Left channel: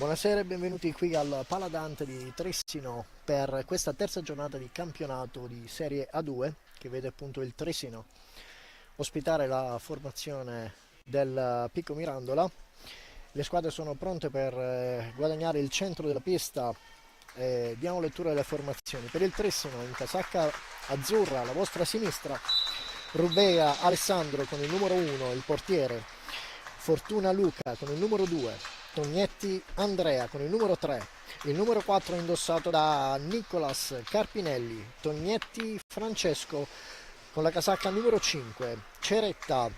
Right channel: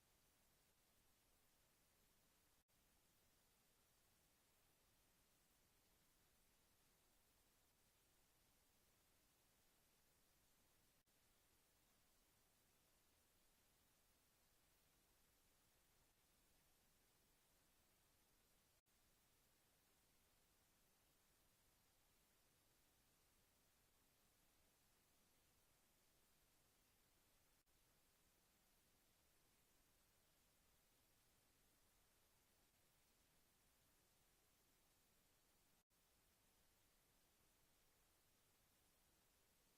Buonasera e benvenuti qui al Paladante di Trissino per questa terza giornata di campionato di Serie A2 che vede appunto il Trissino ospitare la formazione del Pico Mirandola. Le squadre sono pronte per guadagnare il centro della pista. Diamo lettura delle formazioni. Per il Trissino in casacca azzurra alla vostra sinistra Rubea Alessandro con il numero 1, il portiere, Fortuna Luca con il numero 2, Tognetti Andrea con il numero 3, il numero 4 indossato da Nicolas Carpinelli, Tognetti Francesco con la casacca numero 5, Ceretta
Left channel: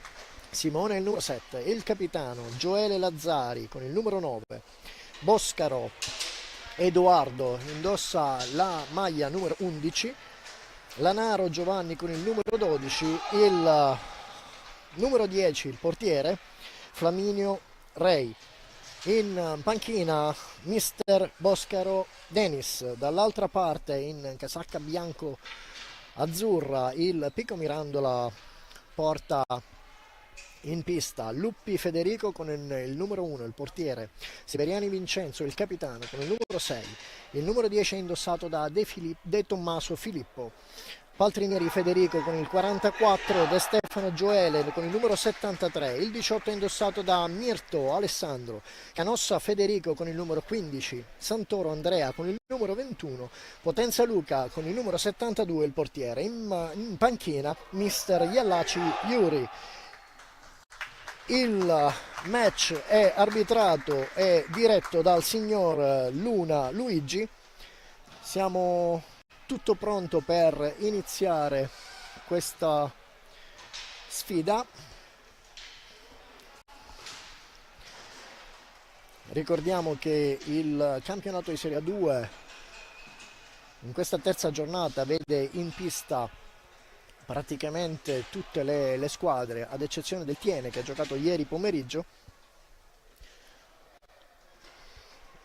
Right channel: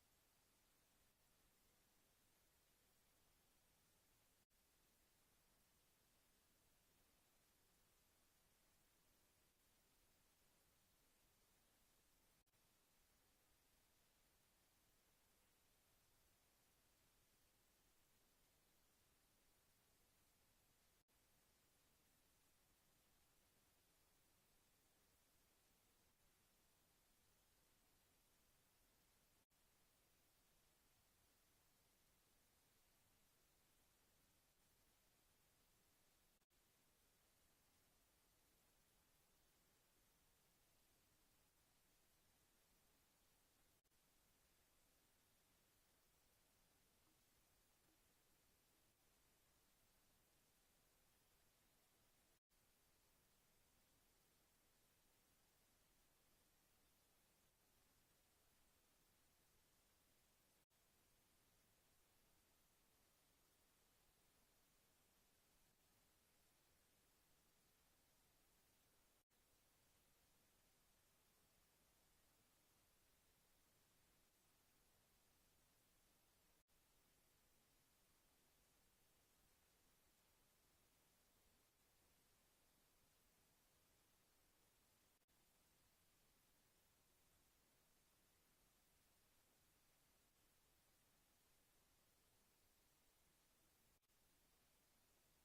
Simone il numero 7, il capitano Gioele Lazzari con il numero 9, Boscaro Edoardo indossa la maglia numero 11, Lanaro Giovanni con il numero 12, il numero 10 il portiere Flaminio Rei. In panchina mister Boscaro Denis, dall'altra parte in casacca bianco azzurra il Pico Mirandola porta in pista Luppi Federico con il numero 1, il portiere, Siberiani Vincenzo, il capitano con il numero 6, il numero 10 è indossato da De Tommaso Filippo, Paltrinieri Federico con il 44, De Stefano Gioele con il numero 73, il 18 è indossato da Mirto Alessandro, Canossa Federico con il numero 15, Santoro Andrea con il numero 21, Potenza Luca con il numero 72, il portiere. In panchina mister Iallaci Yuri. Il match è arbitrato e diretto dal signor Luna Luigi. Siamo tutto pronto per iniziare questa sfida. Ricordiamo che il campionato di Serie A2 in questa terza giornata vede in pista praticamente tutte le squadre, ad eccezione del Tiene che ha giocato ieri pomeriggio.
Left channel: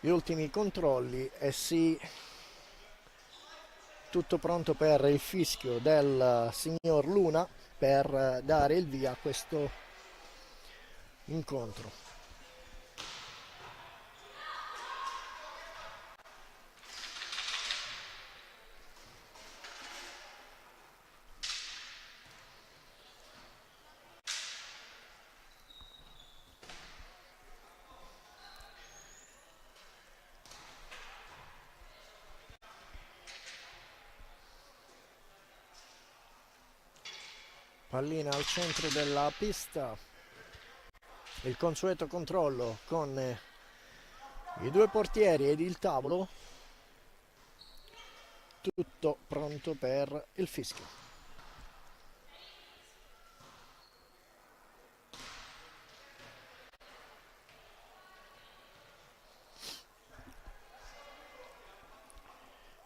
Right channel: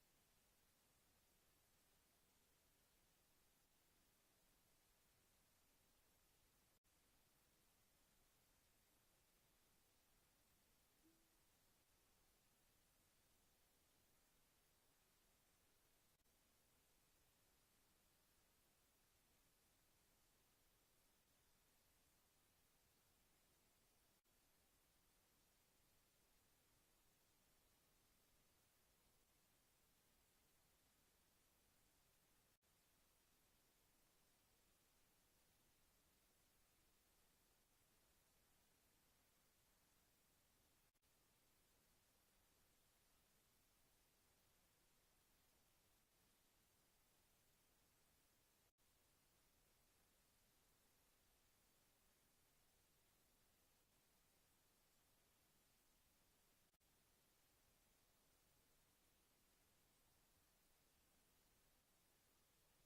Gli ultimi controlli e sì, tutto pronto per il fischio del signor Luna per dare il via a questo incontro. Pallina al centro della pista, il consueto controllo con i due portieri ed il tavolo, tutto pronto per il fischio.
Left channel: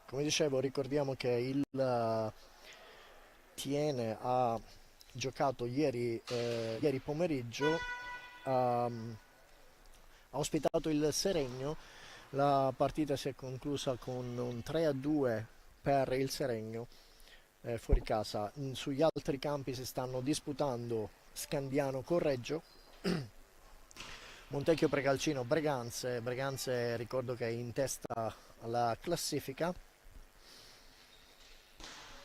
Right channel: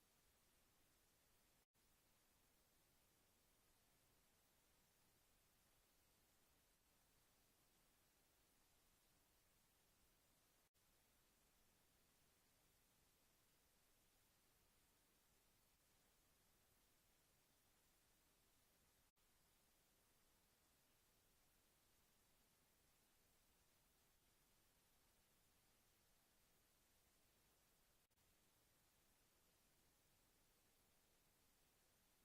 Come dicevo, ricordiamo che il Tiene ha giocato ieri pomeriggio, ha ospitato il Seregno. La partita si è conclusa con un 3-2 per il Seregno fuori casa. Sugli altri campi si stanno disputando Scandiano Correggio, Montecchio Precalcino Breganze ricordo che è in testa alla classifica.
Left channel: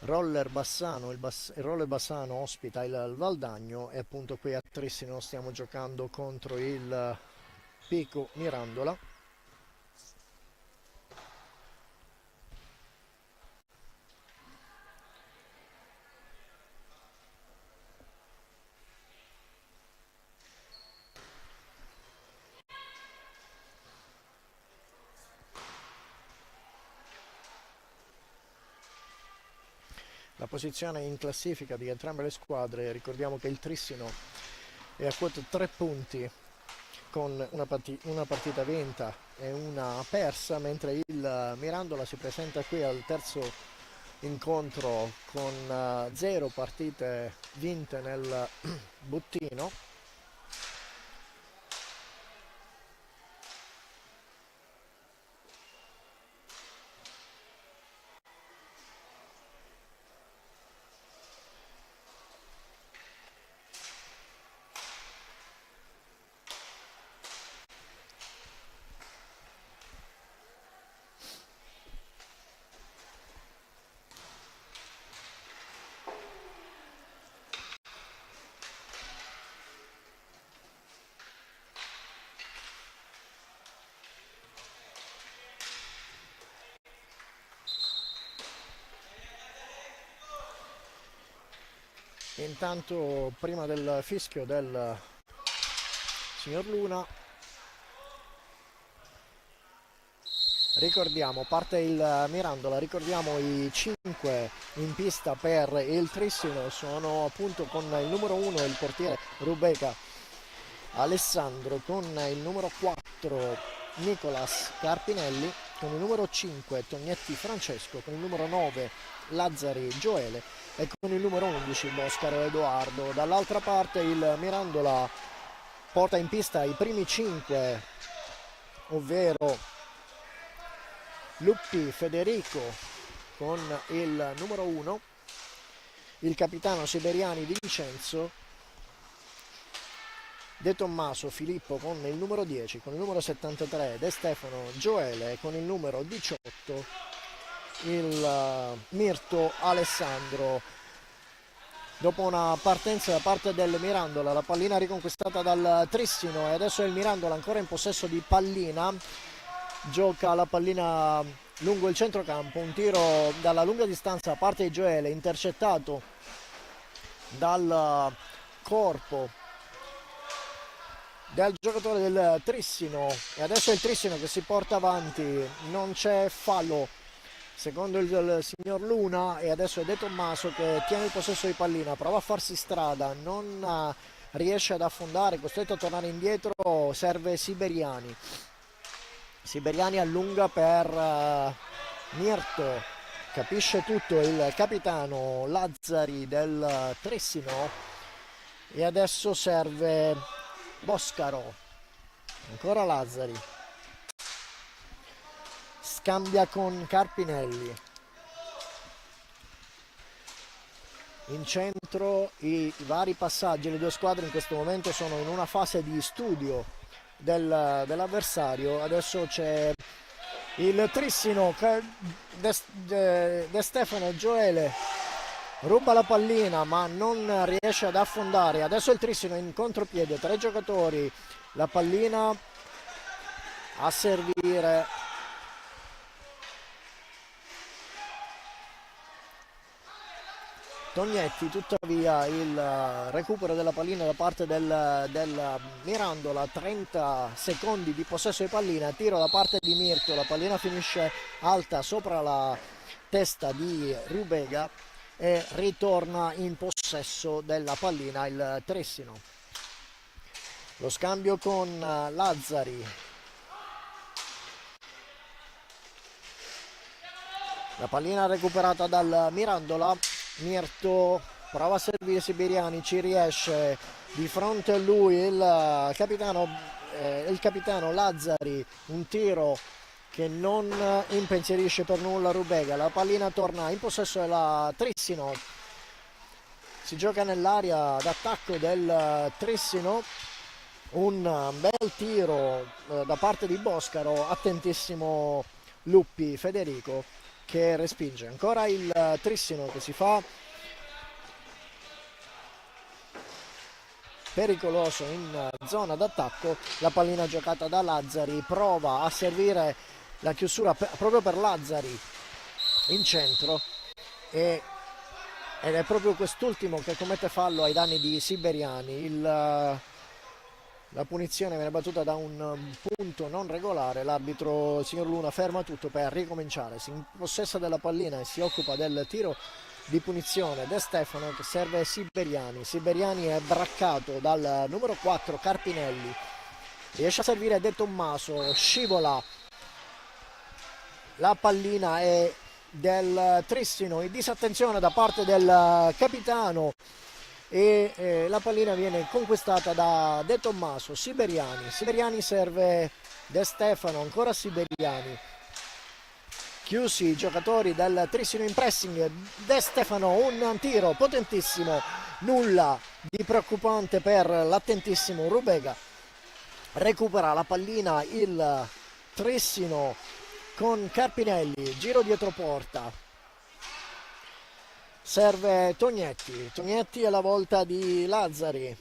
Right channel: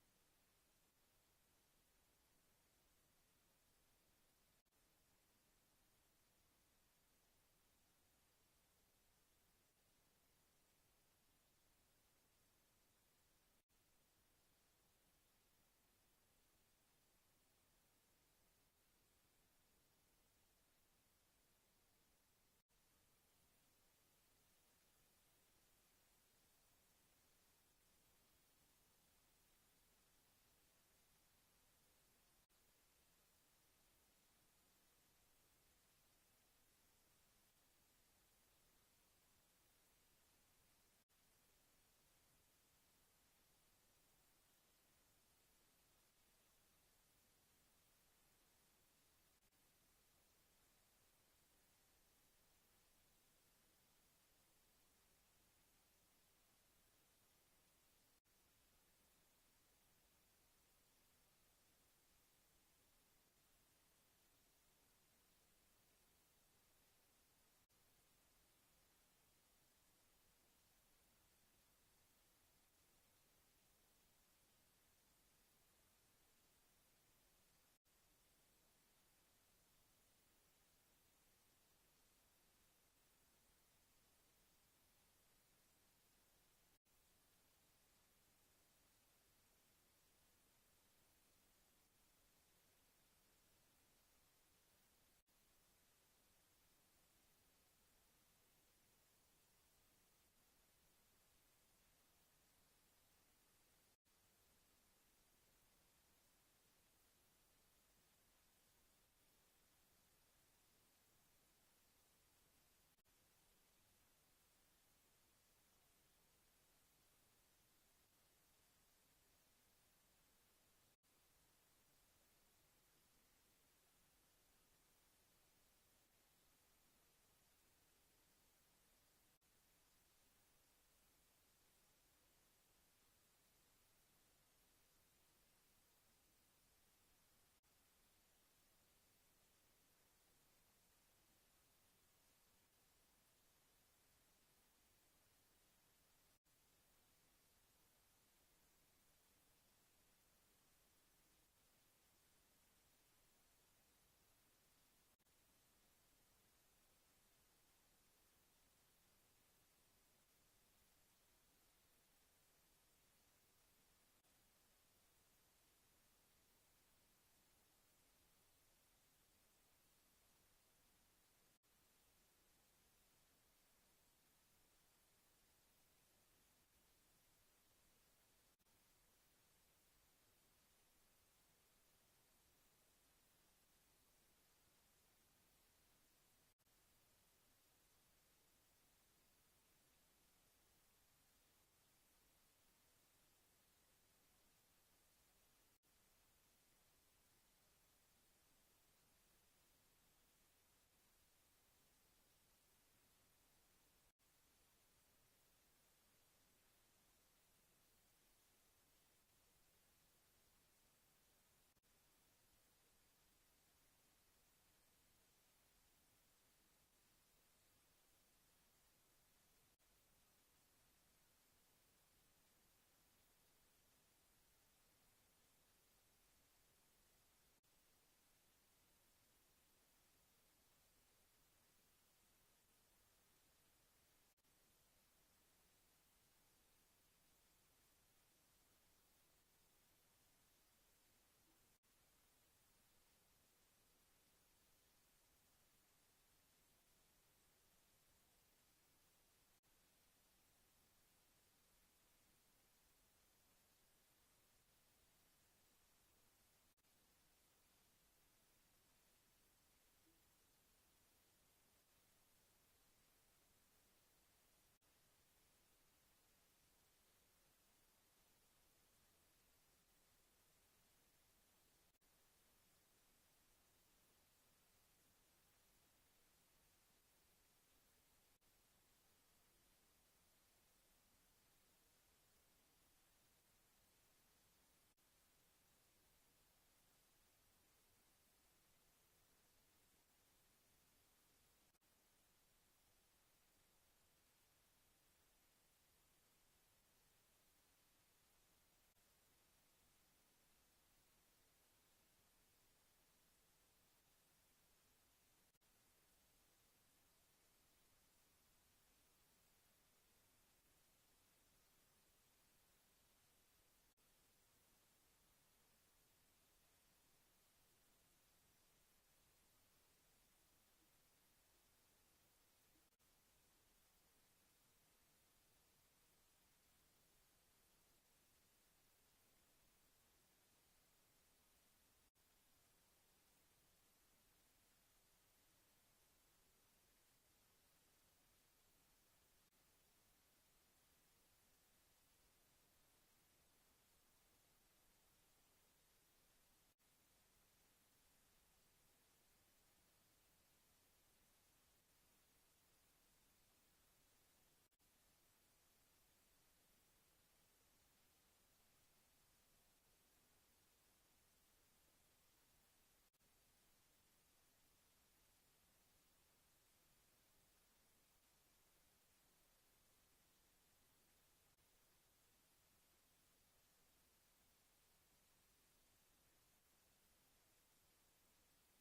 Roller Bassano, il Roller Bassano ospita il Valdagno e appunto qui a Trissino stiamo giocando contro il Pico Mirandola. La posizione in classifica di entrambe le squadre, ricordiamo che il Trissino è a quota 3 punti con una partita vinta e una persa, mentre il Mirandola si presenta qui al terzo incontro con 0 partite vinte nel bottino. Intanto prima del fischio del signor Luna, ricordiamo, parte il Mirandola, ricordiamo i 5 in pista per il Trissino, sono appunto con il numero 1 il portiere Rubega Alessandro, con il numero 4 Nicolas Carpinelli, con il numero 5 Tognetti Francesco, con il numero 9 Lazzari Gioele e con il numero 11 Boscaro Edoardo. Dall'altra parte il Mirandola porta in pista i primi 5, ovvero Luppi Federico con il numero 1, il capitano Siberiani Di Vincenzo, De Tommaso Filippo con il numero 10, con il numero 73 De Stefano Gioele, con il numero 18 il Mirto Alessandro. Dopo una partenza da parte del Mirandola, la pallina riconquistata dal Trissino e adesso è il Mirandola ancora in possesso di pallina, gioca la pallina lungo il centrocampo, un tiro dalla lunga distanza da parte di Gioele, intercettato dal corpo del giocatore del Trissino e adesso è il Trissino che si porta avanti, non c'è fallo secondo il signor Luna e adesso è De Tommaso che tiene il possesso di pallina, prova a farsi strada, non riesce ad affondare, costretto a tornare indietro, serve Siberiani. Siberiani allunga per Mirto, capisce tutto il capitano Lazzari del Trissino e adesso serve Boscaro, ancora Lazzari, scambia con Carpinelli, in centro i vari passaggi, le due squadre in questo momento sono in una fase di studio dell'avversario. Adesso c'è il Trissino, De Stefano Gioele ruba la pallina ma non riesce ad affondare, adesso il Trissino in contropiede, 3 giocatori, la pallina a servire Tognetti, tuttavia il recupero della pallina da parte del Mirandola, 30 secondi di possesso di pallina, tiro da parte di Mirto, la pallina finisce alta sopra la testa di Rubega e ritorna in possesso della pallina il Trissino. Lo scambio con Lazzari, la pallina recuperata dal Mirandola, Mirto prova a servire Siberiani, ci riesce, di fronte a lui il capitano Lazzari, un tiro che non impensierisce per nulla Rubega, la pallina torna in possesso della Trissino, si gioca nell'area d'attacco del Trissino, un bel tiro da parte di Boscaro, attentissimo Luppi Federico che respinge, ancora il Trissino che si fa pericoloso in zona d'attacco, la pallina giocata da Lazzari, prova a servire la chiusura proprio per Lazzari in centro ed è proprio quest'ultimo che commette fallo ai danni di Siberiani. La punizione viene battuta da un punto non regolare, l'arbitro, il signor Luna, ferma tutto per ricominciare, si impossessa della pallina e si occupa del tiro di punizione De Stefano che serve Siberiani. Siberiani è braccato dal numero 4 Carpinelli, riesce a servire De Tommaso, scivola, la pallina è del Trissino, in disattenzione da parte del capitano e la pallina viene conquistata da De Tommaso. Siberiani serve De Stefano, ancora Siberiani, chiusi i giocatori del Trissino in pressing, De Stefano, un tiro potentissimo, nulla di preoccupante per l'attentissimo Rubega, recupera la pallina il Trissino con Carpinelli, giro dietro porta, serve Tognetti alla volta di Lazzari,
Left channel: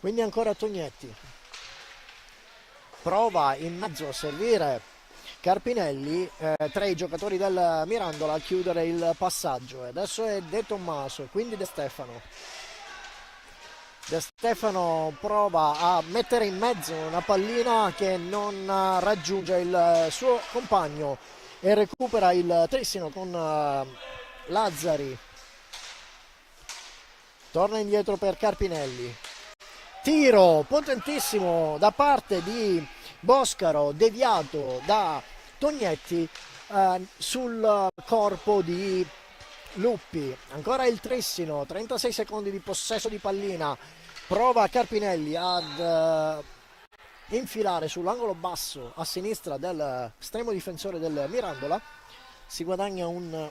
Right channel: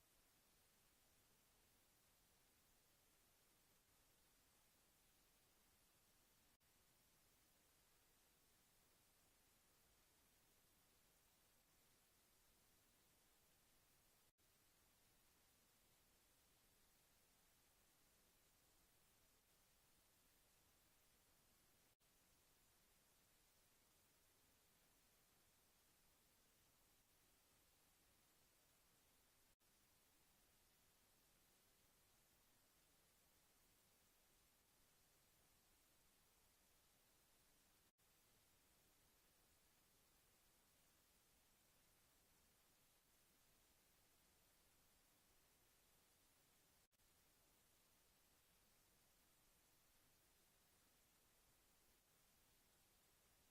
quindi ancora Tognetti, prova in mezzo a servire Carpinelli, tra i giocatori del Mirandola a chiudere il passaggio. E adesso è De Tommaso, quindi De Stefano. De Stefano prova a mettere in mezzo una pallina che non raggiunge il suo compagno e recupera il Trissino con Lazzari. Torna indietro per Carpinelli. Tiro potentissimo da parte di Boscaro, deviato da Tognetti sul corpo di Luppi. Ancora il Trissino, 36 secondi di possesso di pallina. Prova Carpinelli ad infilare sull'angolo basso a sinistra dell'estremo difensore del Mirandola. Si guadagna una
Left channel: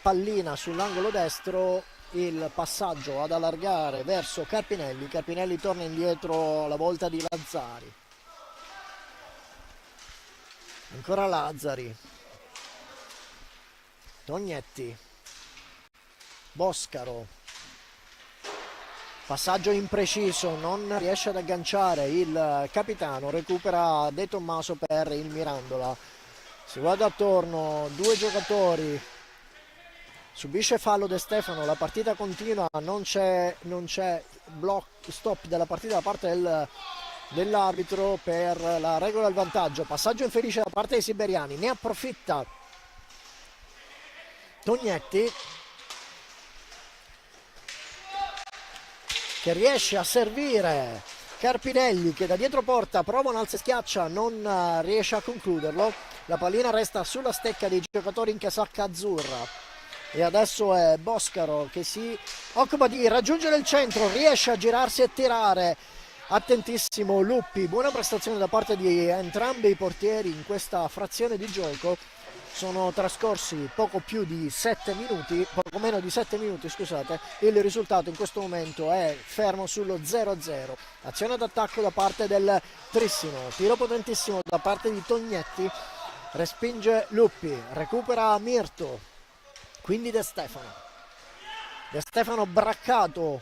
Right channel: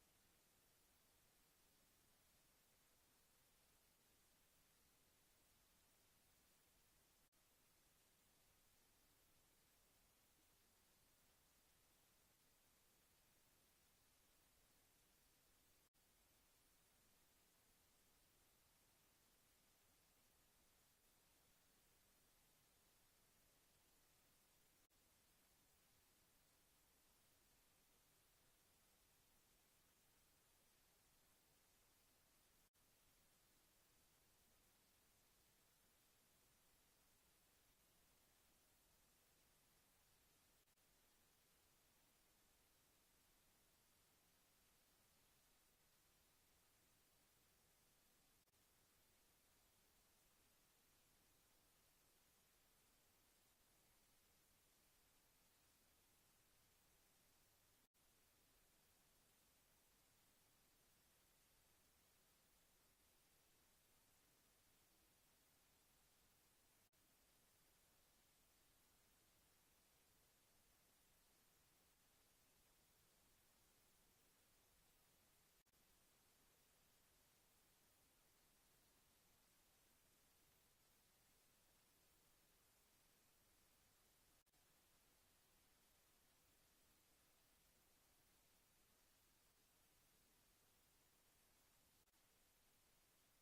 pallina sull'angolo destro. Il passaggio ad allargare verso Carpinelli. Carpinelli torna indietro alla volta di Lazzari. Ancora Lazzari. Tognetti. Boscaro. Passaggio impreciso, non riesce ad agganciare il capitano. Recupera De Tommaso per il Mirandola. Si guarda attorno, due giocatori. Subisce fallo De Stefano, la partita continua, non c'è stop della partita da parte dell'arbitro per la regola del vantaggio. Passaggio infelice da parte dei siberiani, ne approfitta Tognetti, che riesce a servire Carpinelli, che da dietro porta prova un alza e schiaccia, non riesce a concluderlo. La pallina resta sulla stecca dei giocatori in casacca azzurra. E adesso è Boscaro che si occupa di raggiungere il centro, riesce a girarsi e tirare. Attentissimo Luppi, buona prestazione da parte di entrambi i portieri in questa frazione di gioco. Sono trascorsi poco meno di 7 minuti, scusate. Il risultato in questo momento è fermo sullo 0-0. Azione d'attacco da parte del Trissino, tiro potentissimo da parte di Tognetti, respinge Luppi, recupera Mirto. Quindi De Stefano braccato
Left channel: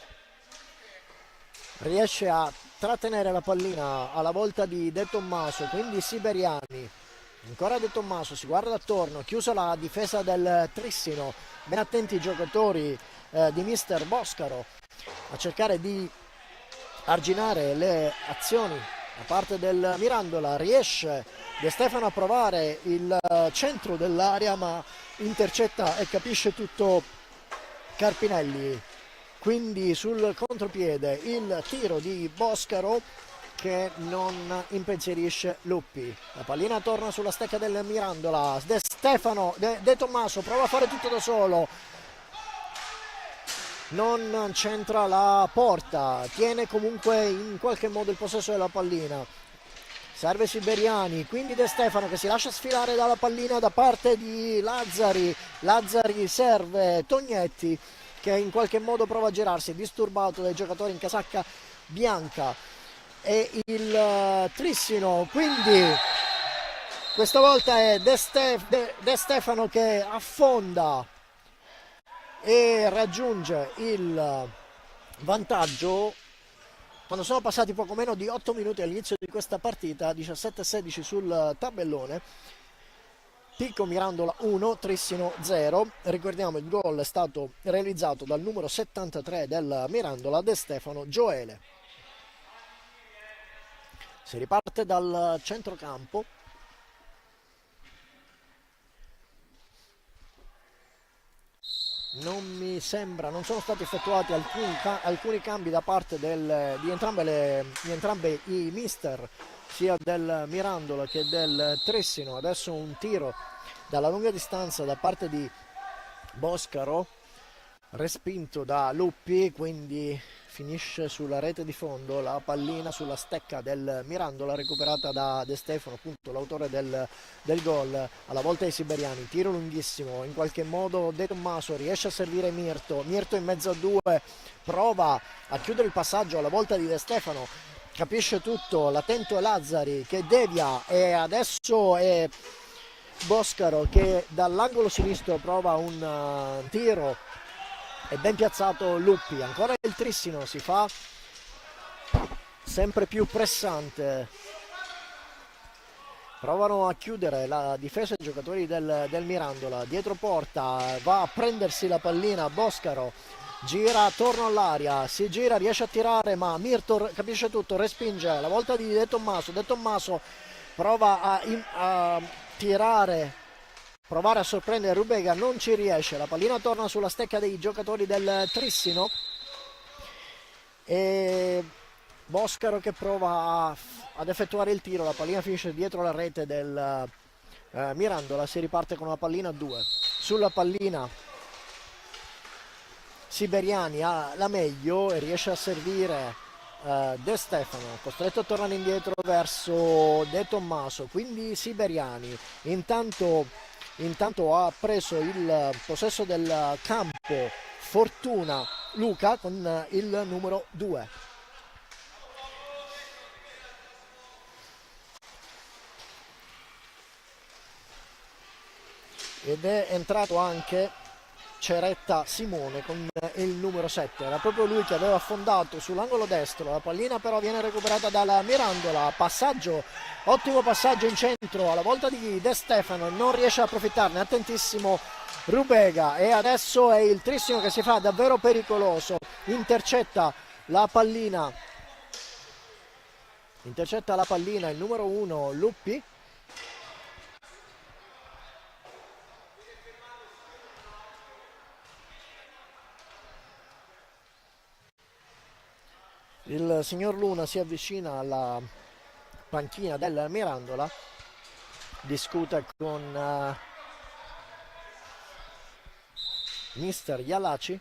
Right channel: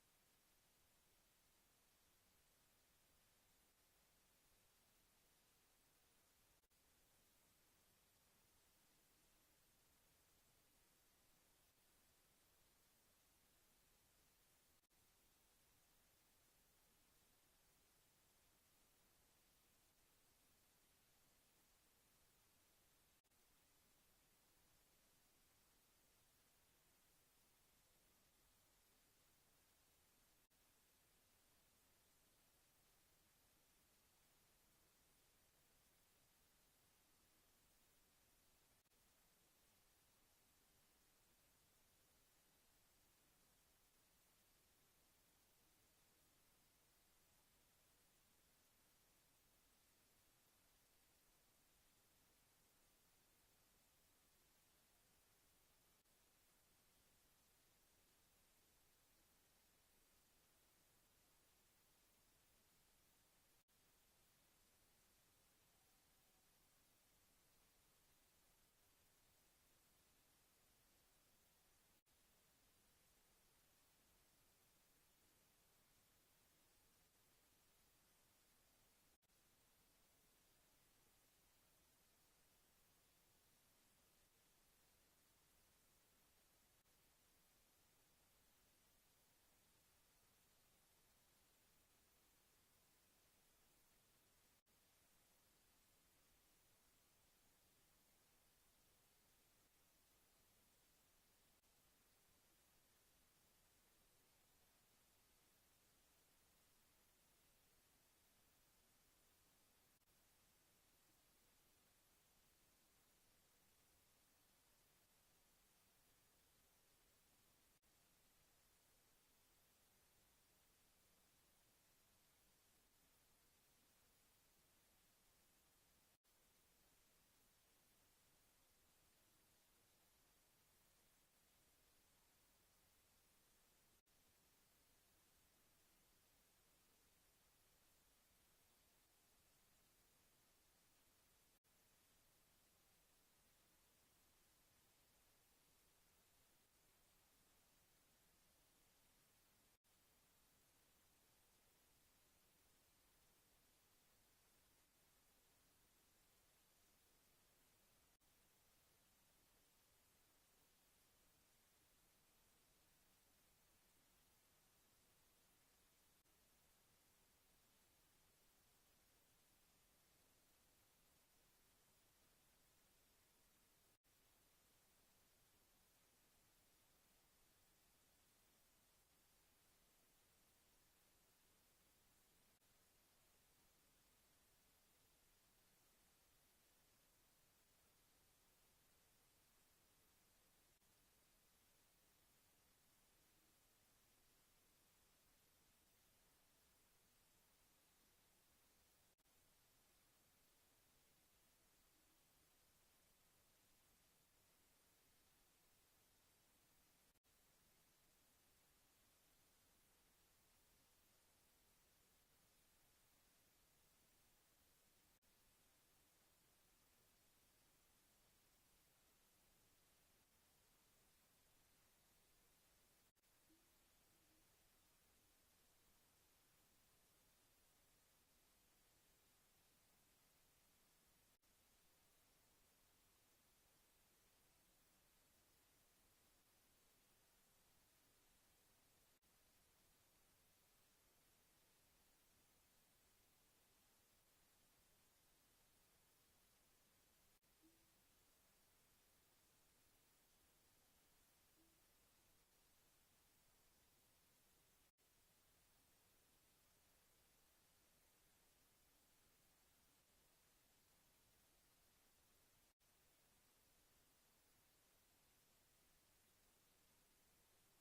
riesce a trattenere la pallina alla volta di De Tommaso, quindi siberiani. Ancora De Tommaso, si guarda attorno, chiusa la difesa del Trissino. Ben attenti i giocatori di mister Boscaro a cercare di arginare le azioni da parte del Mirandola. Riesce De Stefano a provare il centro dell'area, ma intercetta e capisce tutto Carpinelli. Quindi sul contropiede il tiro di Boscaro che non impensierisce Luppi. La pallina torna sulla stecca del Mirandola. De Tommaso prova a fare tutto da solo, non centra la porta, tiene comunque in qualche modo il possesso della pallina. Serve Siberiani, quindi De Stefano che si lascia sfilare dalla pallina da parte di Lazzari. Lazzari serve Tognetti che in qualche modo prova a girarsi, è disturbato dai giocatori in casacca bianca. E il Trissino, quindi questa volta è De Stefano che affonda e raggiunge il vantaggio quando sono passati poco meno di 8 minuti all'inizio di questa partita. 17-16 sul tabellone. Pico Mirandola 1, Trissino 0. Ricordiamo il gol è stato realizzato dal numero 73 del Mirandola, De Stefano Gioele. Si riparte dal centrocampo. Non sono stati effettuati alcuni cambi da parte di entrambe i mister, sia del Mirandola che del Trissino. Adesso un tiro dalla lunga distanza da parte di Boscaro, respinto da Luppi, quindi finisce sulla rete di fondo. La pallina sulla stecca del Mirandola, recuperata da De Stefano, appunto l'autore del gol, alla volta dei siberiani. Tiro lunghissimo, in qualche modo De Tommaso riesce a servire Mirto in mezzo a due, prova a chiudere il passaggio alla volta di De Stefano, capisce tutto, l'attento è Lazzari che devia, e adesso è Boscaro che dall'angolo sinistro prova un tiro. È ben piazzato Luppi. Ancora il Trissino si fa sempre più pressante provano a chiudere la difesa i giocatori del Mirandola, dietro porta, va a prendersi la pallina Boscaro, gira attorno all'aria, si gira, riesce a tirare, ma Mirto capisce tutto, respinge, la volta di De Tommaso prova a tirare, provare a sorprendere Rubega, non ci riesce, la pallina torna sulla stecca dei giocatori del Trissino e Boscaro che prova ad effettuare il tiro, la pallina finisce dietro la rete del Mirandola, si riparte con una pallina a 2. Sulla pallina Siberiani ha la meglio e riesce a servire De Stefano, costretto a tornare indietro verso De Tommaso, quindi Siberiani intanto ha preso il possesso del campo Fortuna Luca con il numero 2. Ed è entrato anche Ceretta Simone con il numero 7, era proprio lui che aveva affondato sull'angolo destro, la pallina però viene recuperata dalla Mirandola, passaggio, ottimo passaggio in centro alla volta di De Stefano, non riesce a approfittarne, attentissimo Rubega e adesso è il Trissino che si fa davvero pericoloso, intercetta la pallina il numero 1 Luppi. Il signor Luna si avvicina alla panchina del Mirandola, discute con mister Ialaci.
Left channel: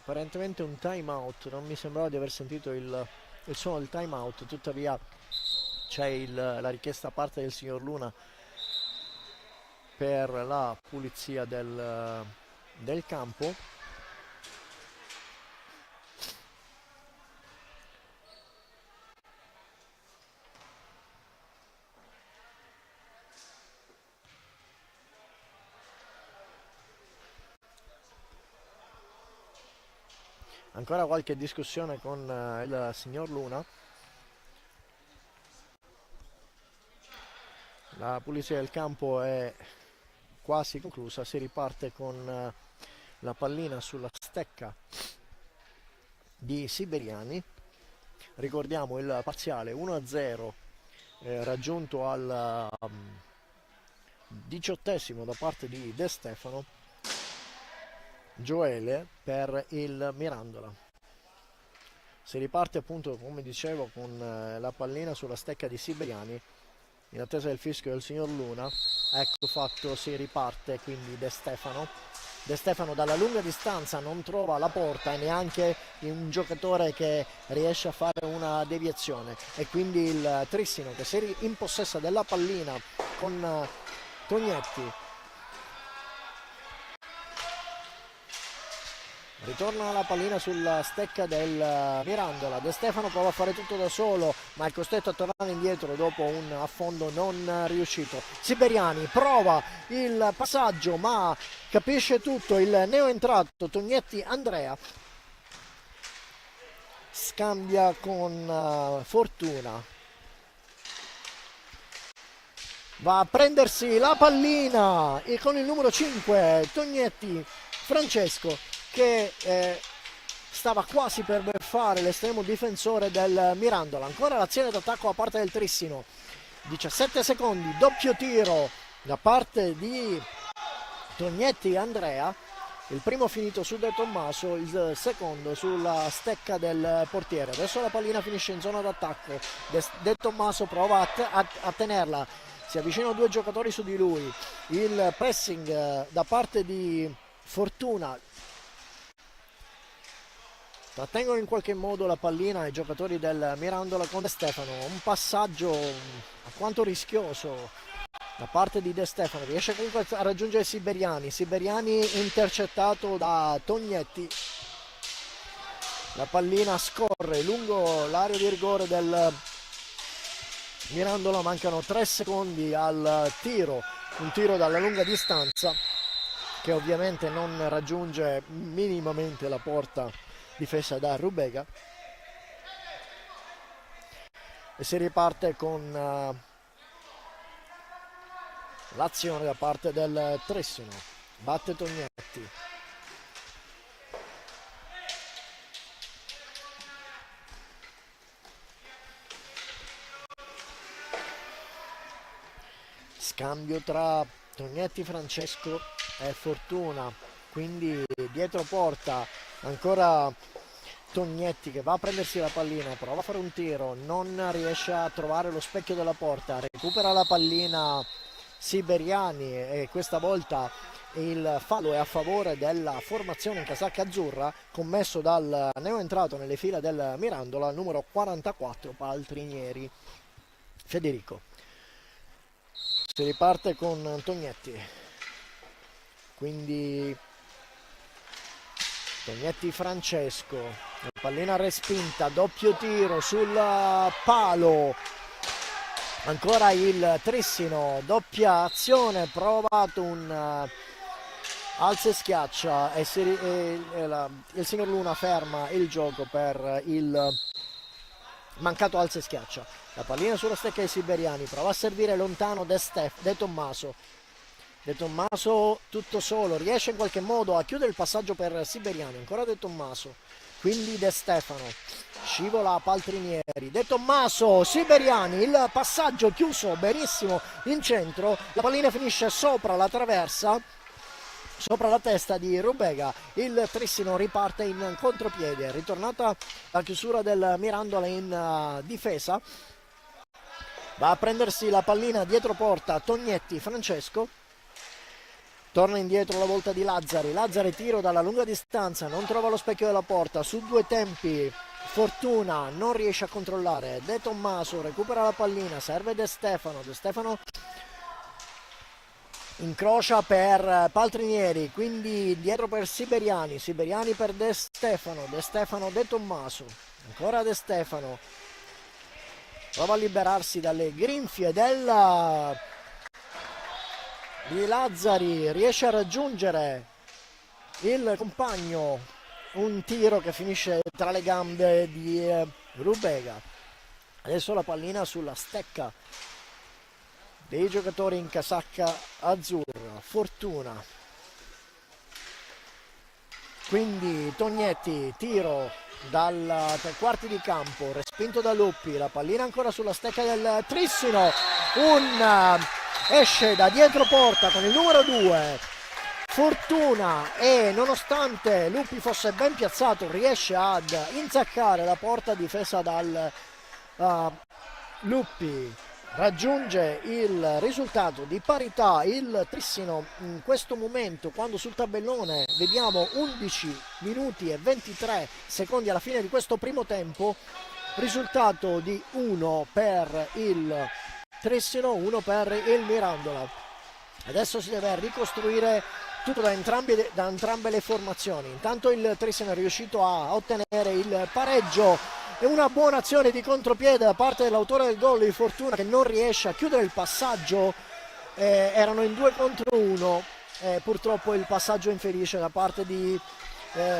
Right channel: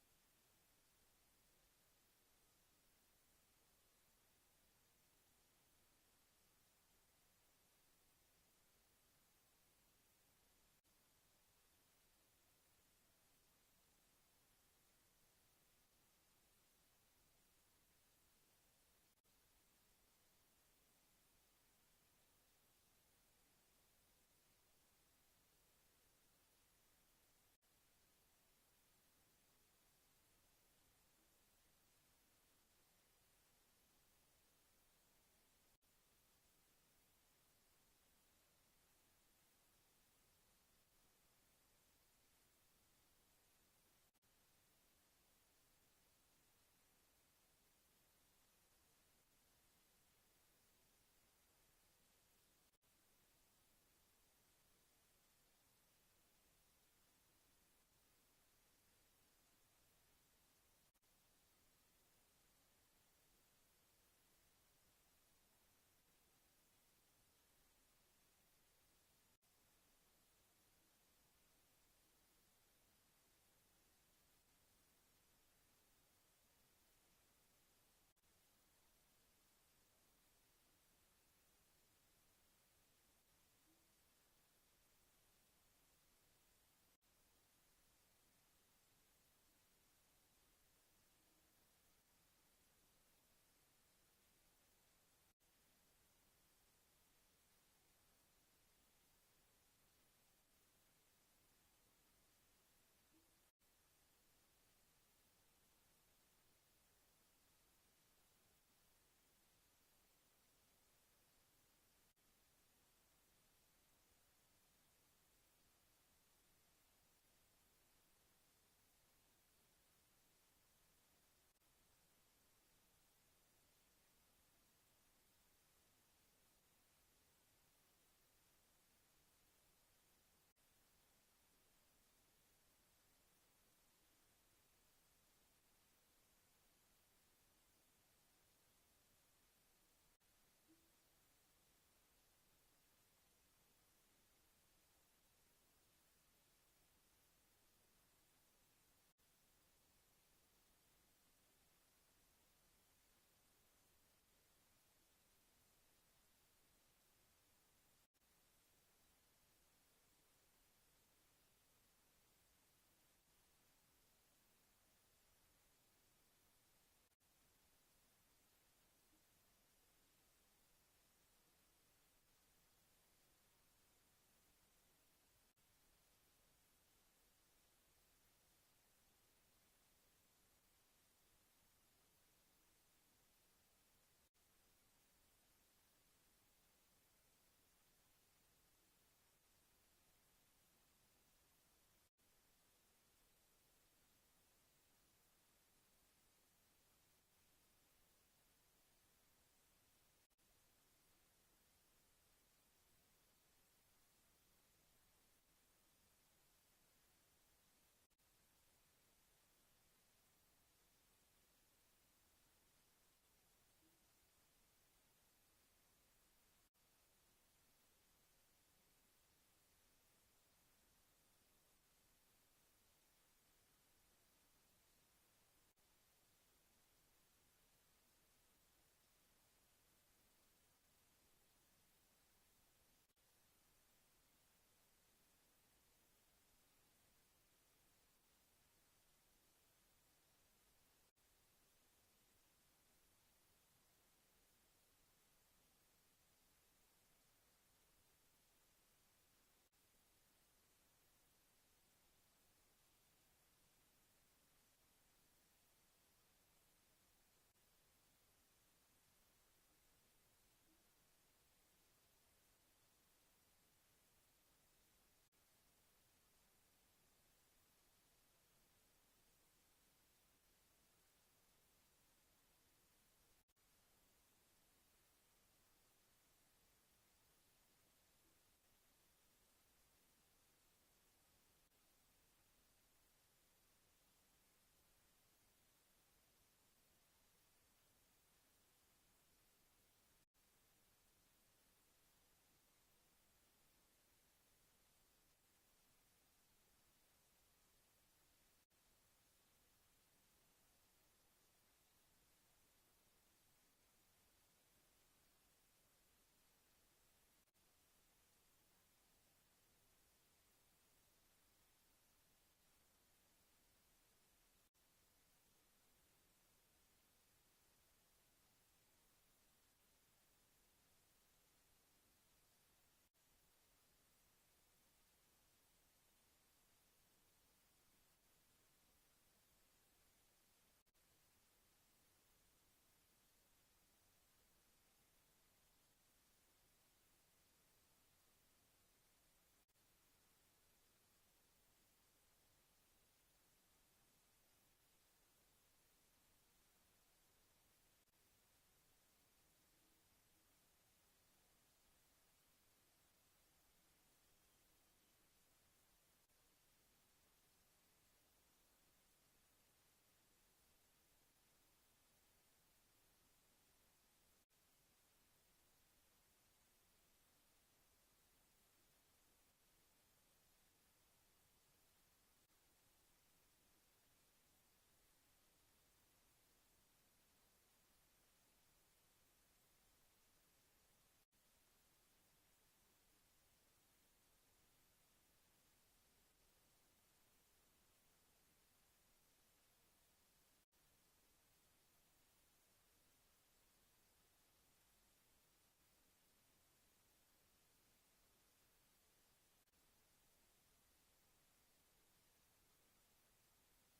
Apparentemente un time out, non mi sembrava di aver sentito il suono del time out, tuttavia c'è la richiesta a parte del signor Luna per la pulizia del campo. Ancora qualche discussione con il signor Luna. La pulizia del campo è quasi conclusa, si riparte con la pallina sulla stecca di Siberiani. Ricordiamo il parziale 1-0 raggiunto al 18esimo da parte di De Stefano. Gioele per il Mirandola. Si riparte appunto, come dicevo, con la pallina sulla stecca di Siberiani in attesa del fischio del signor Luna. Ecco fatto, si riparte quindi De Stefano dalla lunga distanza non trova la porta e neanche un giocatore che riesce a fare una deviazione, e quindi il Trissino che si impossessa della pallina con Tognetti. Ritorna la pallina sulla stecca del Mirandola. De Stefano prova a fare tutto da solo, ma è costretto a tornare indietro dopo un affondo non riuscito. Siberiani prova il passaggio, ma capisce tutto il neoentrato Tognetti Andrea. Scambia con Fortuna. Va a prendersi la pallina e con il numero 5 Tognetti Francesco, che stava quasi per fare l'estremo difensore del Mirandola. Ancora l'azione d'attacco da parte del Trissino. 17 secondi, doppio tiro da parte di Tognetti Andrea. Il primo finito su De Tommaso, il secondo sulla stecca del portiere. Adesso la pallina finisce in zona d'attacco. De Tommaso prova a tenerla. Si avvicinano due giocatori su di lui. Il pressing da parte di Fortuna. Trattengono in qualche modo la pallina i giocatori del Mirandola con De Stefano. Un passaggio alquanto rischioso da parte di De Stefano, riesce comunque a raggiungere Siberiani, Siberiani intercettato da Tognetti, la pallina scorre lungo l'area di rigore del Mirandola, mancano 3 secondi al tiro, un tiro dalla lunga distanza che ovviamente non raggiunge minimamente la porta difesa da Rubega, e si riparte con l'azione da parte del Trissino. Batte Tognetti, scambio tra Tognetti, Francesco e Fortuna, quindi dietro porta ancora Tognetti che va a prendersi la pallina, prova a fare un tiro, non riesce a trovare lo specchio della porta, recupera la pallina Siberiani e questa volta il fallo è a favore della formazione in casacca azzurra commesso dal neoentrato nelle fila del Mirandola, numero 44, Paltrinieri Federico. Si riparte con Tognetti, quindi Tognetti Francesco, la pallina respinta, doppio tiro sul palo, ancora il Trissino, doppia azione, provato un alza e schiaccia e il signor Luna ferma il gioco per il mancato alza e schiaccia. La pallina sulla stecca dei Siberiani, prova a servire lontano De Tommaso. De Tommaso tutto solo, riesce in qualche modo a chiudere il passaggio per Siberiani, ancora De Tommaso, quindi De Stefano, scivola a Paltrinieri, De Tommaso, Siberiani, il passaggio chiuso benissimo in centro, la pallina finisce sopra la traversa, sopra la testa di Rubega, il Trissino riparte in contropiede, ritornata la chiusura del Mirandola in difesa, va a prendersi la pallina dietro porta Tognetti Francesco, torna indietro la volta di Lazzari, Lazzari tiro dalla lunga distanza, non trova lo specchio della porta, su due tempi Fortuna non riesce a controllare, De Tommaso recupera la pallina, serve De Stefano incrocia per Paltrinieri, quindi dietro per Siberiani, Siberiani per De Stefano, De Tommaso, ancora De Stefano, prova a liberarsi dalle grinfie di Lazzari, riesce a raggiungere il compagno, un tiro che finisce tra le gambe di Rubega. Adesso la pallina sulla stecca dei giocatori in casacca azzurra, Fortuna, quindi Tognetti, tiro dal 3 quarti di campo, respinto da Luppi, la pallina ancora sulla stecca del Trissino, esce da dietro porta con il numero 2 Fortuna, e nonostante Luppi fosse ben piazzato riesce ad inzaccare la porta difesa dal Luppi, raggiunge il risultato di parità il Trissino in questo momento, quando sul tabellone vediamo 11 minuti e 23 secondi alla fine di questo primo tempo, risultato di 1 per il Trissino, 1 per il Mirandola. Adesso si deve ricostruire tutto da entrambe le formazioni. Intanto il Trissino è riuscito a ottenere il pareggio e una buona azione di contropiede da parte dell'autore del gol di Fortuna, che non riesce a chiudere il passaggio, erano in 2 contro 1, purtroppo il passaggio infelice da parte di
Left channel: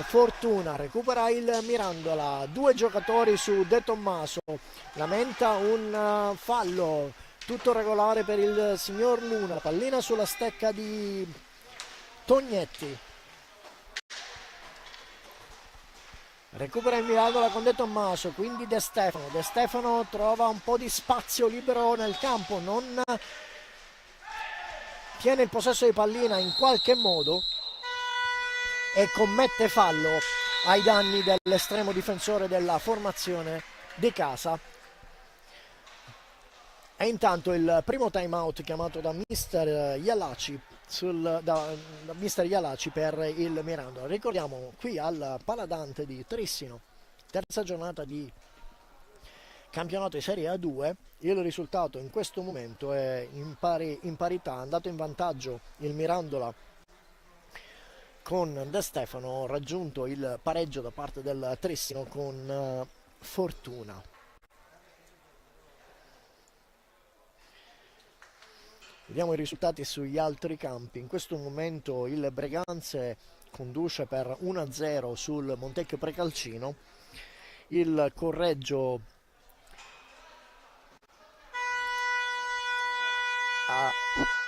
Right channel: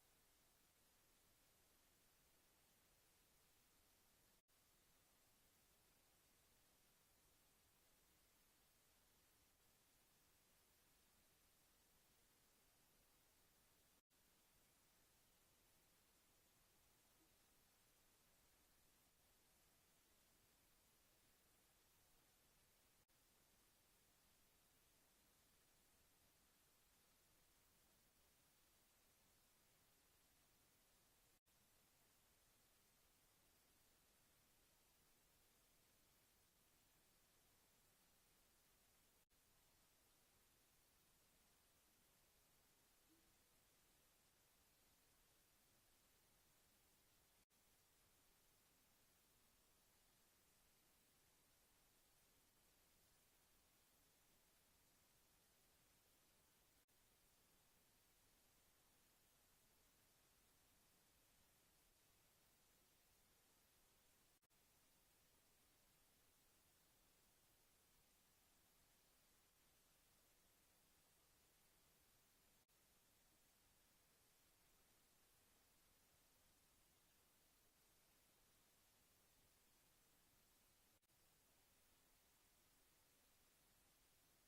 Fortuna. Recupera il Mirandola, 2 giocatori su De Tommaso, lamenta un fallo, tutto regolare per il signor Luna, pallina sulla stecca di Tognetti, recupera il Mirandola con De Tommaso, quindi De Stefano trova un po' di spazio libero nel campo, non tiene il possesso di pallina in qualche modo e commette fallo ai danni dell'estremo difensore della formazione di casa. E intanto il primo time out chiamato da Mister Ialaci da Mister Ialaci per il Mirandola. Ricordiamo qui al Paladante di Trissino, terza giornata di campionato di Serie A2. Il risultato in questo momento è in parità, è andato in vantaggio il Mirandola con De Stefano, raggiunto il pareggio da parte del Trissino con Fortuna. Vediamo i risultati sugli altri campi. In questo momento il Breganze conduce per 1-0 sul Montecchio Precalcino, il Correggio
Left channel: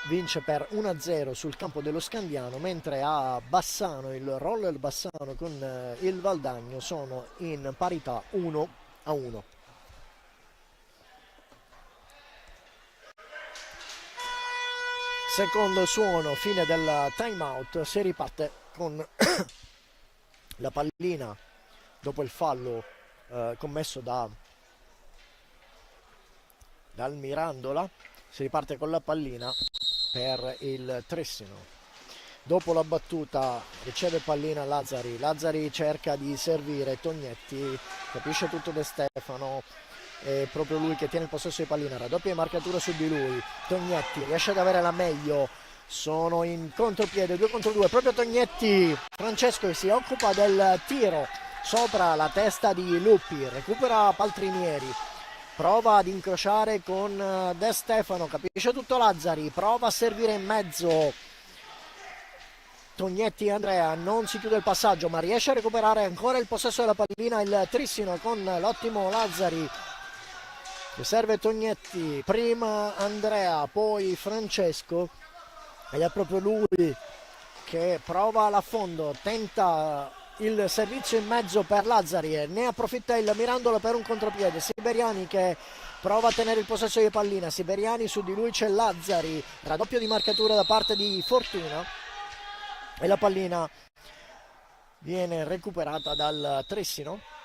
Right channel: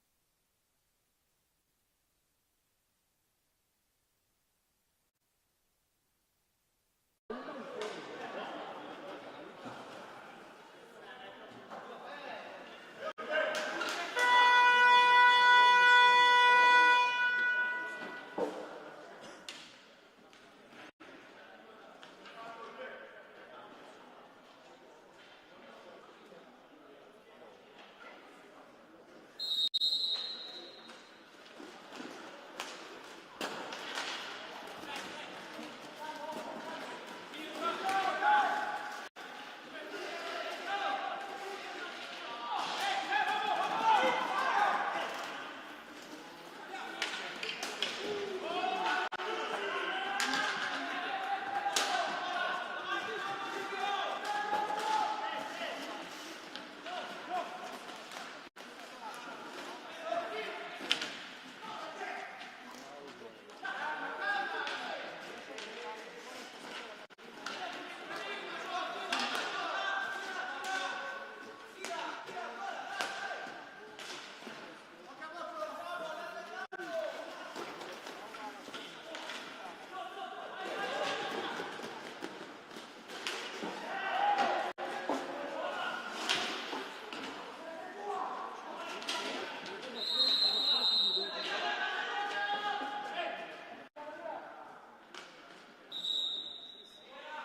vince per 1-0 sul campo dello Scandiano, mentre a Bassano il Roller Bassano con il Valdagno sono in parità 1-1. Secondo suono, fine del time out, si riparte con la pallina dopo il fallo commesso dal Mirandola. Si riparte con la pallina per il Trissino. Dopo la battuta riceve pallina Lazzari cerca di servire Tognetti, capisce tutto De Stefano, è proprio lui che tiene il possesso di pallina, raddoppia di marcatura su di lui. Tognetti riesce ad avere la meglio, sono in contropiede 2 contro 2, proprio Tognetti. Francesco si occupa del tiro sopra la testa di Luppi, recupera Paltrinieri, prova ad incrociare con De Stefano, capisce tutto Lazzari, prova a servire in mezzo Tognetti. Andrea non si chiude il passaggio ma riesce a recuperare ancora il possesso della pallina il Trissino con l'ottimo Lazzari che serve Tognetti, prima Andrea poi Francesco, ed è proprio lui che prova all'affondo, tenta il servizio in mezzo per Lazzari e ne approfitta il Mirandola per un contropiede. Siberiani che prova a tenere il possesso di pallina, Siberiani, su di lui c'è Lazzari, raddoppio di marcatura da parte di Fortuna e la pallina viene recuperata dal Trissino.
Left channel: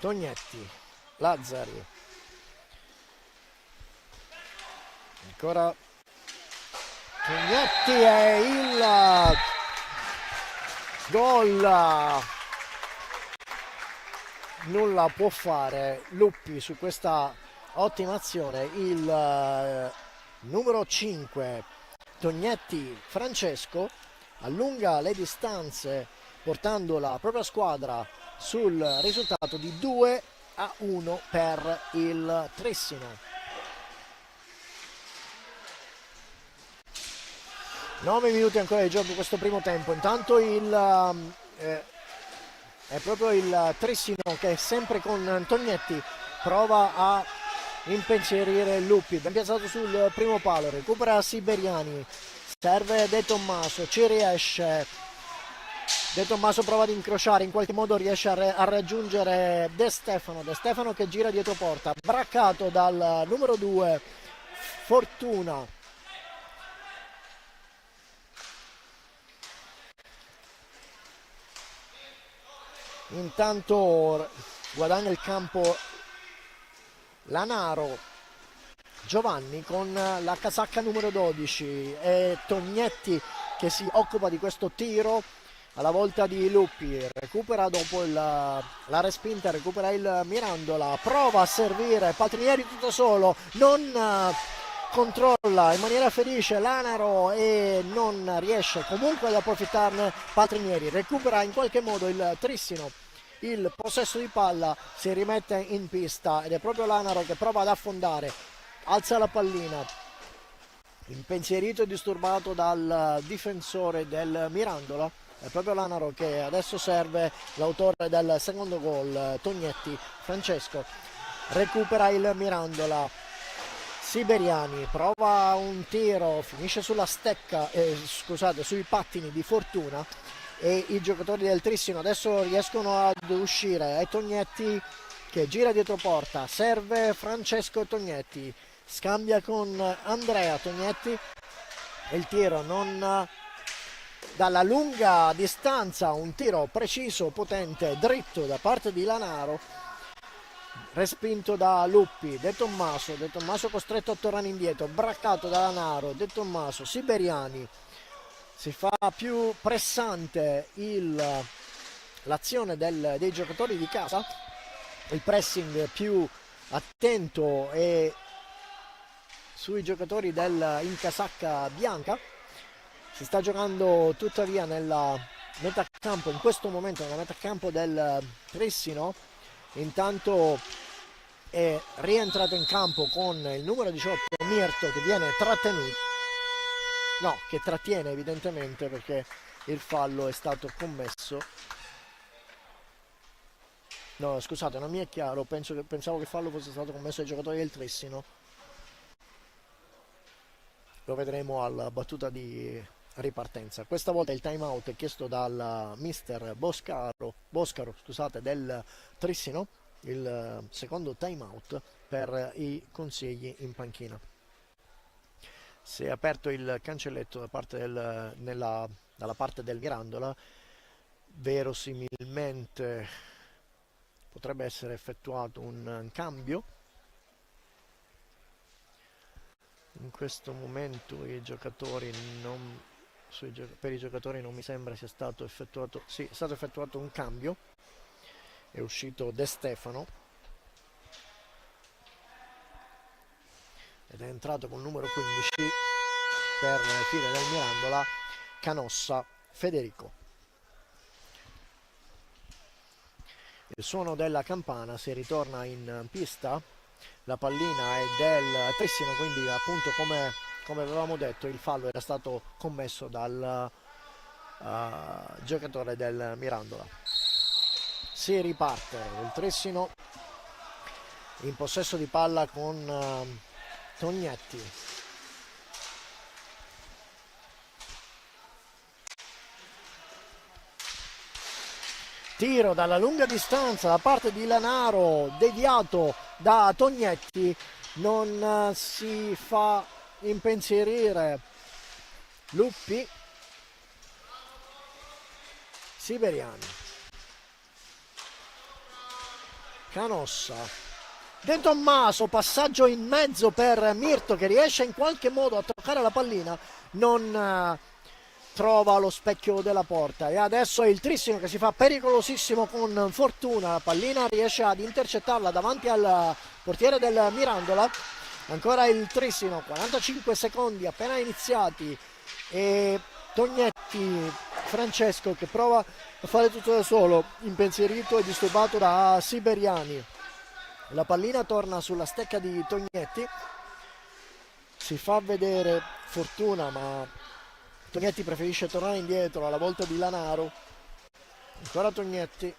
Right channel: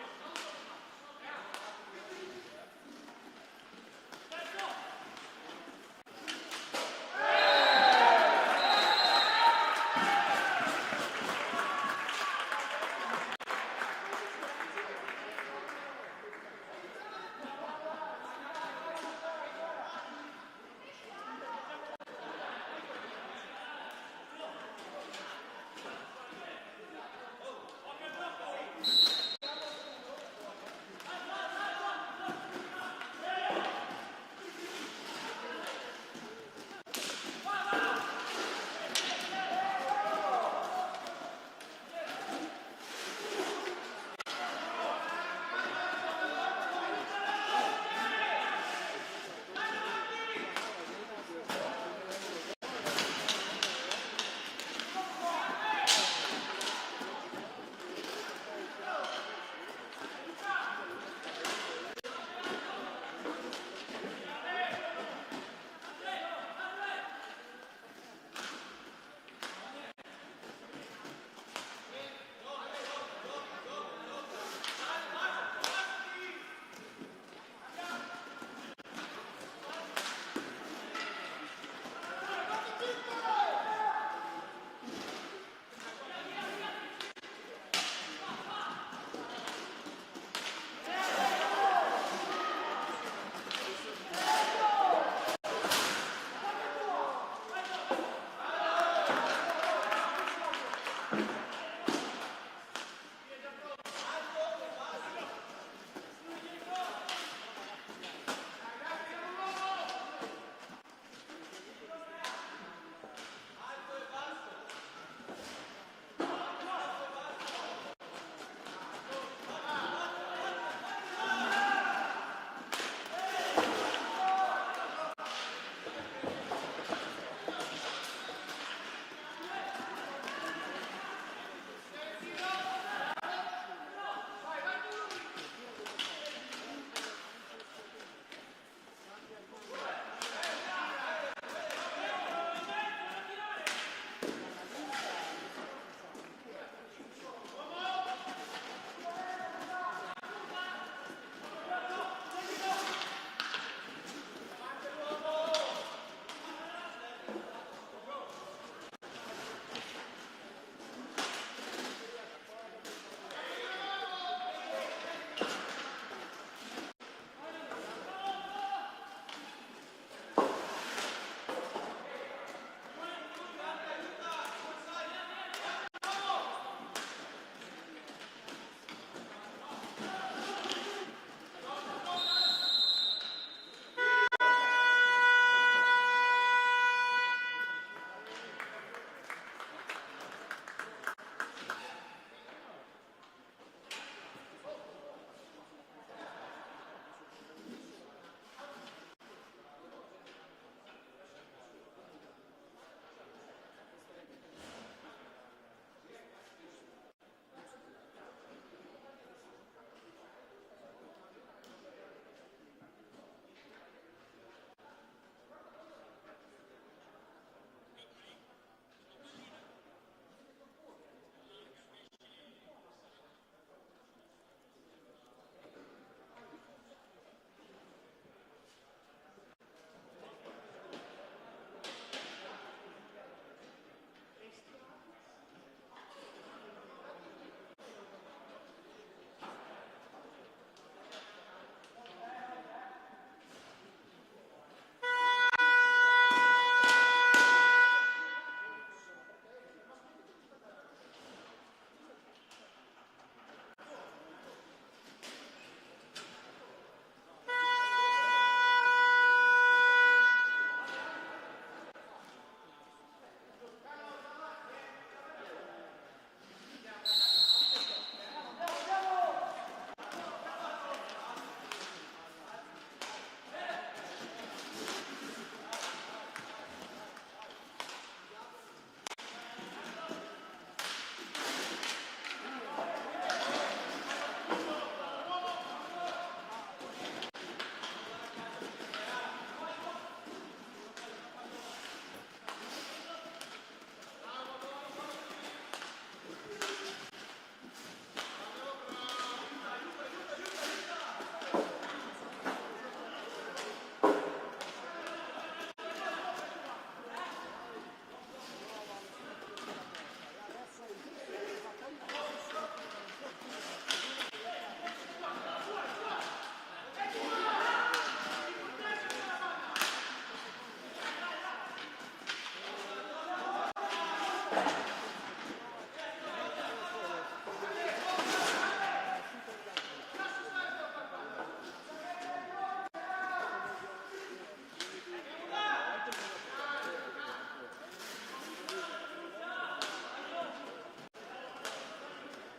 Tognetti, Lazzari, ancora Tognetti e il gol. Nulla può fare Luppi su questa ottima azione. Il numero 5 Tognetti Francesco allunga le distanze portando la propria squadra sul risultato di 2-1 per il Trissino. 9 minuti ancora di gioco questo primo tempo. Intanto è proprio il Trissino che sempre con Tognetti prova a impensierire Luppi, ben piazzato sul primo palo, recupera Siberiani, serve De Tommaso, ci riesce. De Tommaso prova ad incrociare, in qualche modo riesce a raggiungere De Stefano che gira dietro porta, braccato dal numero 2 Fortuna. Intanto guadagna il campo Lanaro, Giovanni con la casacca numero 12 e Tognetti che si occupa di questo tiro alla volta di Luppi, recupera dopo la respinta, recupera il Mirandola, prova a servire Paltrinieri tutto solo, non controlla in maniera felice Lanaro e non riesce comunque ad approfittarne Paltrinieri, recupera in qualche modo il Trissino il possesso di palla, si rimette in pista ed è proprio Lanaro che prova ad affondare, alza la pallina, impensierito e disturbato dal difensore del Mirandola. È proprio Lanaro che adesso serve l'autore del secondo gol, Tognetti Francesco, recupera il Mirandola, Siberiani prova un tiro, finisce sulla stecca, sui pattini di Fortuna e i giocatori del Trissino adesso riescono ad uscire. È Tognetti che gira dietro porta, serve Francesco Tognetti, scambia con Andrea Tognetti, il tiro non dalla lunga distanza, un tiro preciso, potente, dritto da parte di Lanaro, respinto da Luppi. De Tommaso costretto a tornare indietro, braccato da Lanaro, De Tommaso, Siberiani si fa più pressante l'azione dei giocatori di casa, il pressing più attento e sui giocatori in casacca bianca. Si sta giocando tuttavia nella metà campo, in questo momento nella metà campo del Trissino. Intanto è rientrato in campo con il numero 18 Mirto, che viene trattenuto, no, che trattiene evidentemente perché il fallo è stato commesso. No, scusate, non mi è chiaro, pensavo che il fallo fosse stato commesso ai giocatori del Trissino. Lo vedremo alla battuta di ripartenza. Questa volta il time out è chiesto dal mister Boscaro, scusate, del Trissino, il secondo time out per i consigli in panchina. Si è aperto il cancelletto dalla parte del Mirandola, verosimilmente potrebbe essere effettuato un cambio. In questo momento per i giocatori non mi sembra sia stato effettuato. Sì, è stato effettuato un cambio, è uscito De Stefano ed è entrato con il numero 15 per il tiro del Mirandola Canossa Federico. Il suono della campana, si ritorna in pista, la pallina è del Trissino, quindi appunto come avevamo detto il fallo era stato commesso dal giocatore del Mirandola. Si riparte il Trissino in possesso di palla con Tognetti. Tiro dalla lunga distanza da parte di Lanaro, deviato da Tognetti, non si fa impensierire Luppi. Siberiani, Canossa, De Tommaso, passaggio in mezzo per Mirto che riesce in qualche modo a toccare la pallina, non trova lo specchio della porta e adesso è il Trissino che si fa pericolosissimo con fortuna. La pallina riesce ad intercettarla davanti al portiere del Mirandola. Ancora il Trissino, 45 secondi appena iniziati e Tognetti Francesco che prova a fare tutto da solo, impensierito e disturbato da Siberiani. La pallina torna sulla stecca di Tognetti, si fa vedere fortuna ma Tognetti preferisce tornare indietro alla volta di Lanaro. Ancora Tognetti,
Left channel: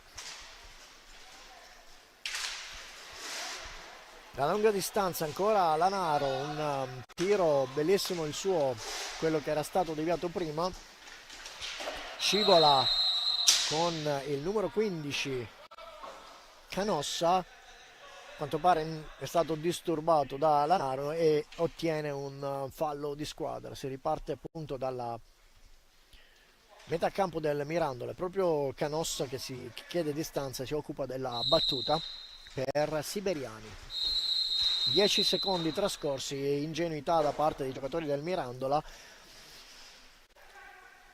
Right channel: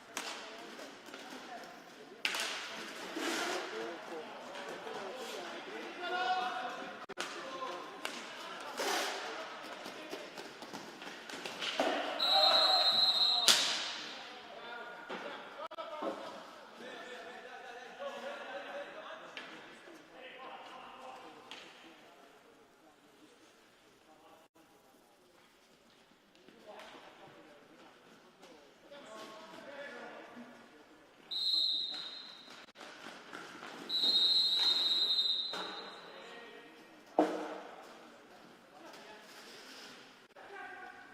da lunga distanza ancora Lanaro, un tiro bellissimo il suo, quello che era stato deviato prima. Scivola con il numero 15 Canossa, a quanto pare è stato disturbato da Lanaro e ottiene un fallo di squadra. Si riparte appunto dalla metà campo del Mirandola, è proprio Canossa che chiede distanza, si occupa della battuta per Siberiani. 10 secondi trascorsi e ingenuità da parte dei giocatori del Mirandola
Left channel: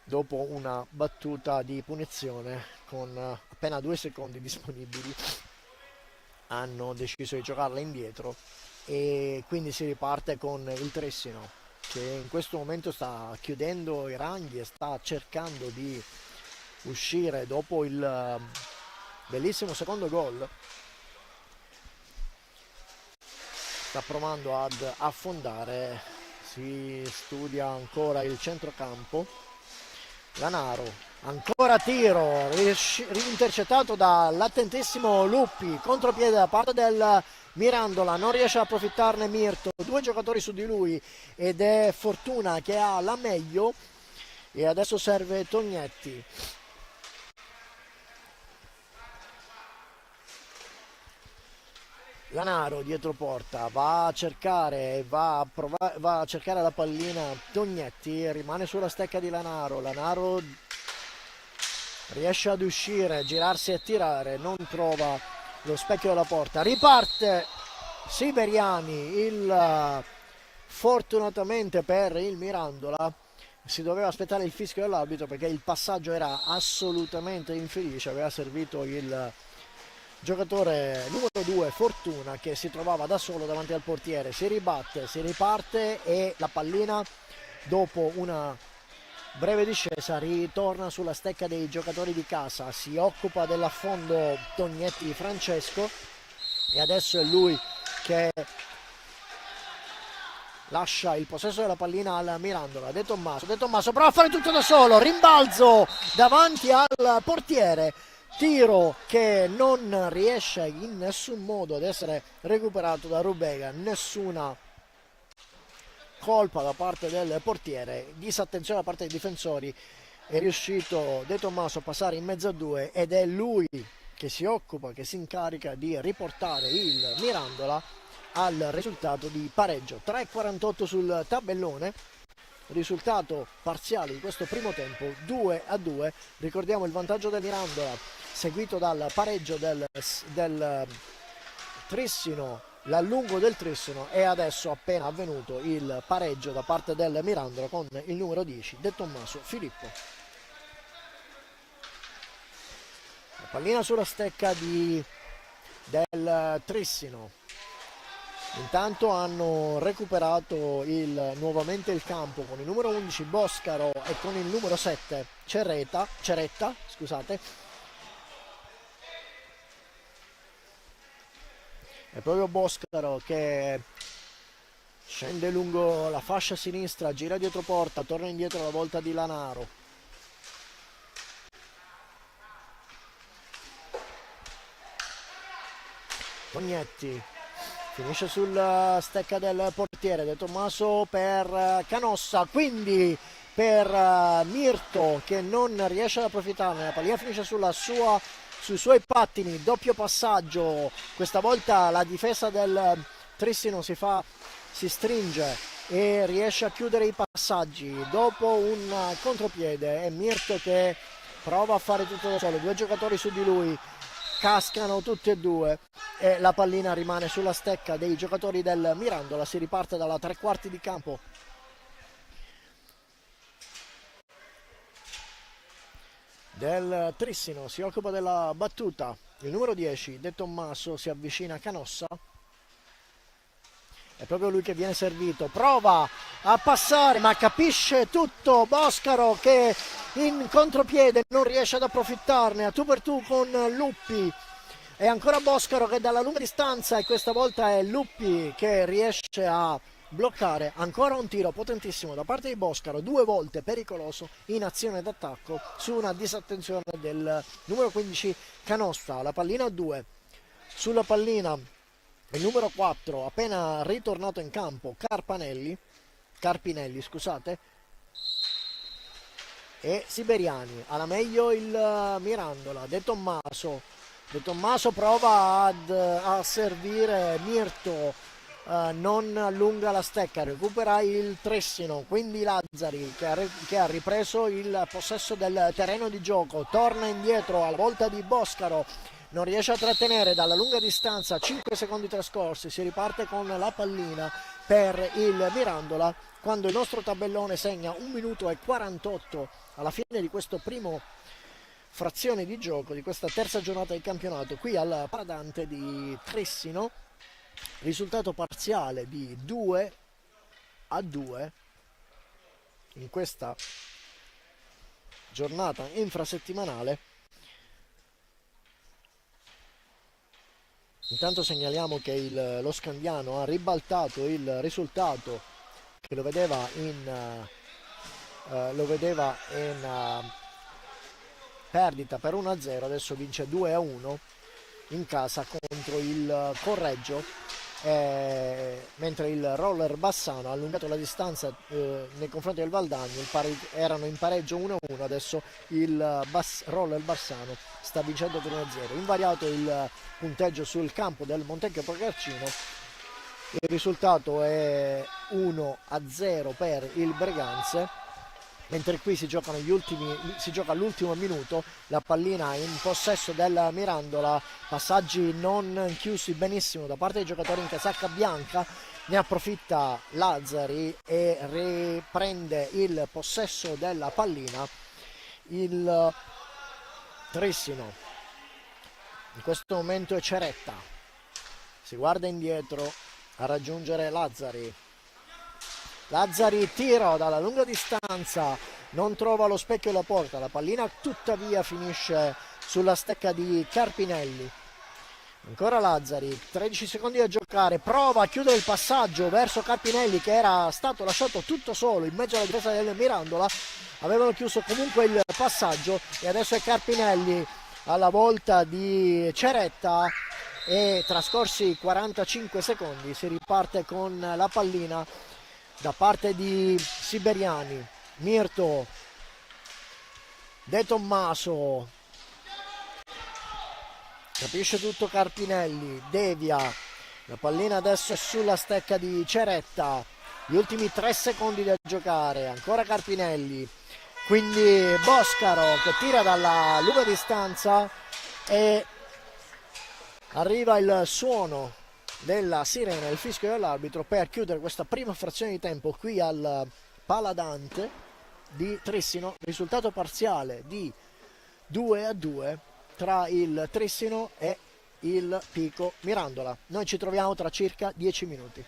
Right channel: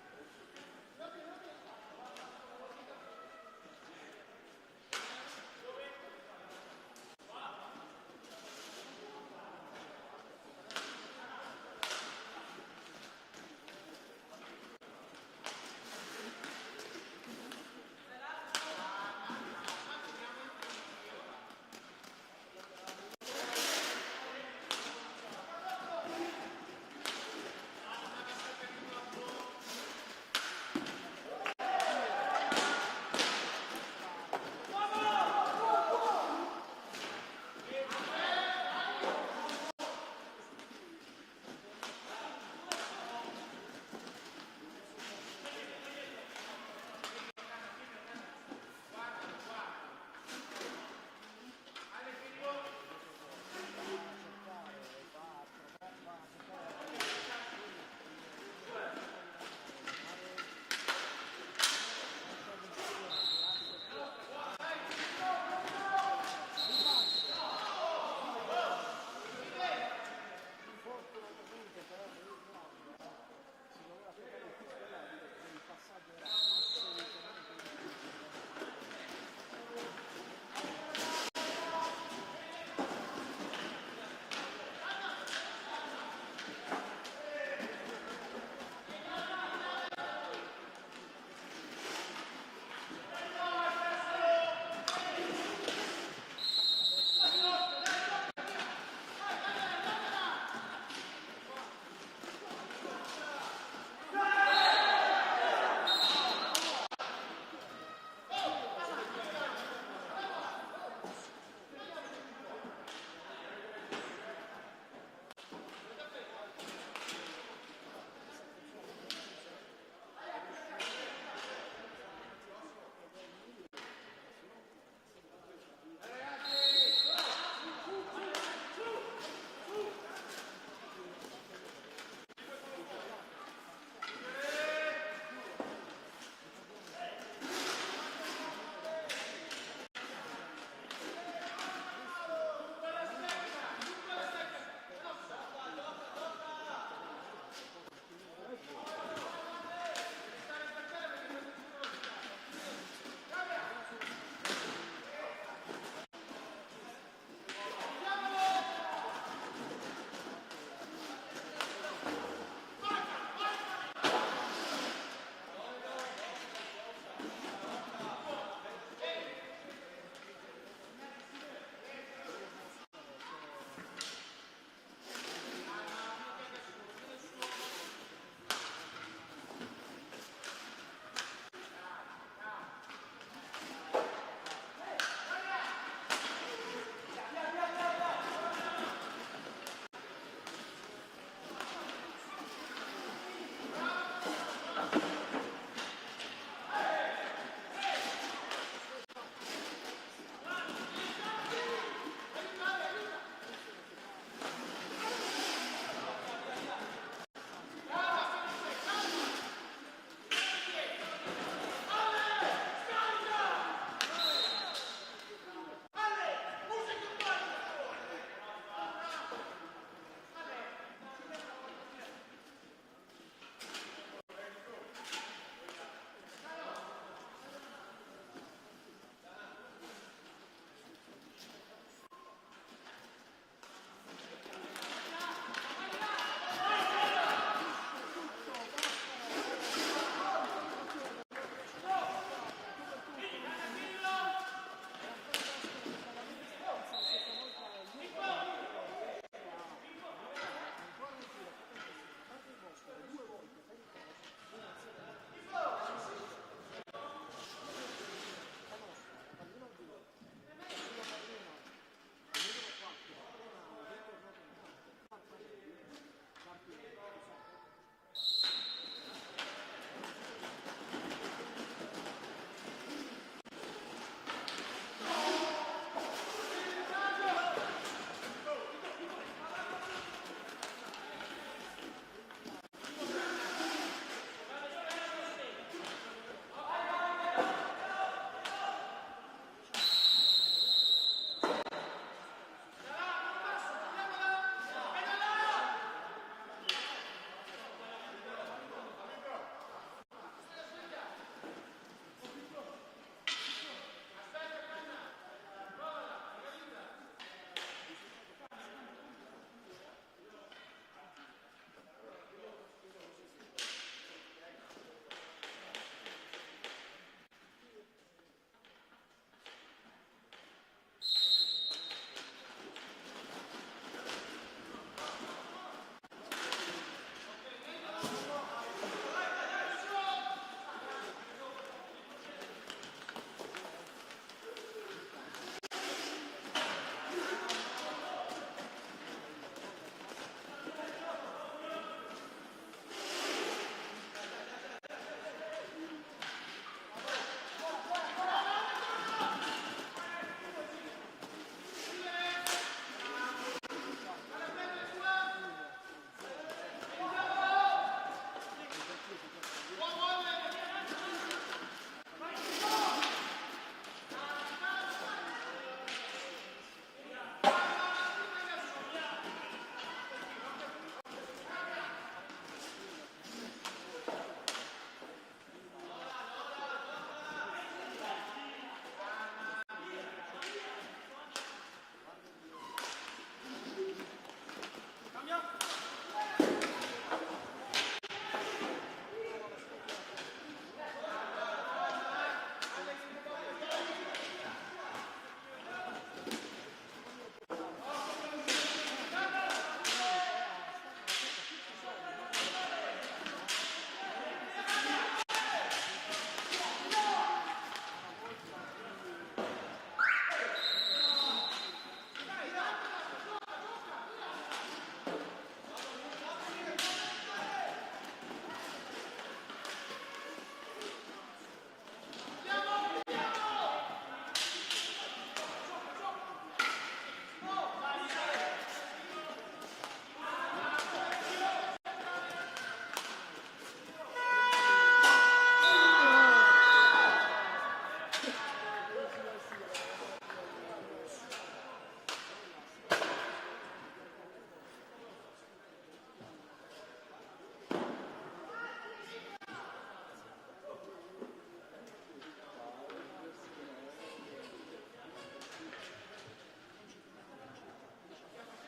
dopo una battuta di punizione con appena 2 secondi disponibili. Hanno deciso di giocarla indietro e quindi si riparte con il Trissino che in questo momento sta chiudendo i ranghi e sta cercando di uscire dopo il bellissimo secondo gol. Sta provando ad affondare, si studia ancora il centrocampo. Lanaro, ancora tiro, intercettato dall'attentissimo Luppi, contropiede da parte del Mirandola, non riesce a approfittarne Mirto, 2 giocatori su di lui ed è Fortuna che ha la meglio e adesso serve Tognetti. Lanaro dietro porta, va a cercare la pallina Tognetti, rimane sulla stecca di Lanaro. Lanaro riesce ad uscire, girarsi e tirare, non trova lo specchio della porta. Riparte Siberiani, fortunatamente per il Mirandola si doveva aspettare il fischio dell'arbitro perché il passaggio era assolutamente infelice, aveva servito il giocatore numero 2 Fortuna, che si trovava da solo davanti al portiere. Si ribatte, si riparte e la pallina, dopo una breve discesa, ritorna sulla stecca dei giocatori di casa. Si occupa dell'affondo Tognetti Francesco e adesso è lui che lascia il possesso della pallina al Mirandola. De Tommaso prova a fare tutto da solo, rimbalzo davanti al portiere, tiro che non riesce in nessun modo ad essere recuperato da Rubega, nessuna colpa da parte del portiere, disattenzione da parte dei difensori. È riuscito De Tommaso a passare in mezzo a due ed è lui che si occupa, che si incarica di riportare il Mirandola al risultato di pareggio. 3:48 sul tabellone, risultato parziale di questo primo tempo 2-2. Ricordiamo il vantaggio del Mirandola seguito dal pareggio del Trissino, l'allungo del Trissino, e adesso appena avvenuto il pareggio da parte del Mirandola con il numero 10 De Tommaso Filippo. La pallina sulla stecca del Trissino. Intanto hanno recuperato nuovamente il campo con il numero 11 Boscaro e con il numero 7 Ceretta, scusate. È proprio Boscaro che scende lungo la fascia sinistra, gira dietro porta, torna indietro la volta di Lanaro. Tognetti finisce sulla stecca del portiere. De Tommaso per Canossa, quindi per Mirto, che non riesce ad approfittarne. La pallina finisce sui suoi pattini, doppio passaggio. Questa volta la difesa del Trissino si stringe e riesce a chiudere i passaggi dopo un contropiede. È Mirto che prova a fare tutto da solo, due giocatori su di lui, cascano tutti e due e la pallina rimane sulla stecca dei giocatori del Mirandola. Si riparte dalla tre quarti di campo. Del Trissino si occupa della battuta il numero 10 De Tommaso, si avvicina a Canossa, è proprio lui che viene servito, prova a passare ma capisce tutto Boscaro, che in contropiede non riesce ad approfittarne, a tu per tu con Luppi. È ancora Boscaro che dalla lunga distanza, e questa volta è Luppi che riesce a bloccare. Ancora un tiro potentissimo da parte di Boscaro, due volte pericoloso in azione d'attacco su una disattenzione del numero 15 Canossa. La pallina a 2, sulla pallina il numero 4 appena ritornato in campo Carpinelli, scusate, e Siberiani. Alla meglio il Mirandola. De Tommaso prova a servire Mirto, non allunga la stecca, recupera il Trissino, quindi Lazzari che ha ripreso il possesso del terreno di gioco, torna indietro alla volta di Boscaro, non riesce a trattenere dalla lunga distanza, 5 secondi trascorsi, si riparte con la pallina per il Mirandola quando il nostro tabellone segna 1 minuto e 48 alla fine di questo primo frazione di gioco di questa terza giornata del campionato qui al Paradante di Trissino. Risultato parziale di 2-2 in questa giornata infrasettimanale. Intanto segnaliamo che lo Scandiano ha ribaltato il risultato che lo vedeva in perdita per 1-0, adesso vince 2-1 in casa contro il Correggio, mentre il Roller Bassano ha allungato la distanza nei confronti del Valdagno. Erano in pareggio 1-1, adesso il Roller Bassano sta vincendo per 1-0. Invariato il punteggio sul campo del Montecchio Procarcino, il risultato è 1-0 per il Breganze, mentre qui si gioca all'ultimo minuto. La pallina in possesso del Mirandola, passaggi non chiusi benissimo da parte dei giocatori in casacca bianca, Ne approfitta Lazzari e riprende il possesso della pallina il Trissino. In questo momento è Ceretta, si guarda indietro a raggiungere Lazzari. Lazzari tiro dalla lunga distanza, non trova lo specchio e la porta, la pallina tuttavia finisce sulla stecca di Carpinelli. Ancora Lazzari, 13 secondi da giocare, prova a chiudere il passaggio verso Carpinelli che era stato lasciato tutto solo in mezzo alla difesa del Mirandola. Avevano chiuso comunque il passaggio e adesso è Carpinelli alla volta di Ceretta e trascorsi 45 secondi si riparte con la pallina da parte di Siberiani. Mirto, De Tommaso, capisce tutto Carpinelli, devia, la pallina adesso è sulla stecca di Ceretta, gli ultimi 3 secondi da giocare, ancora Carpinelli, quindi Boscaro che tira dalla lunga distanza e arriva il suono della sirena, il fischio dell'arbitro per chiudere questa prima frazione di tempo qui al Paladante di Trissino, risultato parziale di 2-2 tra il Trissino e il Pico Mirandola. Noi ci troviamo tra circa 10 minuti.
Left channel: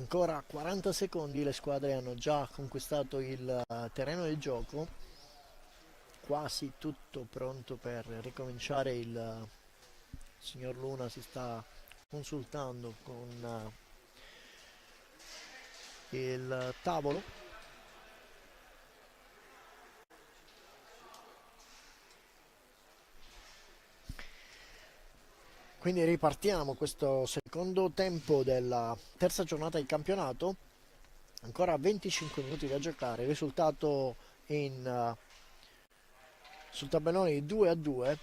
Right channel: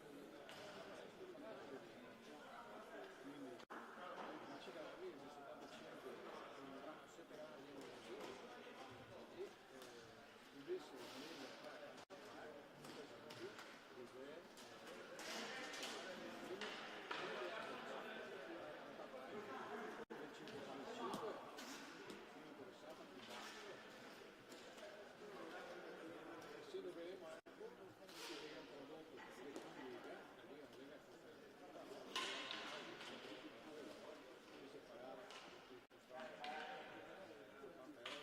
Ancora 40 secondi, le squadre hanno già conquistato il terreno del gioco, quasi tutto pronto per ricominciare. Il signor Luna si sta consultando con il tavolo. Quindi ripartiamo questo secondo tempo della terza giornata di campionato, ancora 25 minuti da giocare, risultato sul tabellone di 2-2,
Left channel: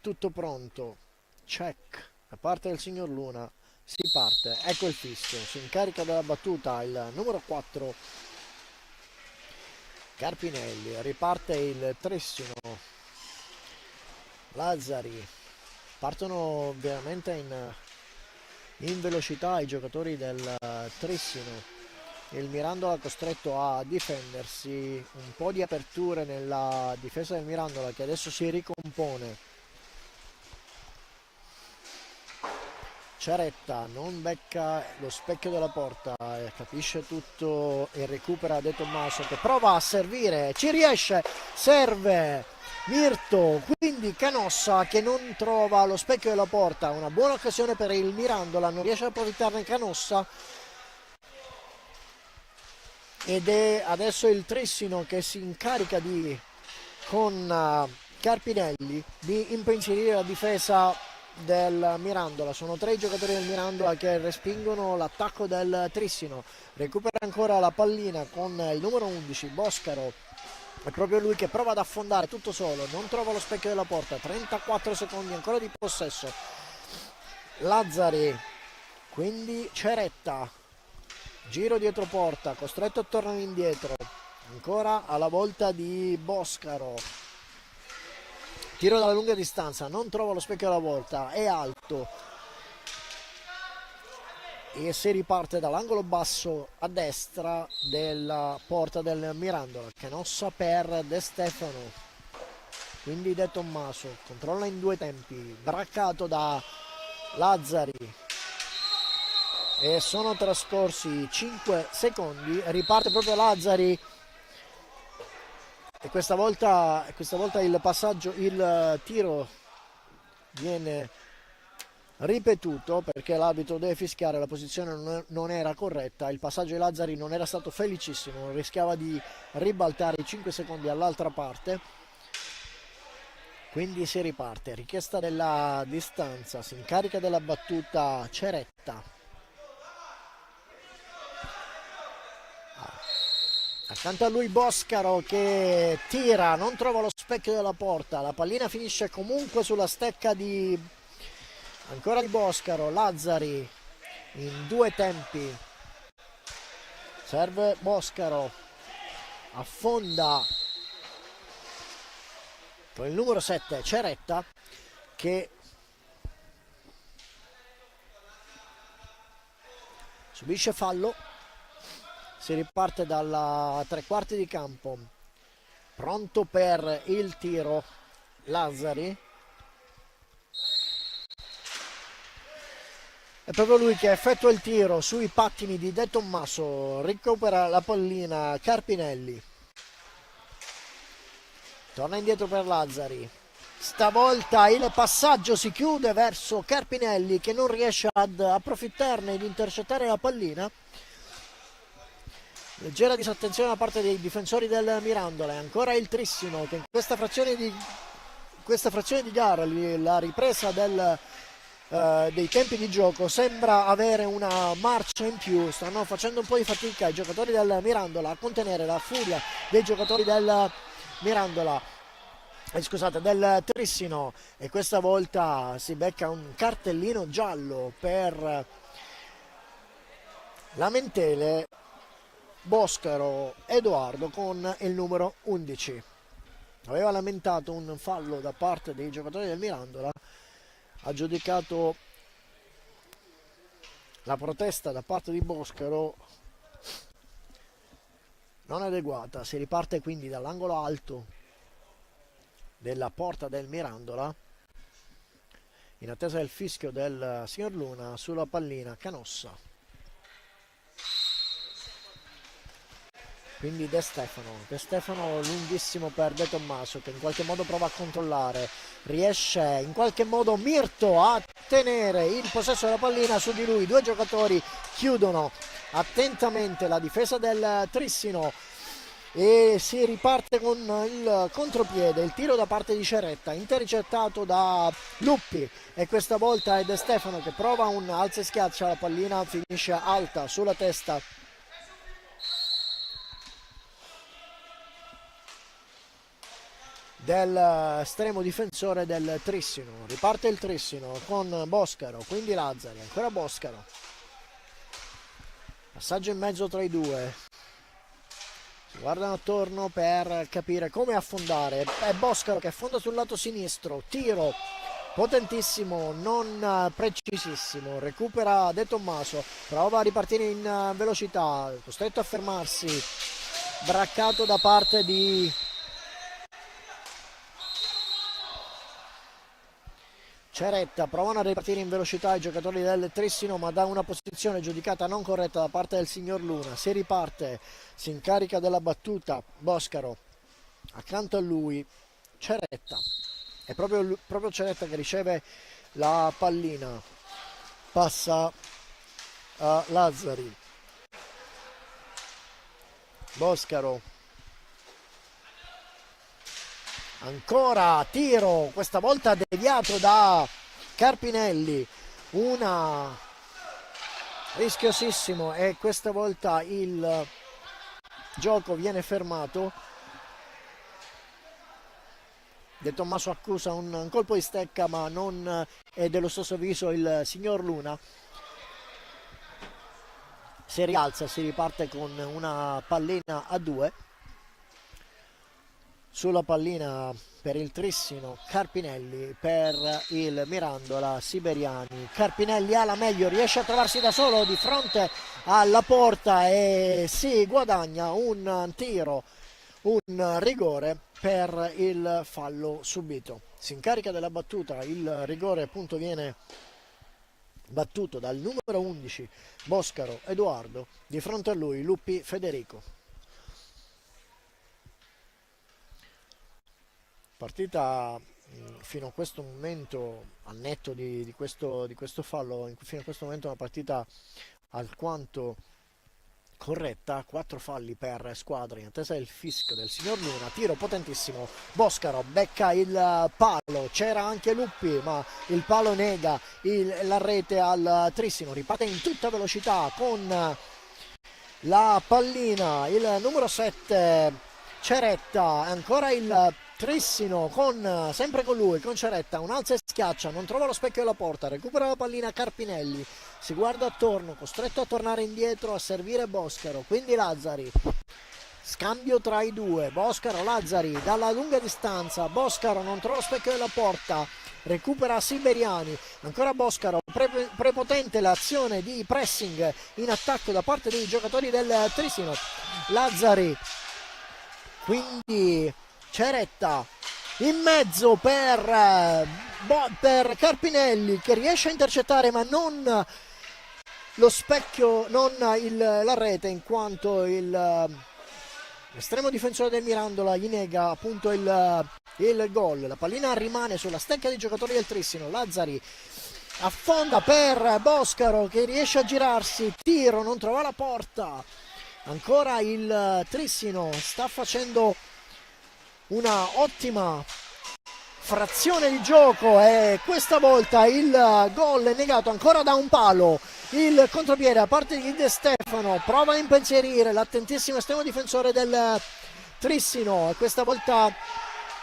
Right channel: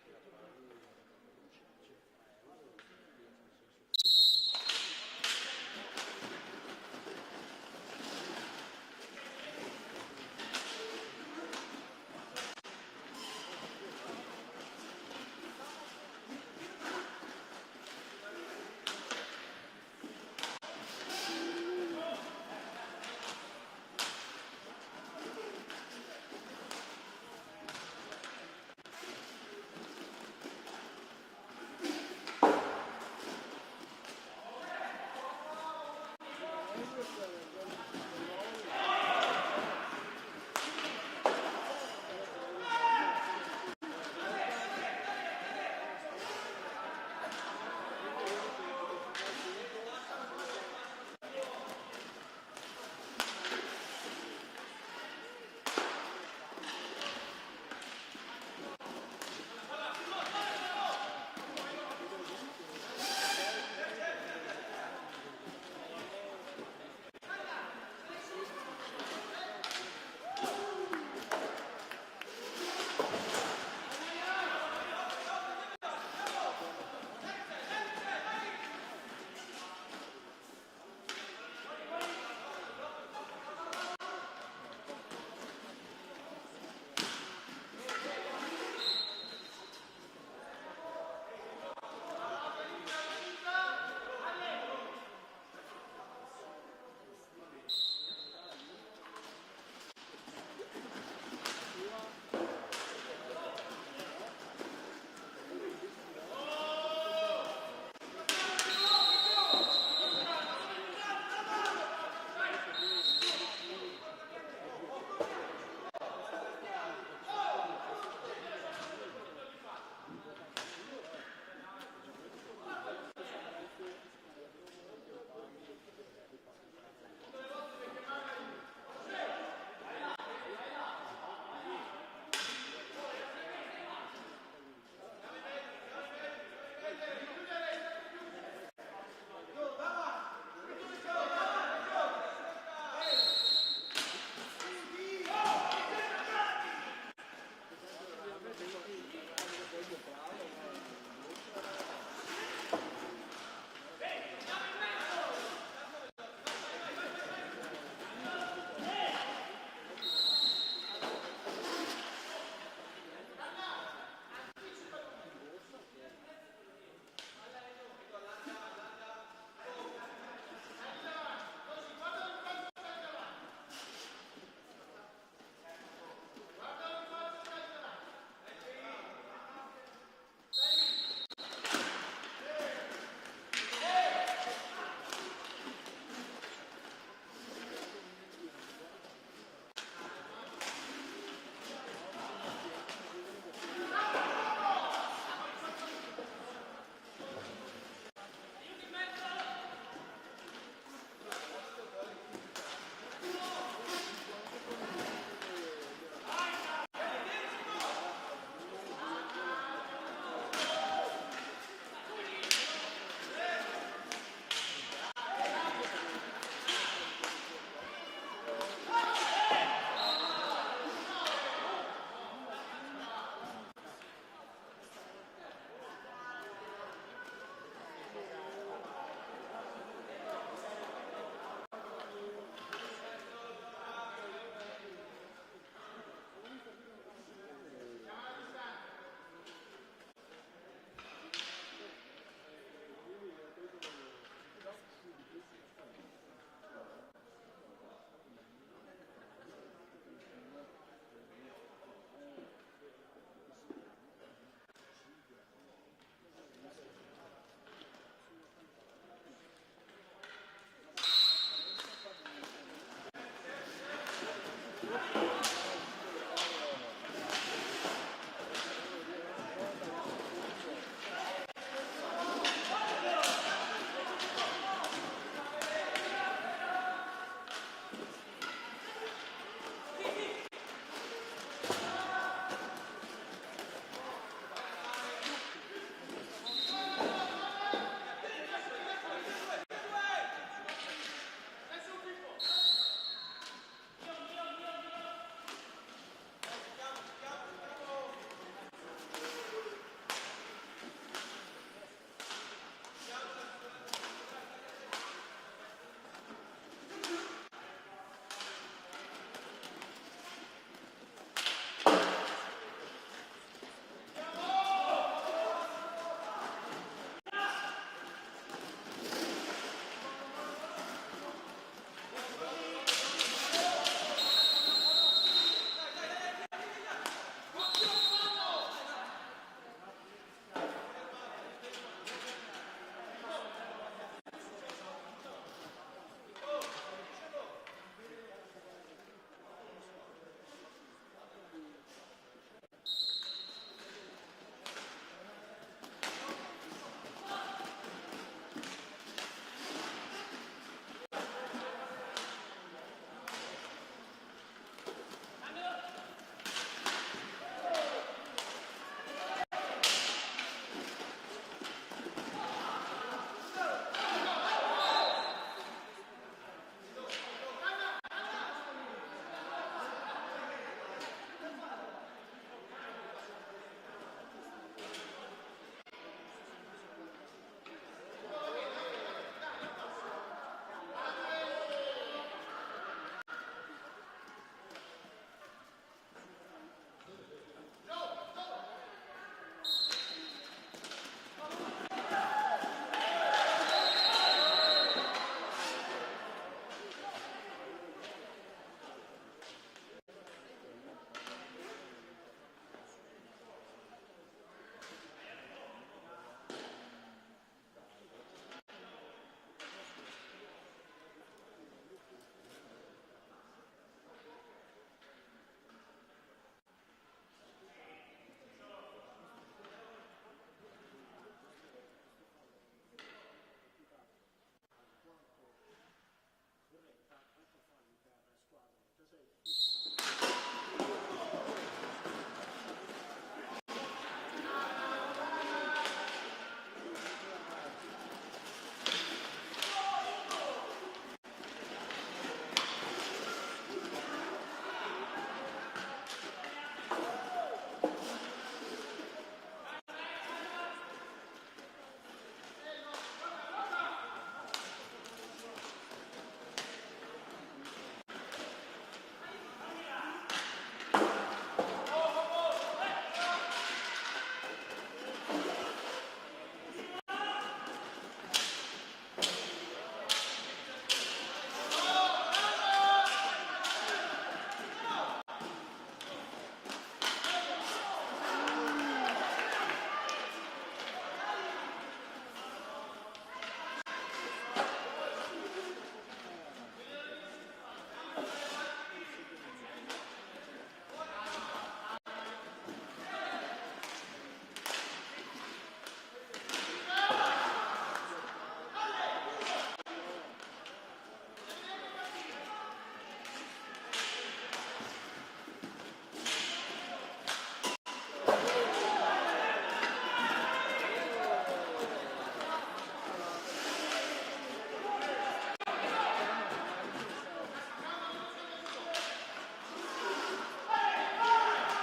tutto pronto, check da parte del signor Luna, si parte, ecco il fischio, si incarica della battuta il numero 4 Carpinelli, riparte il Trissino, Lazzari. Partono veramente in velocità i giocatori del Trissino. Il Mirandola costretto a difendersi, un po' di aperture nella difesa del Mirandola che adesso si ricompone. Ceretta non becca lo specchio della porta, capisce tutto e recupera De Tommaso che prova a servire, ci riesce, serve Mirto, quindi Canossa che non trova lo specchio della porta, una buona occasione per il Mirandola, non riesce ad approfittarne Canossa ed è adesso il Trissino che si incarica con Carpinelli di impensierire la difesa del Mirandola. Sono 3 i giocatori del Mirandola che respingono l'attacco del Trissino. Recupera ancora la pallina con il numero 11 Boscaro, è proprio lui che prova ad affondare tutto solo, non trova lo specchio della porta. 34 secondi ancora di possesso. Lazzari, quindi Ceretta, giro dietro porta, costretto a tornare indietro, ancora alla volta di Boscaro, tiro dalla lunga distanza, non trova lo specchio della volta, è alto e si riparte dall'angolo basso a destra della porta del Mirandola. Canossa per De Stefano, quindi De Tommaso controlla in 2 tempi, braccato da Lazzari e sono trascorsi 5 secondi, riparte proprio Lazzari e questa volta il passaggio, il tiro viene ripetuto perché l'arbitro deve fischiare, la posizione non era corretta, il passaggio di Lazzari non era stato felicissimo, rischiava di ribaltare i 5 secondi all'altra parte, quindi si riparte, richiesta della distanza, si incarica della battuta Ceretta. Accanto a lui Boscaro che tira, non trova lo specchio della porta, la pallina finisce comunque sulla stecca di ancora di Boscaro. Lazzari in 2 tempi, serve Boscaro, affonda con il numero 7 Ceretta che subisce fallo. Si riparte dalla 3/4 di campo, pronto per il tiro Lazzari, è proprio lui che effettua il tiro sui pattini di De Tommaso, recupera la pallina Carpinelli, torna indietro per Lazzari, stavolta il passaggio si chiude verso Carpinelli che non riesce ad approfittarne ed intercettare la pallina. Leggera disattenzione da parte dei difensori del Mirandola, ancora il Trissino che in questa frazione di gara, la ripresa dei tempi di gioco sembra avere una marcia in più, stanno facendo un po' di fatica i giocatori del Mirandola a contenere la furia dei giocatori del Mirandola, scusate, del Trissino, e questa volta si becca un cartellino giallo per lamentele Boscaro Edoardo con il numero 11. Aveva lamentato un fallo da parte dei giocatori del Mirandola, ha giudicato la protesta da parte di Boscaro non adeguata. Si riparte quindi dall'angolo alto della porta del Mirandola in attesa del fischio del signor Luna sulla pallina Canossa. quindi De Stefano lunghissimo per De Tommaso, che in qualche modo prova a controllare, riesce in qualche modo Mirto a tenere il possesso della pallina su di lui. Due giocatori chiudono attentamente la difesa del Trissino e si riparte con il contropiede, il tiro da parte di Ceretta, intercettato da Luppi, e questa volta è De Stefano che prova un alza e schiaccia, la pallina finisce alta sulla testa dell'estremo difensore del Trissino. Riparte il Trissino con Boscaro, quindi Lazzari, ancora Boscaro, passaggio in mezzo tra i due, si guardano attorno per capire come affondare. È Boscaro che affonda sul lato sinistro, tiro potentissimo, non precisissimo, recupera De Tommaso, prova a ripartire in velocità, costretto a fermarsi, braccato da parte di Ceretta. Provano a ripartire in velocità i giocatori del Trissino, ma da una posizione giudicata non corretta da parte del signor Luna. Si riparte, si incarica della battuta Boscaro, accanto a lui Ceretta, è proprio Ceretta che riceve la pallina, passa a Lazzari, Boscaro, ancora tiro, questa volta deviato da Carpinelli, una rischiosissimo, e questa volta il gioco viene fermato. De Tommaso accusa un colpo di stecca, ma non è dello stesso avviso il signor Luna. Si rialza, si riparte con una pallina a due. Sulla pallina per il Trissino Carpinelli, per il Mirandola Siberiani. Carpinelli ha la meglio, riesce a trovarsi da solo di fronte alla porta e si guadagna un tiro, un rigore per il fallo subito. Si incarica della battuta, il rigore appunto viene battuto dal numero 11 Boscaro Edoardo, di fronte a lui Luppi Federico. Partita fino a questo momento, al netto di questo fallo, fino a questo momento una partita alquanto corretta. 4 falli per squadra in attesa del fischio del signor Luna. Tiro potentissimo, Boscaro becca il palo, c'era anche Luppi ma il palo nega la rete al Trissino. Riparte in tutta velocità con la pallina il numero 7 Ceretta, ancora il Trissino sempre con lui, con Ceretta, un alza e schiaccia, non trova lo specchio della porta, recupera la pallina Carpinelli, si guarda attorno, costretto a tornare indietro a servire Boscaro, quindi Lazzari, scambio tra i due, Boscaro, Lazzari, dalla lunga distanza, Boscaro non trova lo specchio della porta, recupera Siberiani, ancora Boscaro, prepotente l'azione di pressing in attacco da parte dei giocatori del Trissino, Lazzari, quindi Ceretta in mezzo per Carpinelli, che riesce a intercettare ma non lo specchio, non la rete, in quanto l'estremo difensore del Mirandola gli nega appunto il gol. La pallina rimane sulla stecca dei giocatori del Trissino. Lazzari affonda per Boscaro che riesce a girarsi, tiro, non trova la porta. Ancora il Trissino sta facendo una ottima frazione di gioco e questa volta il gol è negato ancora da un palo. Il contropiede a parte di De Stefano, prova a impensierire l'attentissimo estremo difensore del Trissino e questa volta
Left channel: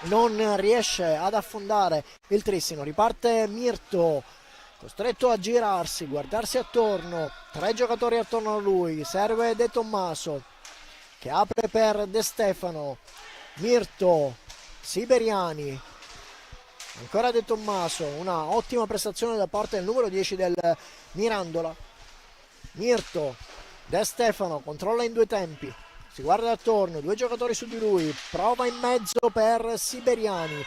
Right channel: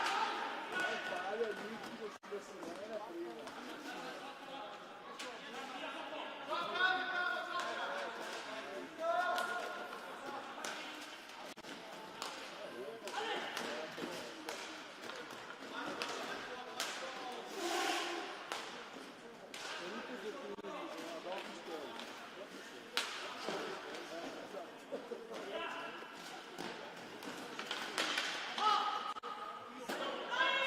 non riesce ad affondare il Trissino. Riparte Mirto, costretto a girarsi, guardarsi attorno, 3 giocatori attorno a lui, serve De Tommaso che apre per De Stefano, Mirto, Siberiani, ancora De Tommaso, una ottima prestazione da parte del numero 10 del Mirandola. Mirto, De Stefano controlla in 2 tempi, si guarda attorno, 2 giocatori su di lui, prova in mezzo per Siberiani,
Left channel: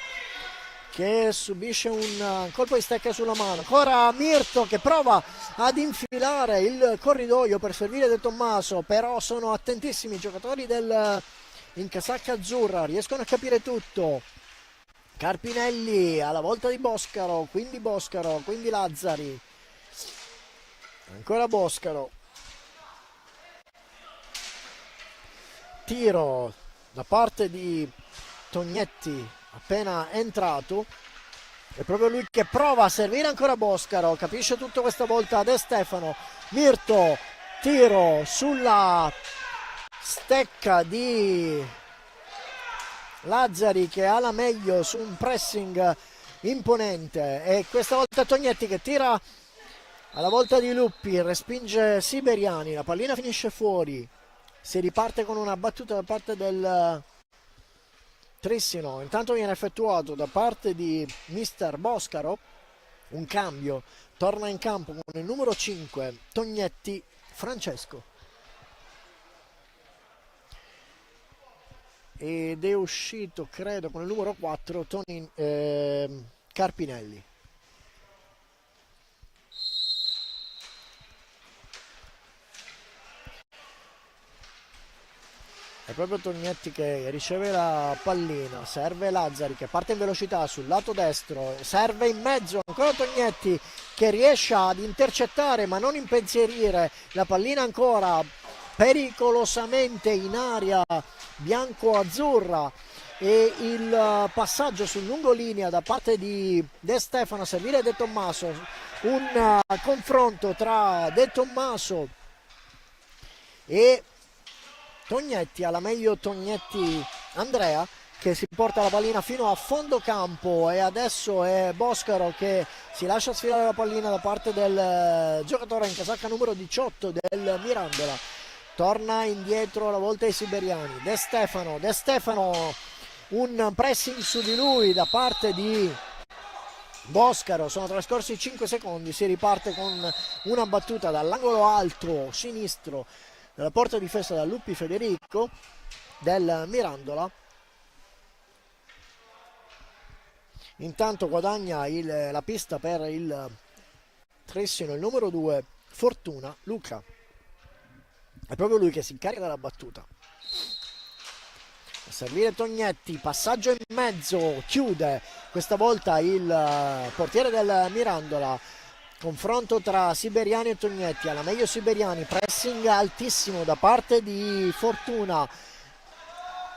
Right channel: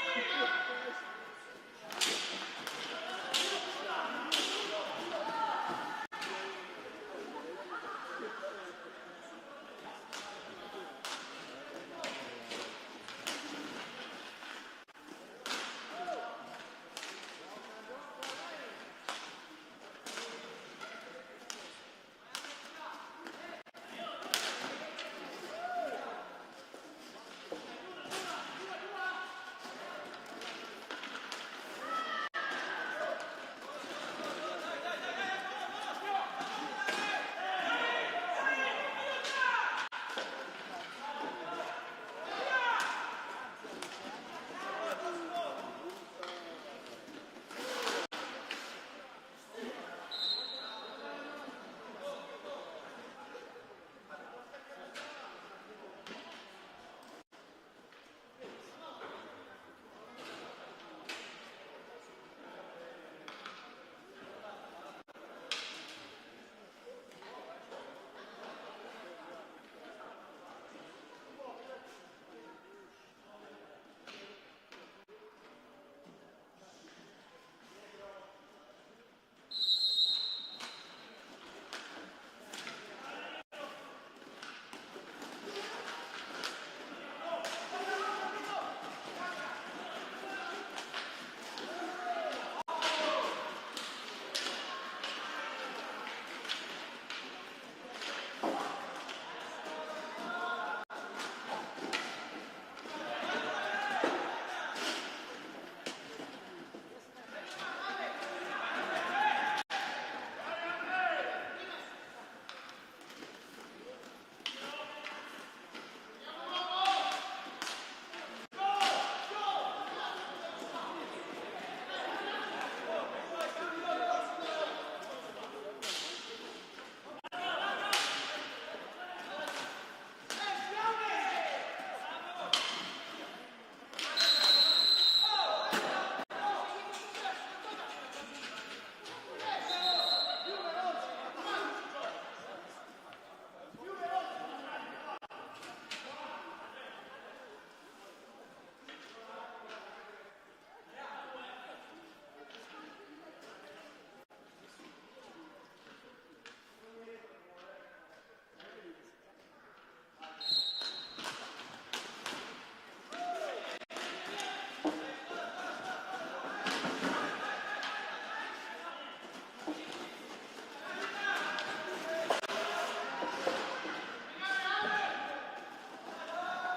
che subisce un colpo di stecca sulla mano. Ancora Mirto che prova ad infilare il corridoio per servire De Tommaso, però sono attentissimi i giocatori in casacca azzurra, riescono a capire tutto. Carpinelli alla volta di Boscaro, quindi Lazzari, ancora Boscaro, tiro da parte di Tognetti appena entrato, è proprio lui che prova a servire ancora Boscaro, capisce tutto questa volta De Stefano. Mirto, tiro sulla stecca di Lazzari che ha la meglio su un pressing imponente, e questa volta Tognetti che tira alla volta di Luppi, respinge Siberiani, la pallina finisce fuori, si riparte con una battuta da parte del Trissino. Intanto viene effettuato da parte di mister Boscaro un cambio, torna in campo con il numero 5 Tognetti Francesco ed è uscito credo con il numero 4 Carpinelli. È proprio Tognetti che riceve la pallina, serve Lazzari che parte in velocità sul lato destro, serve in mezzo, ancora Tognetti che riesce ad intercettare ma non impensierire la pallina, ancora pericolosamente in area bianco-azzurra, e il passaggio sul lungolinea da parte di De Stefano a servire De Tommaso, un confronto tra De Tommaso e Tognetti, alla meglio Tognetti Andrea che si porta la pallina fino a fondo campo, e adesso è Boscaro che si lascia sfilare la pallina da parte del giocatore in casacca numero 18 del Mirandola, torna indietro la volta ai siberiani. De Stefano, un pressing su di lui da parte di Boscaro, sono trascorsi 5 secondi, si riparte con una battuta dall'angolo alto sinistro della porta difesa da Luppi Federico del Mirandola. Intanto guadagna la pista per il Trissino il numero 2 Fortuna Luca, è proprio lui che si incarica della battuta. A servire Tognetti, passaggio in mezzo, chiude questa volta il portiere del Mirandola. Confronto tra Siberiani e Tognetti, alla meglio Siberiani, pressing altissimo da parte di Fortuna,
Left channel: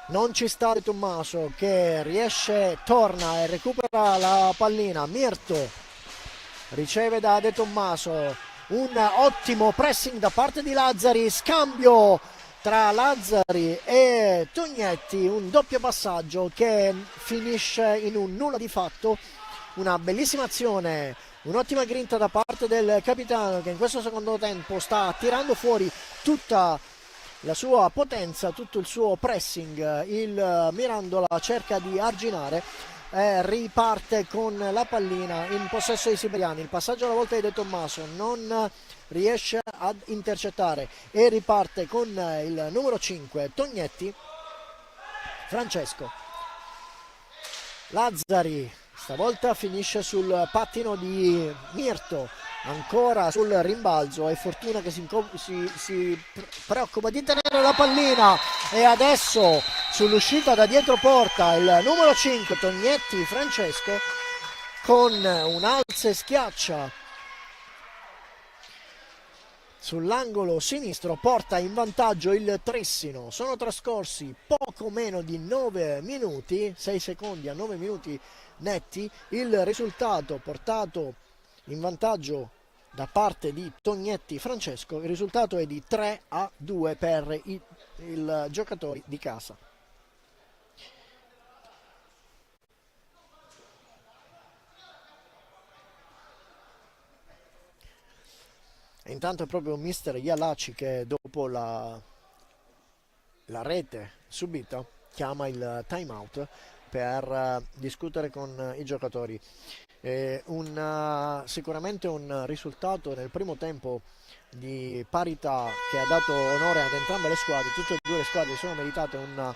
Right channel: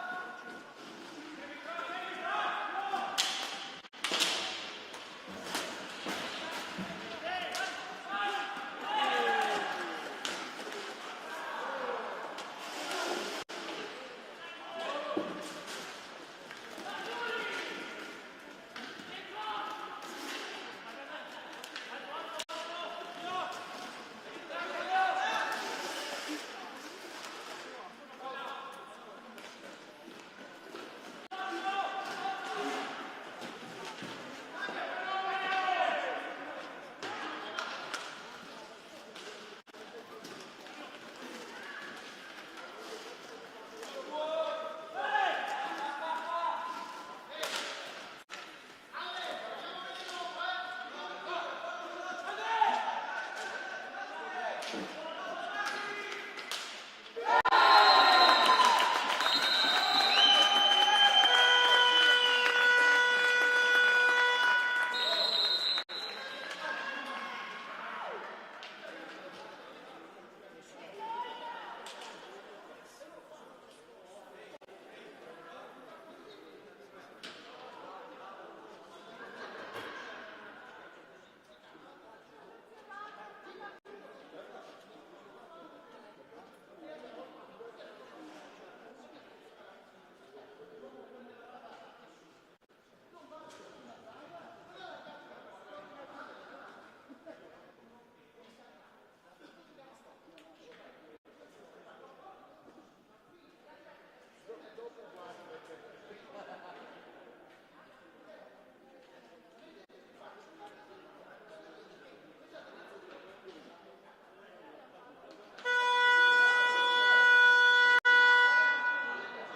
non ci sta De Tommaso che torna e recupera la pallina. Mirto riceve da De Tommaso, un ottimo pressing da parte di Lazzari, scambio tra Lazzari e Tognetti, un doppio passaggio che finisce in un nulla di fatto, una bellissima azione. Un'ottima grinta da parte del capitano che in questo secondo tempo sta tirando fuori tutta la sua potenza, tutto il suo pressing. Il Mirandola cerca di arginare e riparte con la pallina in possesso dei siberiani. Il passaggio alla volta di De Tommaso non riesce ad intercettare e riparte con il numero 5 Tognetti Francesco. Lazzari stavolta finisce sul pattino di Mirto, ancora sul rimbalzo, è Fortuna che si preoccupa di tenere la pallina, e adesso sull'uscita da dietro porta il numero 5 Tognetti Francesco con un alza e schiaccia sull'angolo sinistro, porta in vantaggio il Trissino. Sono trascorsi poco meno di 9 minuti, 6 secondi a 9 minuti netti, il risultato portato in vantaggio da parte di Tognetti Francesco, il risultato è di 3-2 per i giocatori di casa. E intanto è proprio mister Ialaci che dopo la rete subita chiama il time out per discutere con i giocatori. Sicuramente un risultato nel primo tempo di parità che ha dato onore ad entrambe le squadre. Tutte e due le squadre sono meritate un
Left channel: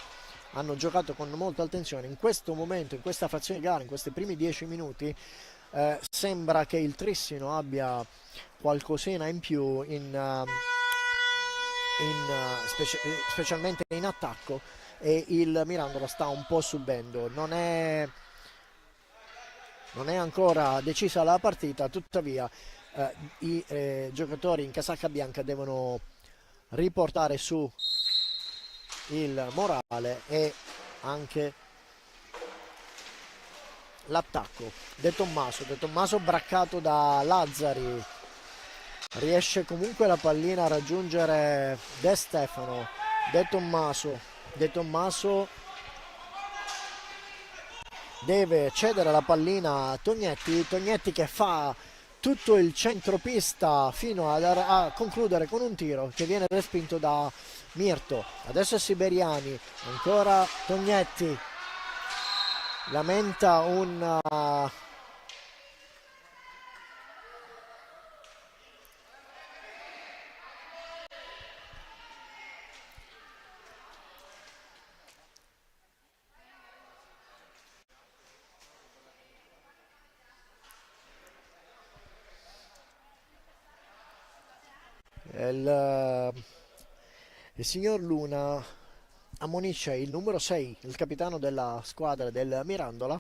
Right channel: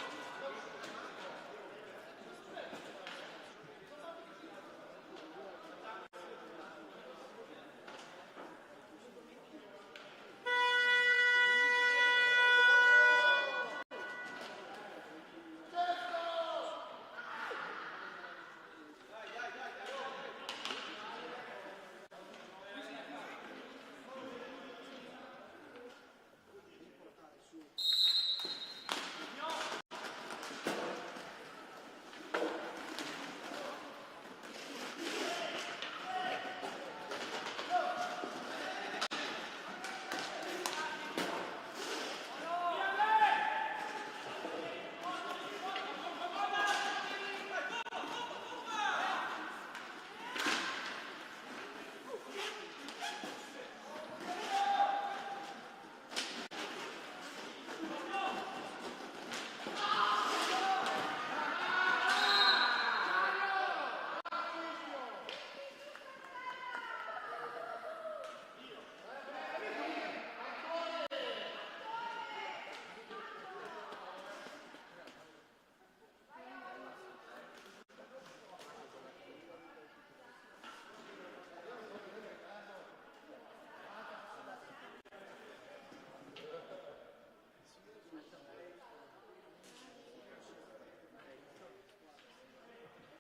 hanno giocato con molta attenzione. In questo momento, in questa frazione di gara, in questi primi 10 minuti, sembra che il Trissino abbia qualcosina in più specialmente in attacco, e il Mirandola sta un po' subendo. Non è ancora decisa la partita, tuttavia i giocatori in casacca bianca devono riportare su il morale e anche l'attacco. De Tommaso braccato da Lazzari, riesce comunque la pallina a raggiungere De Stefano. De Tommaso deve cedere la pallina a Tognetti che fa tutto il centropista fino a concludere con un tiro che viene respinto da Mirto. Adesso Siberiani, ancora Tognetti, lamenta un il signor Luna ammonisce il numero 6, il capitano della squadra del Mirandola,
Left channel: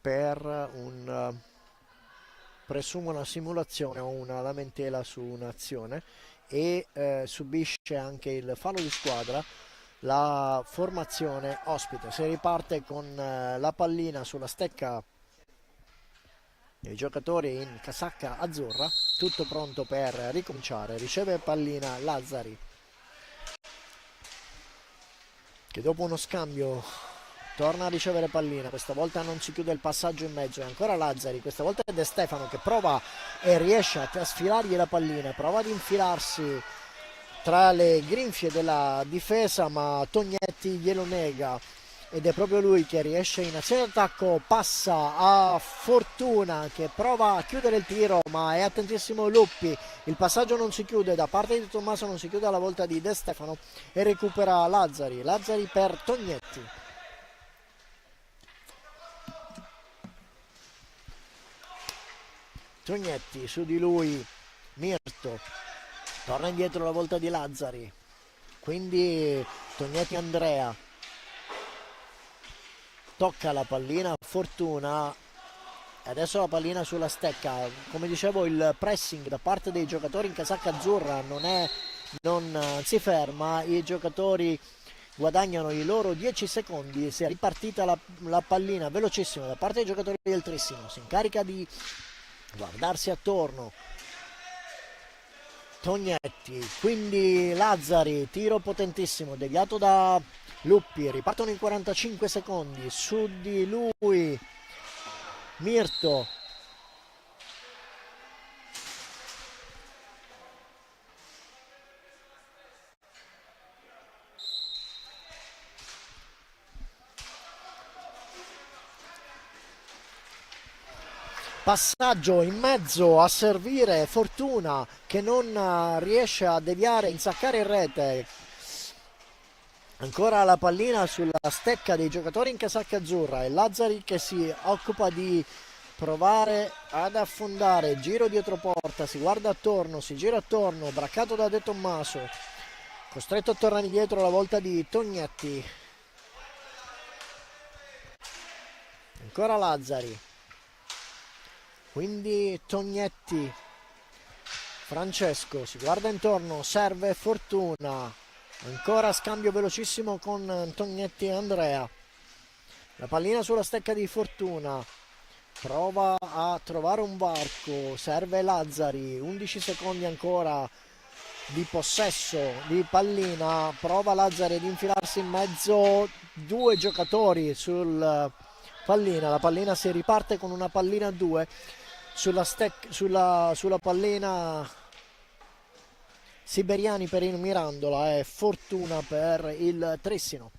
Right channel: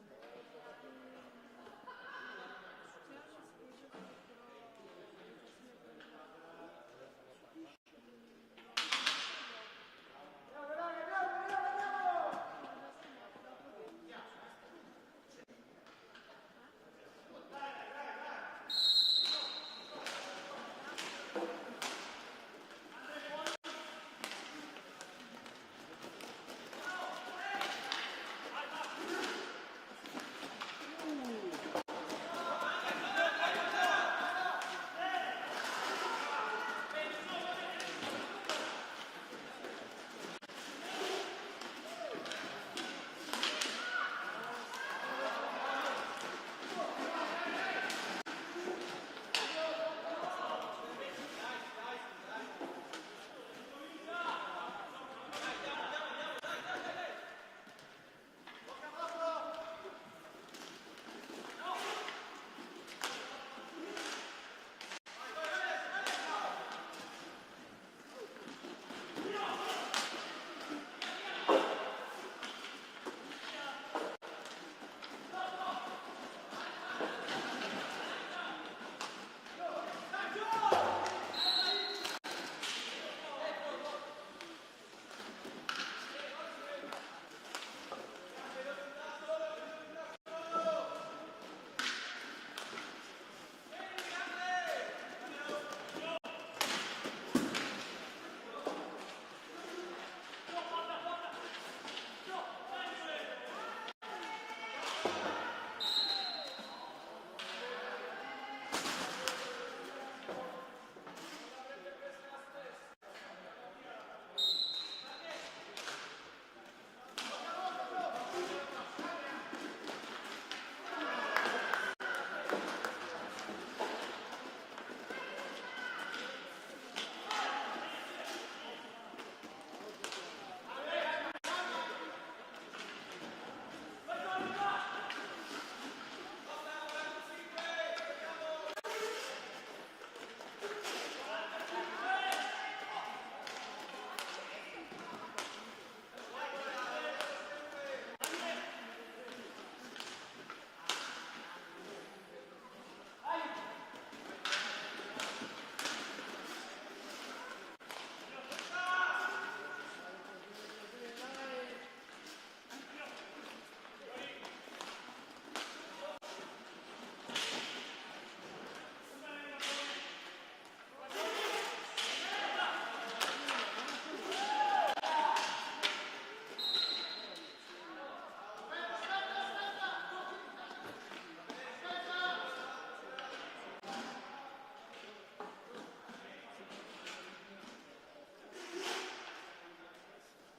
per presumo una simulazione o una lamentela su un'azione, e subisce anche il fallo di squadra la formazione ospite. Si riparte con la pallina sulla stecca dei giocatori in casacca azzurra, tutto pronto per ricominciare. Riceve pallina Lazzari, che dopo uno scambio torna a ricevere pallina. Questa volta non si chiude il passaggio in mezzo, ancora Lazzari, questa volta è De Stefano che prova e riesce a sfilargli la pallina, prova ad infilarsi tra le grinfie della difesa, ma Tognetti glielo nega, ed è proprio lui che riesce in azione d'attacco. Passa a Fortuna che prova a chiudere il tiro, ma è attentissimo Luppi. Il passaggio non si chiude da parte di Tommaso, non si chiude alla volta di De Stefano, e recupera Lazzari per Tognetti. Tognetti, su di lui Mirto, torna indietro la volta di Lazzari, quindi Tognetti Andrea, tocca la pallina Fortuna, adesso la pallina sulla stecca. Come dicevo, il pressing da parte dei giocatori in casacca azzurra non si ferma, i giocatori guadagnano i loro 10 secondi, si è ripartita la pallina velocissima da parte dei giocatori del Trissino, si incarica di guardarsi attorno Tognetti, quindi Lazzari, tiro potentissimo deviato da Luppi, ripartono in 45 secondi, su di lui Mirto, passaggio in mezzo a servire Fortuna che non riesce a deviare, insaccare in rete. Ancora la pallina sulla stecca dei giocatori in casacca azzurra, e Lazzari che si occupa di provare ad affondare, giro dietro porta, si guarda attorno, si gira attorno, braccato da De Tommaso, costretto a tornare indietro la volta di Tognetti. Ancora Lazzari, quindi Tognetti, Francesco si guarda intorno, serve Fortuna, ancora scambio velocissimo con Tognetti e Andrea, la pallina sulla stecca di Fortuna, prova a trovare un varco, serve Lazzari, 11 secondi ancora di possesso di pallina, prova Lazzari ad infilarsi in mezzo, due giocatori sul pallina, la pallina si riparte con una pallina a due sulla pallina. Siberiani per il Mirandola e Fortuna per il Trissino.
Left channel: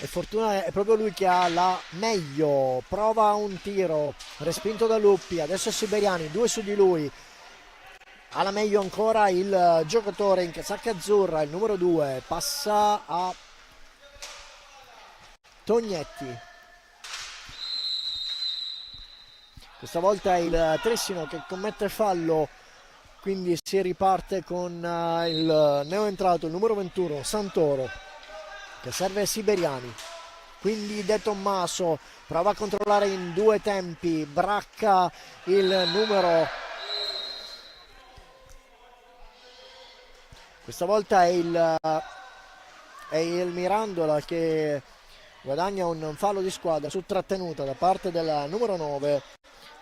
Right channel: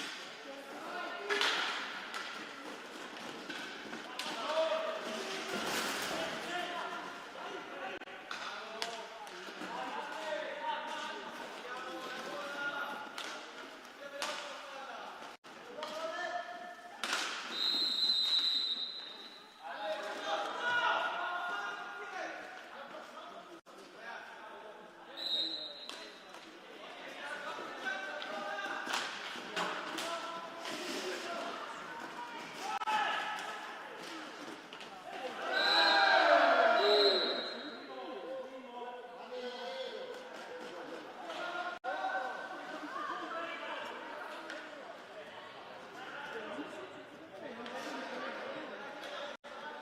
E Fortuna è proprio lui che ha la meglio, prova un tiro respinto da Luppi, adesso Siberiani, due su di lui, alla meglio ancora il giocatore in casacca azzurra, il numero 2, passa a Tognetti. Questa volta è il Trissino che commette fallo, quindi si riparte con il neoentrato, il numero 21, Santoro, che serve Siberiani. Quindi De Tommaso prova a controllare in due tempi, bracca il numero, questa volta è il Mirandola che guadagna un fallo di squadra su trattenuta da parte del numero 9,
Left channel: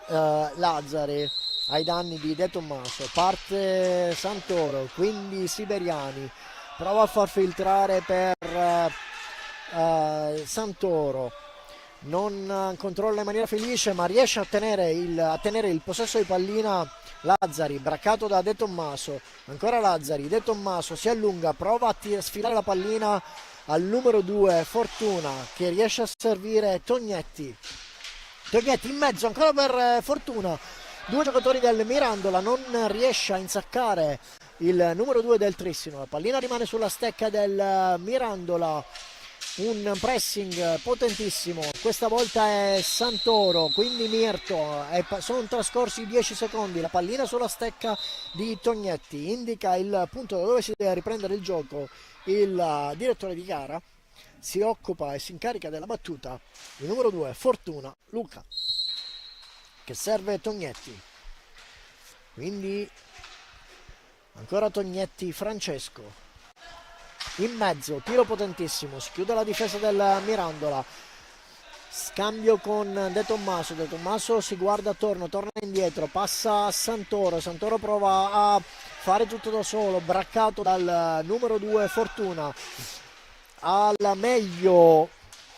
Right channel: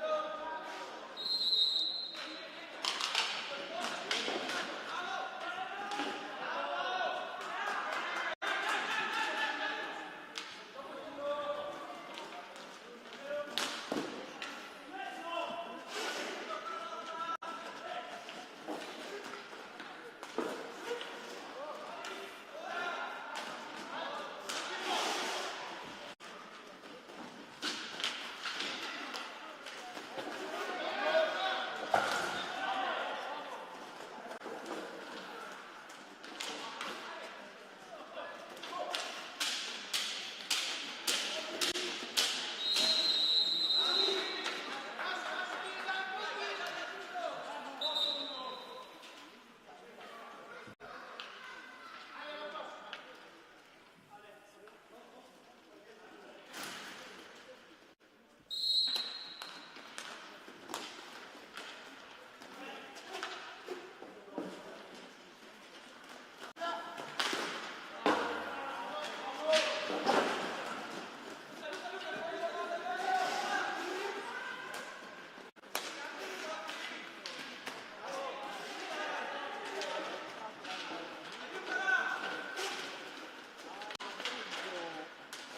Lazzari, ai danni di De Tommaso. Parte Santoro, quindi Siberiani prova a far filtrare per Santoro, non controlla in maniera felice ma riesce a tenere il possesso di pallina. Lazzari, braccato da De Tommaso, ancora Lazzari, De Tommaso si allunga, prova a sfilare la pallina al numero 2, Fortuna, che riesce a servire Tognetti in mezzo ancora per Fortuna. Due giocatori del Mirandola, non riesce a insaccare il numero 2 del Trissino, la pallina rimane sulla stecca del Mirandola, un pressing potentissimo, questa volta è Santoro, quindi Mirto, sono trascorsi 10 secondi, la pallina sulla stecca di Tognetti, indica il punto da dove si deve riprendere il gioco il direttore di gara, si occupa e si incarica della battuta il numero 2, Fortuna, Luca, che serve Tognetti, quindi ancora Tognetti, Francesco in mezzo, tiro potentissimo, si chiude la difesa del Mirandola, scambio con De Tommaso si guarda attorno, torna indietro, passa a Santoro prova a fare tutto da solo, braccato dal numero 2 Fortuna, alla meglio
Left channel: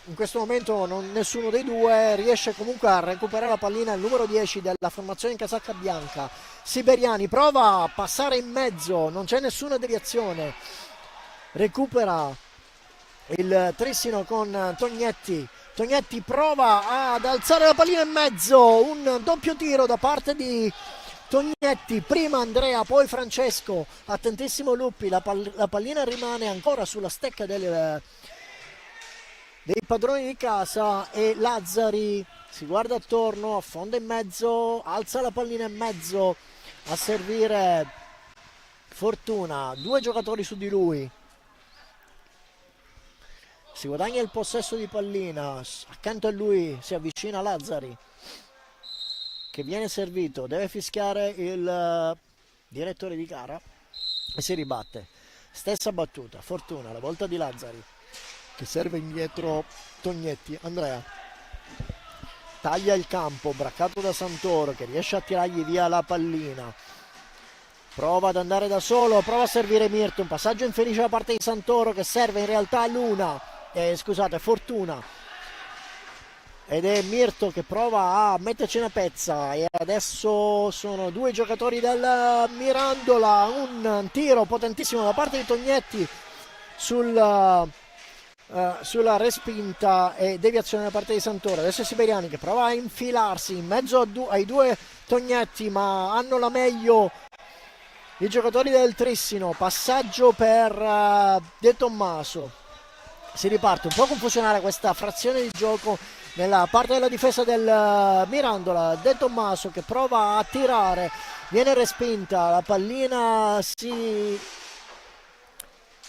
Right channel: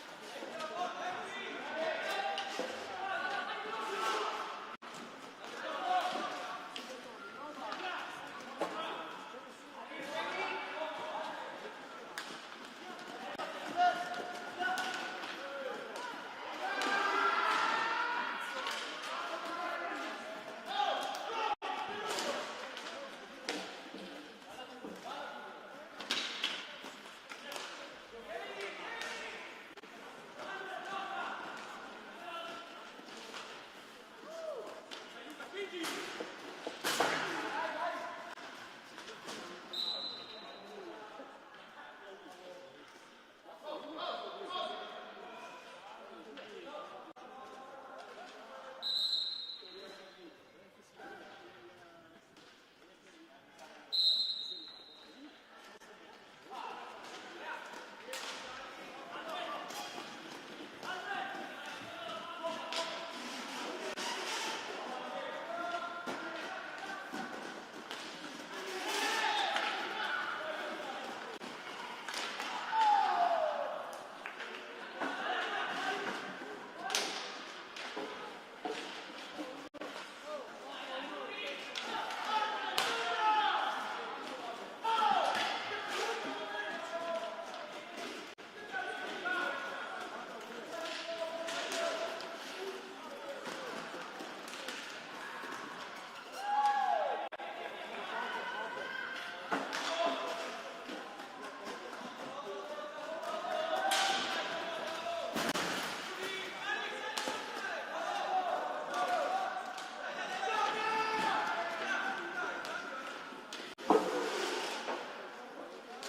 in questo momento nessuno dei due riesce comunque a recuperare la pallina, il numero 10 della formazione in casacca bianca, Siberiani prova a passare in mezzo, non c'è nessuna deviazione, recupera il Trissino con Tognetti prova ad alzare la pallina in mezzo, un doppio tiro da parte di Tognetti, prima Andrea poi Francesco, attentissimo Luppi, la pallina rimane ancora sulla stecca dei padroni di casa e Lazzari si guarda attorno, affonda in mezzo, alza la pallina in mezzo a servire Fortuna, due giocatori su di lui, si guadagna il possesso di pallina, accanto a lui si avvicina Lazzari che viene servito, deve fischiare il direttore di gara e si ribatte, stessa battuta, Fortuna, la volta di Lazzari che serve indietro Tognetti, Andrea taglia il campo, braccato da Santoro che riesce a tirargli via la pallina, prova ad andare da solo, prova a servire Mirto, un passaggio infelice da parte di Santoro che serve in realtà Fortuna, ed è Mirto che prova a metterci una pezza e adesso sono due giocatori del Mirandola, un tiro potentissimo da parte di Tognetti sulla respinta e deviazione da parte di Santoro, adesso è Siberiani che prova a infilarsi in mezzo ai due Tognetti ma hanno la meglio i giocatori del Trissino, passaggio per De Tommaso, si riparte un po' confusionaria questa frazione di gioco nella parte della difesa del Mirandola, De Tommaso che prova a tirare, viene respinta, la pallina si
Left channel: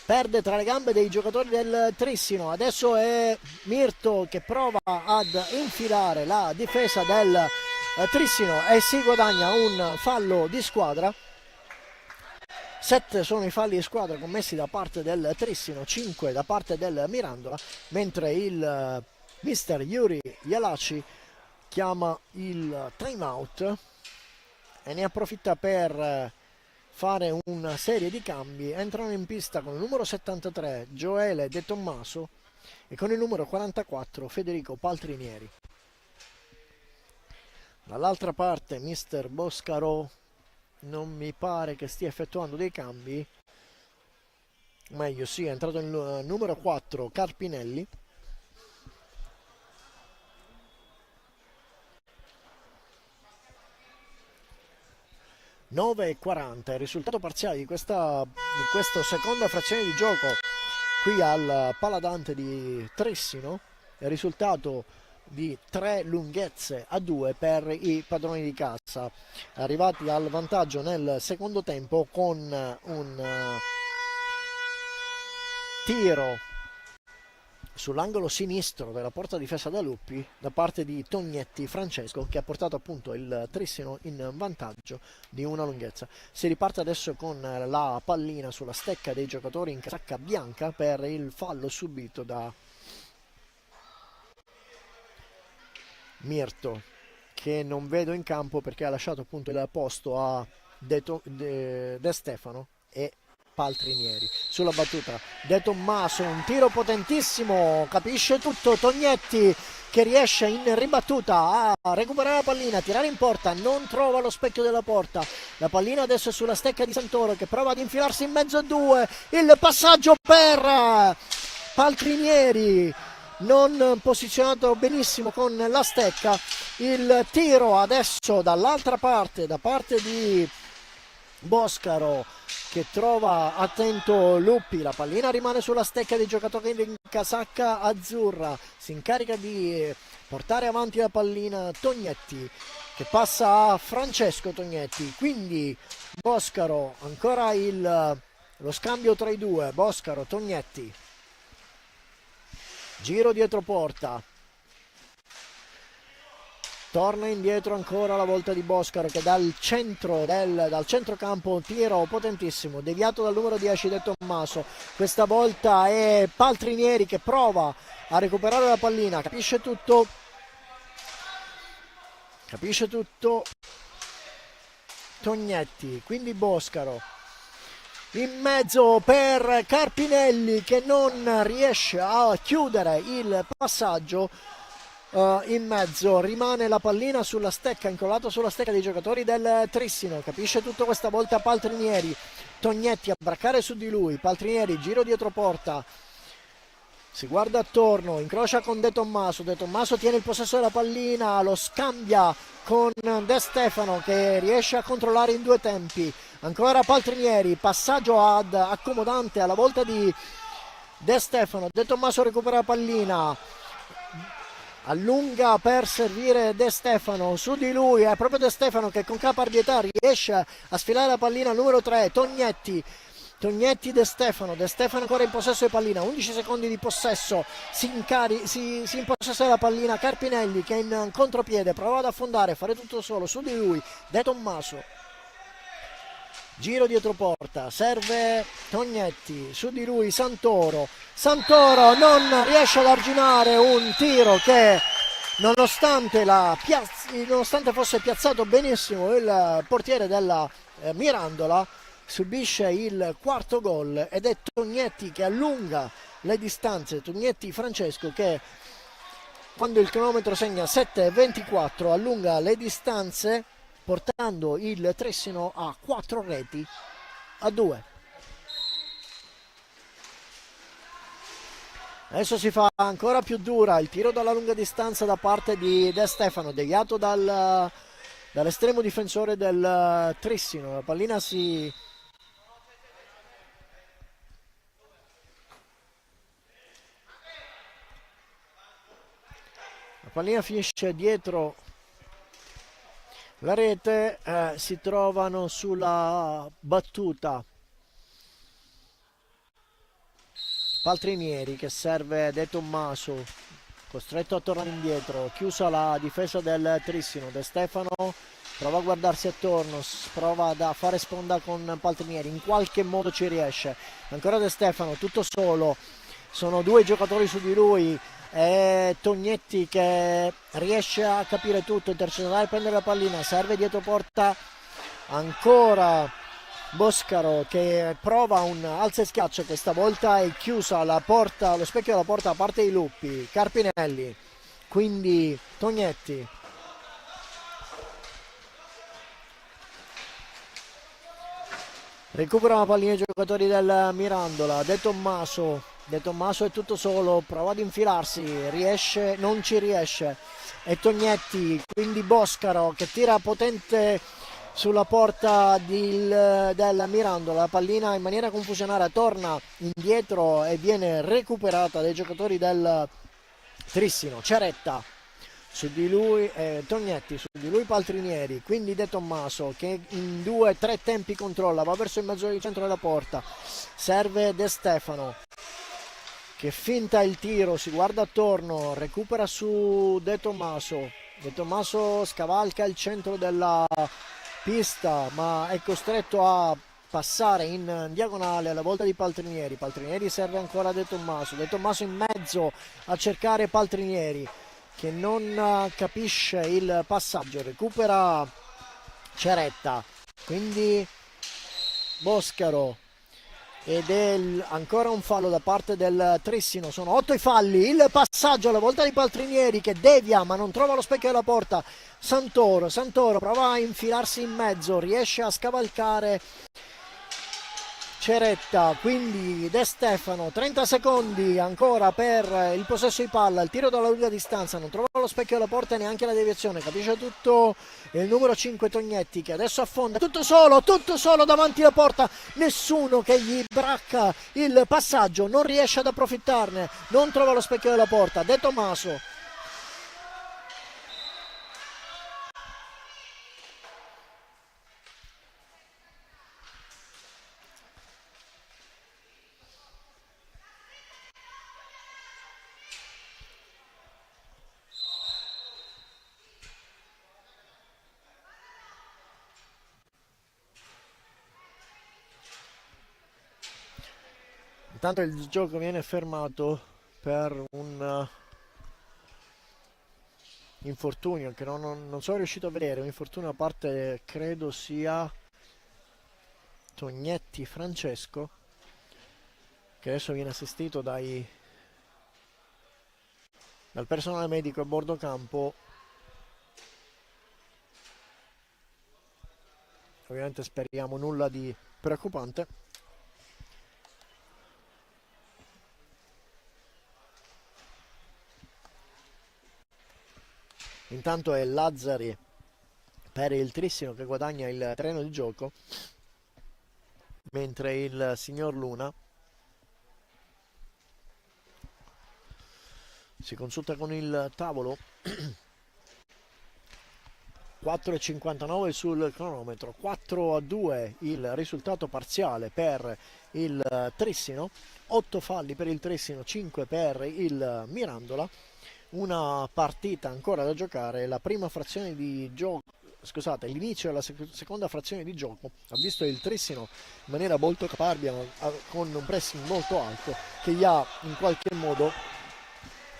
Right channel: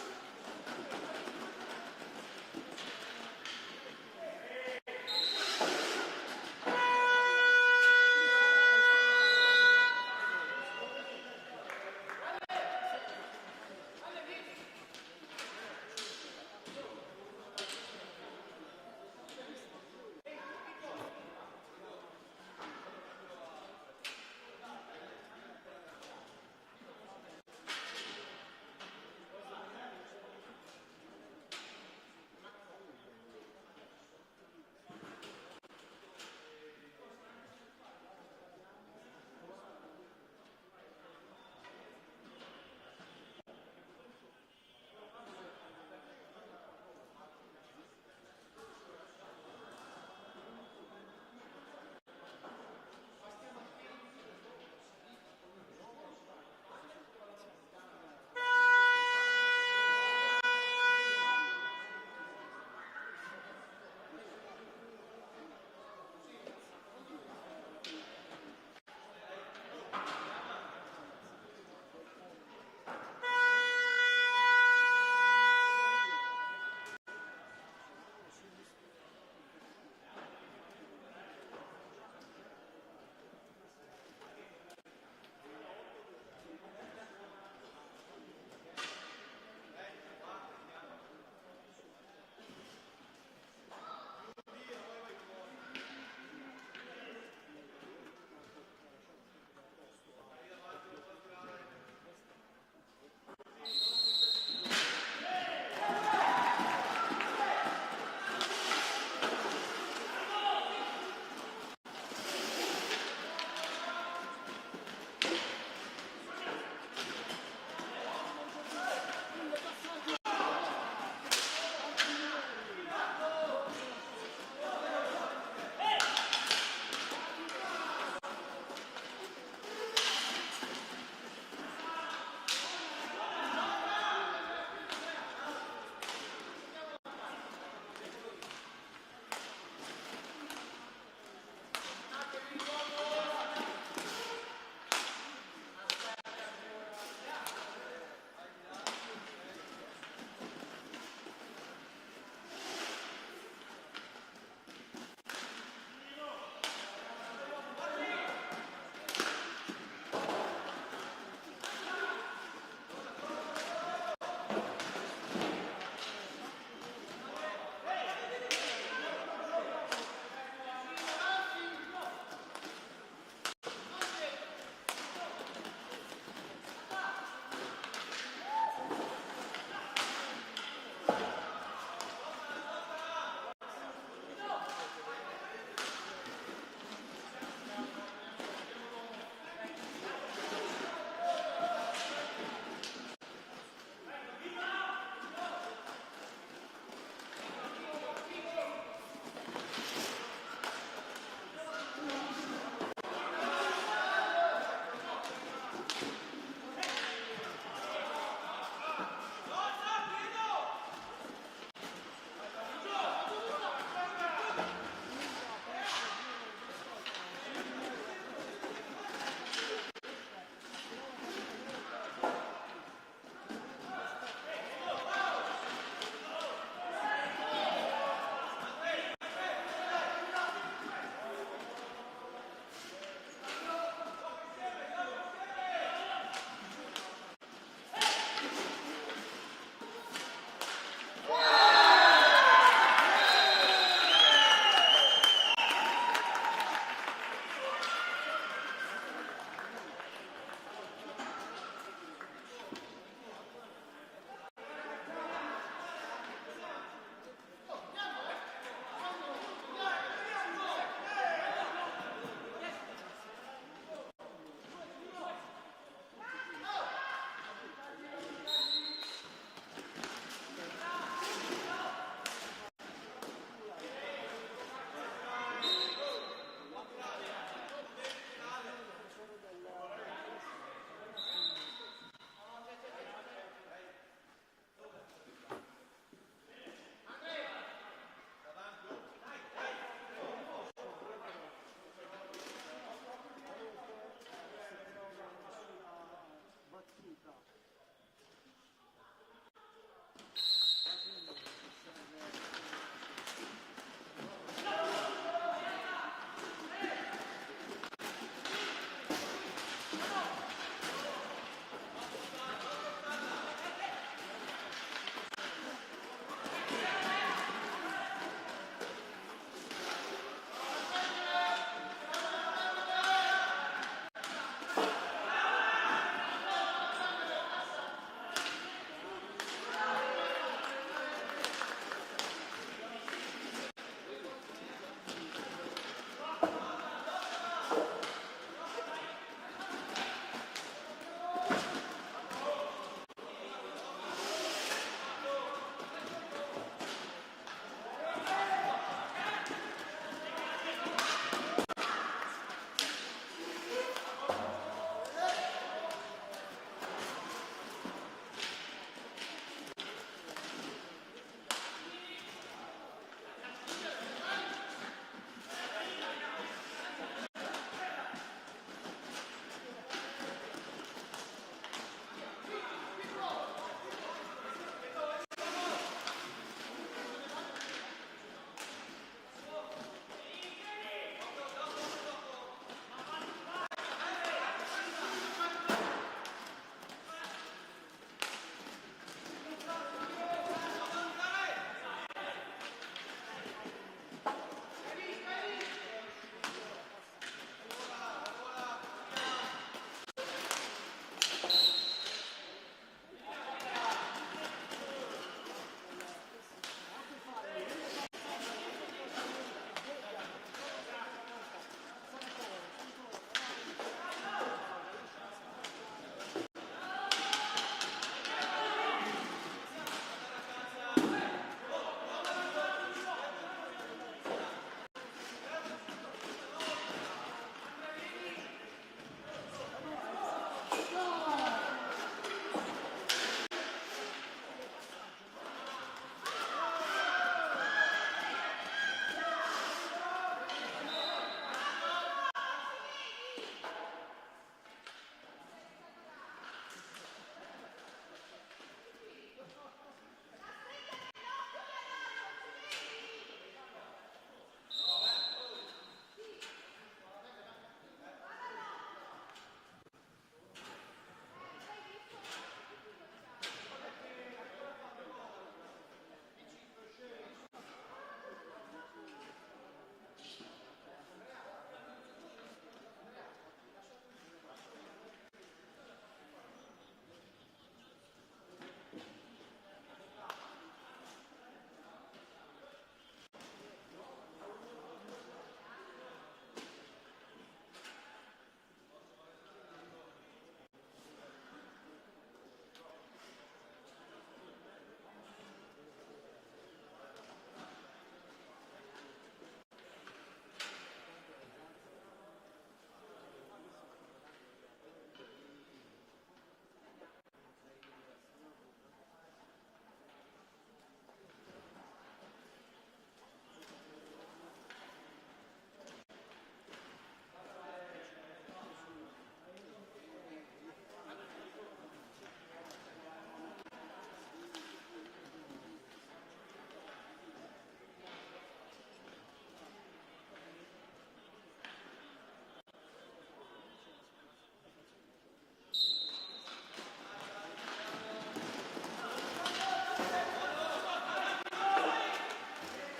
perde tra le gambe dei giocatori del Trissino, adesso è Mirto che prova ad infilare la difesa del Trissino e si guadagna un fallo di squadra. 7 sono i falli di squadra commessi da parte del Trissino, 5 da parte del Mirandola, mentre il mister Yuri Yalaci chiama il time out e ne approfitta per fare una serie di cambi. Entrano in pista con il numero 73 Gioele De Tommaso e con il numero 44 Federico Paltrinieri. Dall'altra parte mister Boscaro non mi pare che stia effettuando dei cambi, meglio sì, è entrato il numero 4 Carpinelli, 9:40. Il risultato parziale di questa seconda frazione di gioco qui al Paladante di Trissino, il risultato di 3 lunghezze a 2 per i padroni di casa, arrivati al vantaggio nel secondo tempo con un tiro sull'angolo sinistro della porta difesa da Luppi da parte di Tognetti Francesco, che ha portato appunto il Trissino in vantaggio di una lunghezza. Si riparte adesso con la pallina sulla stecca dei giocatori in casacca bianca per il fallo subito da Mirto, che non vedo in campo perché ha lasciato appunto il posto a De Stefano e Paltrinieri. Sulla battuta De Tommaso, un tiro potentissimo, capisce tutto Tognetti, che riesce in ribattuta a recuperare la pallina, a tirare in porta, non trova lo specchio della porta. La pallina adesso è sulla stecca di Santoro, che prova ad infilarsi in mezzo a due, il passaggio per Paltrinieri, non posizionato benissimo con la stecca. Il tiro adesso dall'altra parte, da parte di Boscaro, che trova attento Luppi. La pallina rimane sulla stecca dei giocatori in casacca azzurra, si incarica di portare avanti la pallina Tognetti, che passa a Francesco Tognetti. Quindi Boscaro, ancora lo scambio tra i due, Boscaro Tognetti, giro dietro porta, torna indietro ancora la volta di Boscaro, che dal centrocampo un tiro potentissimo, deviato dal numero 10 De Tommaso. Questa volta è Paltrinieri che prova a recuperare la pallina, capisce tutto Tognetti, quindi Boscaro in mezzo per Carpinelli, che non riesce a chiudere il passaggio. In mezzo rimane la pallina sulla stecca, incollato sulla stecca dei giocatori del Trissino. Capisce tutto questa volta Paltrinieri. Tognetti a braccare su di lui. Paltrinieri, giro dietro porta, si guarda attorno, incrocia con De Tommaso. De Tommaso tiene il possesso della pallina, lo scambia con De Stefano, che riesce a controllare in due tempi. Ancora Paltrinieri, passaggio accomodante alla volta di De Stefano. De Tommaso recupera la pallina, allunga per servire De Stefano, su di lui è proprio De Stefano che con caparbietà riesce a sfilare la pallina al numero 3, Tognetti. De Stefano ancora in possesso di pallina, 11 secondi di possesso, si impossessa della pallina Carpinelli, che in contropiede prova ad affondare, fare tutto solo, su di lui De Tommaso, giro dietro porta, serve Tognetti, su di lui Santoro non riesce ad arginare un tiro che, nonostante fosse piazzato benissimo il portiere della Mirandola, subisce il quarto gol, ed è Tognetti che allunga le distanze. Tognetti Francesco, che quando il cronometro segna 7:24 allunga le distanze, portando il Trissino a 4 reti a 2. Adesso si fa ancora più dura il tiro dalla lunga distanza da parte di De Stefano, deviato dall'estremo difensore del Trissino. La pallina finisce dietro la rete, si trovano sulla battuta Paltrinieri, che serve De Tommaso, costretto a tornare indietro, chiusa la difesa del Trissino. De Stefano prova a guardarsi attorno, prova a fare sponda con Paltrinieri, in qualche modo ci riesce. Ancora De Stefano tutto solo, sono due giocatori su di lui, e Tognetti che riesce a capire tutto, intercettare, prendere la pallina, serve dietro porta ancora Boscaro, che prova un alza e schiaccia, che stavolta è chiusa la porta, lo specchio della porta a parte di Luppi. Carpinelli, quindi Tognetti, recupera la pallina i giocatori del Mirandola. De Tommaso è tutto solo, prova ad infilarsi, non ci riesce. E Tognetti, quindi Boscaro, che tira potente sulla porta del Mirandola. La pallina in maniera confusionaria torna indietro e viene recuperata dai giocatori del Trissino. Ceretta su di lui, Tognetti, su di lui Paltrinieri, quindi De Tommaso che in 2-3 tempi controlla, va verso il mezzo del centro della porta, serve De Stefano che finta il tiro, si guarda attorno, recupera su De Tommaso. De Tommaso scavalca il centro della pista ma è costretto a passare in diagonale alla volta di Paltrinieri. Paltrinieri serve ancora De Tommaso, De Tommaso in mezzo a cercare Paltrinieri che non capisce il passaggio, recupera Ceretta, quindi Boscaro ed è ancora un fallo da parte del Trissino. Sono 8 i falli, il passaggio alla volta di Paltrinieri che devia ma non trova lo specchio della porta. Santoro prova a infilarsi in mezzo, riesce a scavalcare Ceretta, quindi De Stefano, 30 secondi ancora per il possesso di palla, il tiro dalla lunga distanza, non trova lo specchio della porta e neanche la deviazione, capisce tutto il numero 5 Tognetti che adesso affonda, tutto solo davanti alla porta, nessuno che gli bracca il passaggio, non riesce ad approfittarne, non trova lo specchio della porta. De Tommaso intanto il gioco viene fermato per un infortunio che non sono riuscito a vedere, un infortunio a parte credo sia Tognetti Francesco che adesso viene assistito dal personale medico a bordo campo. Ovviamente speriamo nulla di preoccupante. Intanto è Lazzari per il Trissino che guadagna il terreno di gioco, mentre il signor Luna si consulta con il tavolo. 4,59 sul cronometro, 4-2 il risultato parziale per il Trissino, 8 falli per il Trissino, 5 per il Mirandola. Una partita ancora da giocare, la prima frazione di gioco, scusate, l'inizio della seconda frazione di gioco ha visto il Trissino in maniera molto caparbia, con un pressing molto alto che gli ha in qualche modo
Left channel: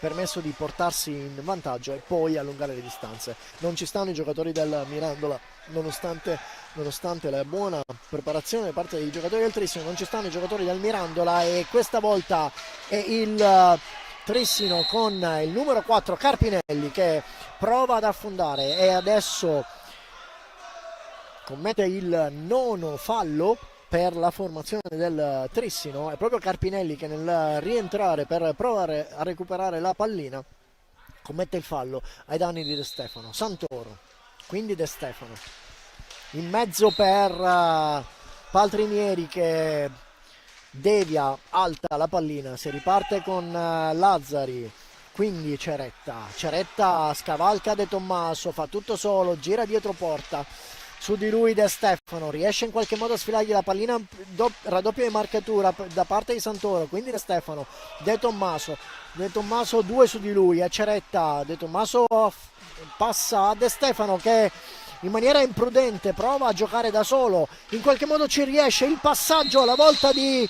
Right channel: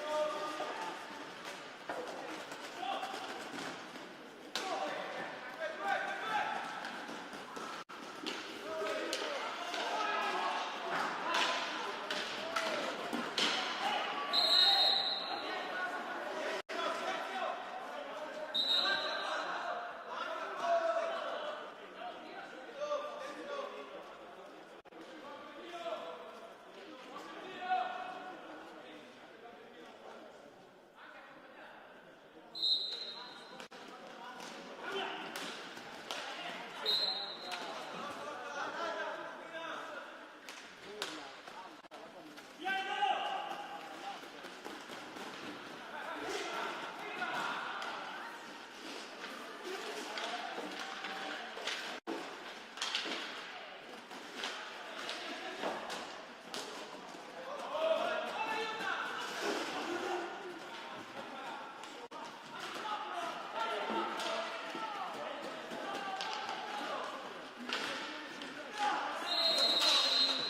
permesso di portarsi in vantaggio e poi allungare le distanze. Non ci stanno i giocatori del Mirandola, nonostante la buona preparazione da parte dei giocatori del Trissino, non ci stanno i giocatori del Mirandola e questa volta è il Trissino con il numero 4 Carpinelli che prova ad affondare e adesso commette il nono fallo per la formazione del Trissino. È proprio Carpinelli che nel rientrare per provare a recuperare la pallina commette il fallo ai danni di De Stefano. Santoro, quindi De Stefano in mezzo per Paltrinieri che devia alta la pallina, si riparte con Lazzari, quindi Ceretta scavalca De Tommaso, fa tutto solo, gira dietro porta, su di lui De Stefano, riesce in qualche modo a sfilargli la pallina, raddoppia di marcatura da parte di Santoro, quindi De Stefano, De Tommaso 2 su di lui, a Ceretta, De Tommaso passa a De Stefano che in maniera imprudente prova a giocare da solo, in qualche modo ci riesce, il passaggio alla volta di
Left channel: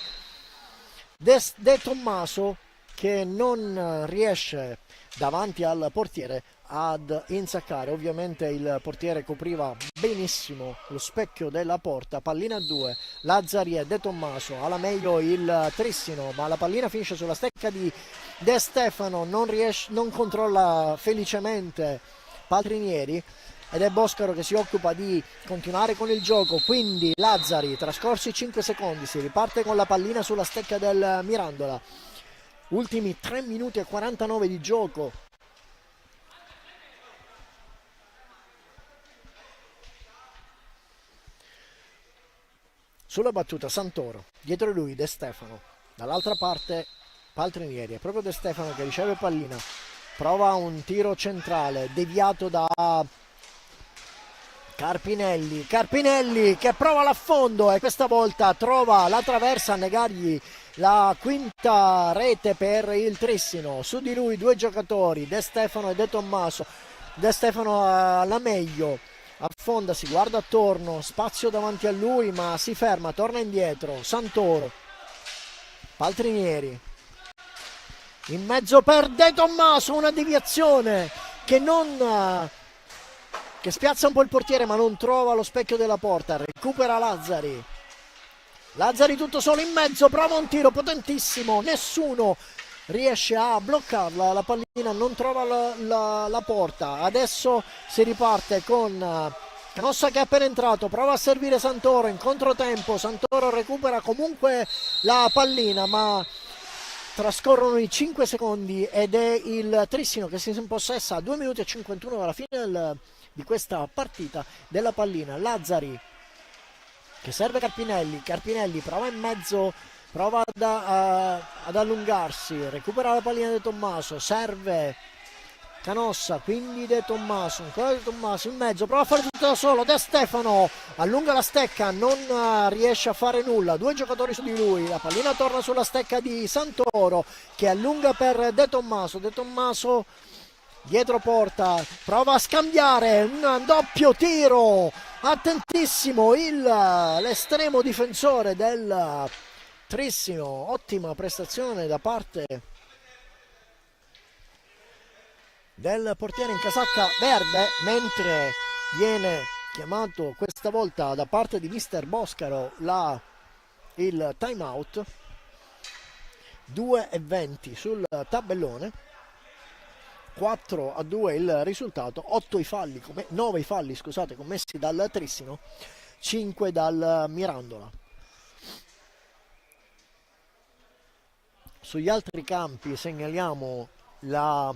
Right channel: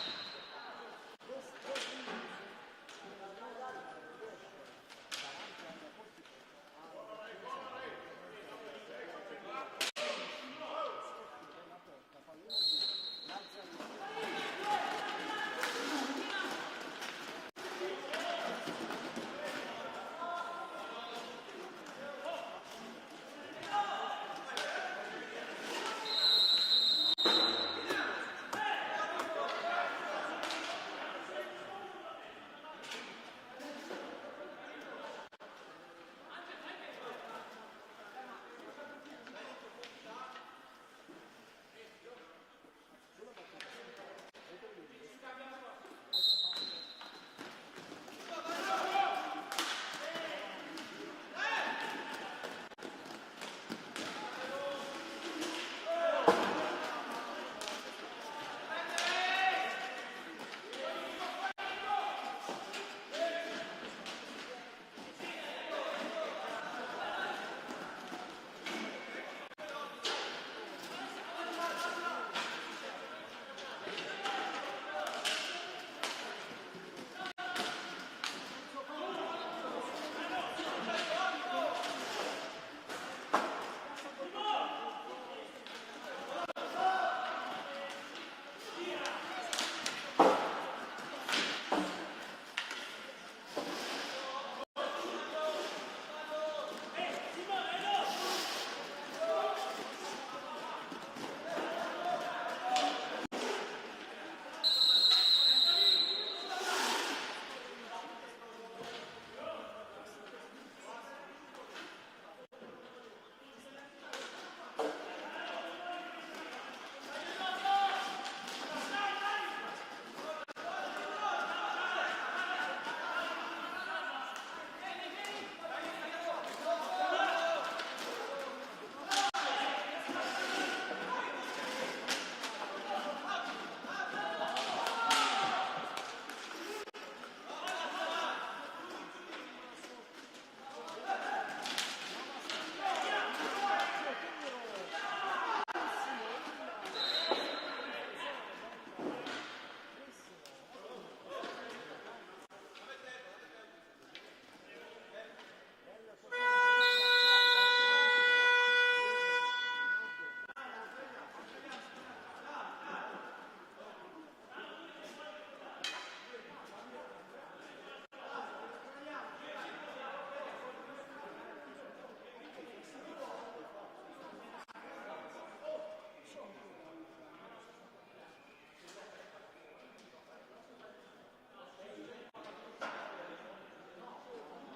De Tommaso che non riesce davanti al portiere ad insaccare. Ovviamente il portiere copriva benissimo lo specchio della porta. Pallina a 2, Lazzari e De Tommaso, alla meglio il Trissino, ma la pallina finisce sulla stecca di De Stefano, non controlla felicemente Paltrinieri ed è Boscaro che si occupa di continuare con il gioco. Quindi Lazzari, trascorsi 5 secondi, si riparte con la pallina sulla stecca del Mirandola. Ultimi 3 minuti e 49 di gioco. sulla battuta Santoro, dietro lui De Stefano, dall'altra parte Paltrinieri, è proprio De Stefano che riceve pallina, prova un tiro centrale deviato da Carpinelli che prova l'affondo e questa volta trova la traversa a negargli la quinta rete per il Trissino. Su di lui due giocatori, De Stefano e De Tommaso. De Stefano alla meglio, affonda, si guarda attorno, spazio davanti a lui ma si ferma, torna indietro, Santoro, Paltrinieri in mezzo per De Tommaso, una deviazione che spiazza un po' il portiere ma non trova lo specchio della porta, recupera Lazzari tutto solo in mezzo, prova un tiro potentissimo, nessuno riesce a bloccarla, la pallina non trova la porta. Adesso si riparte con Canossa che è appena entrato, prova a servire Santoro in controtempo, Santoro recupera comunque la pallina ma trascorrono i 5 secondi ed è il Trissino che si impossessa a 2 minuti e 51 dalla fine di questa partita della pallina. Lazzari che serve Carpinelli prova in mezzo, prova ad allungarsi, recupera la pallina di Tommaso, serve Canossa, quindi De Tommaso, ancora De Tommaso in mezzo, prova a fare tutto da solo, De Stefano allunga la stecca, non riesce a fare nulla, due giocatori su di lui, la pallina torna sulla stecca di Santoro che allunga per De Tommaso dietro porta, prova a scambiare, un doppio tiro, attentissimo l'estremo difensore del Trissino, ottima prestazione da parte del portiere in casacca verde, mentre viene chiamato questa volta da parte di mister Boscaro il time out. 2:20 sul tabellone, 4-2 il risultato, 9 i falli scusate, commessi dal Trissino, 5 dal Mirandola. Sugli altri campi segnaliamo il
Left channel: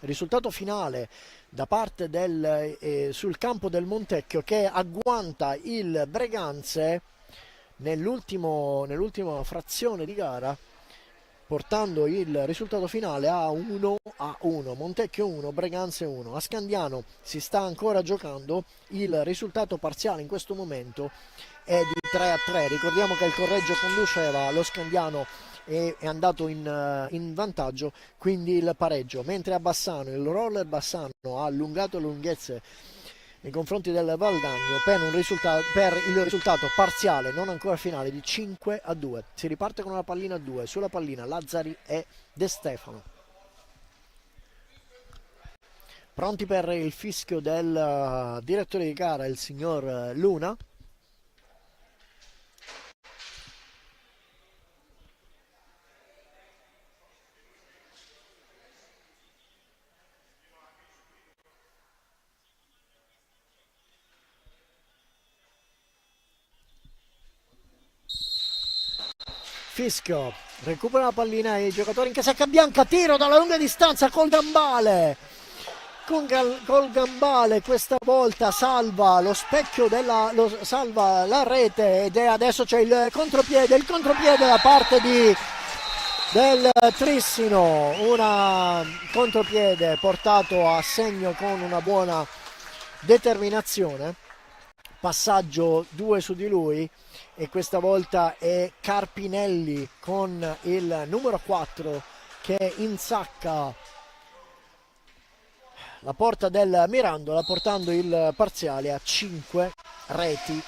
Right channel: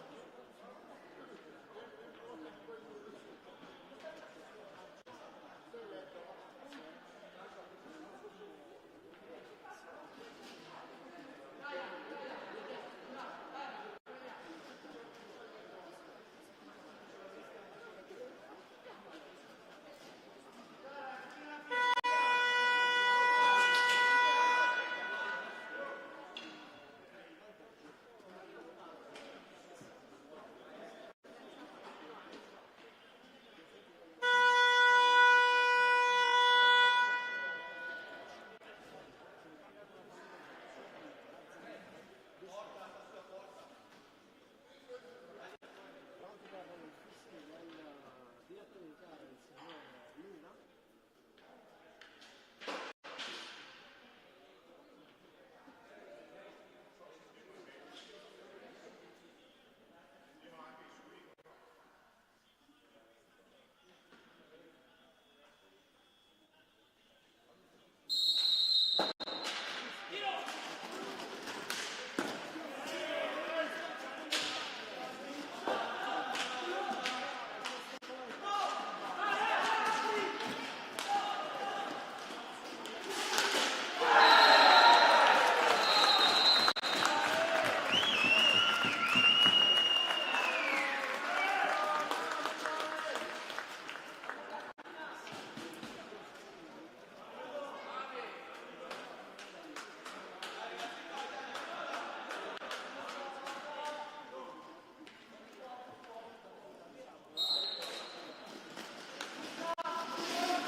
risultato finale da parte sul campo del Montecchio che agguanta il Breganze nell'ultima frazione di gara, portando il risultato finale a 1-1, Montecchio 1, Breganze 1. A Scandiano si sta ancora giocando, il risultato parziale in questo momento è di 3-3, ricordiamo che il Correggio conduceva, lo Scandiano è andato in vantaggio, quindi il pareggio, mentre a Bassano il Roller Bassano ha allungato le lunghezze nei confronti del Valdagno per il risultato parziale non ancora finale di 5-2. Si riparte con una pallina a 2, sulla pallina Lazzari e De Stefano, pronti per il fischio del direttore di gara, il signor Luna. Fischio, recupera la pallina i giocatori in casacca bianca, tiro dalla lunga distanza col gambale, col gambale questa volta salva lo specchio salva la rete ed adesso c'è il contropiede da parte del Trissino, un contropiede portato a segno con una buona determinazione, passaggio 2 su di lui. E questa volta è Carpinelli con il numero 4 che insacca la porta del Mirandola, portando il parziale a 5 reti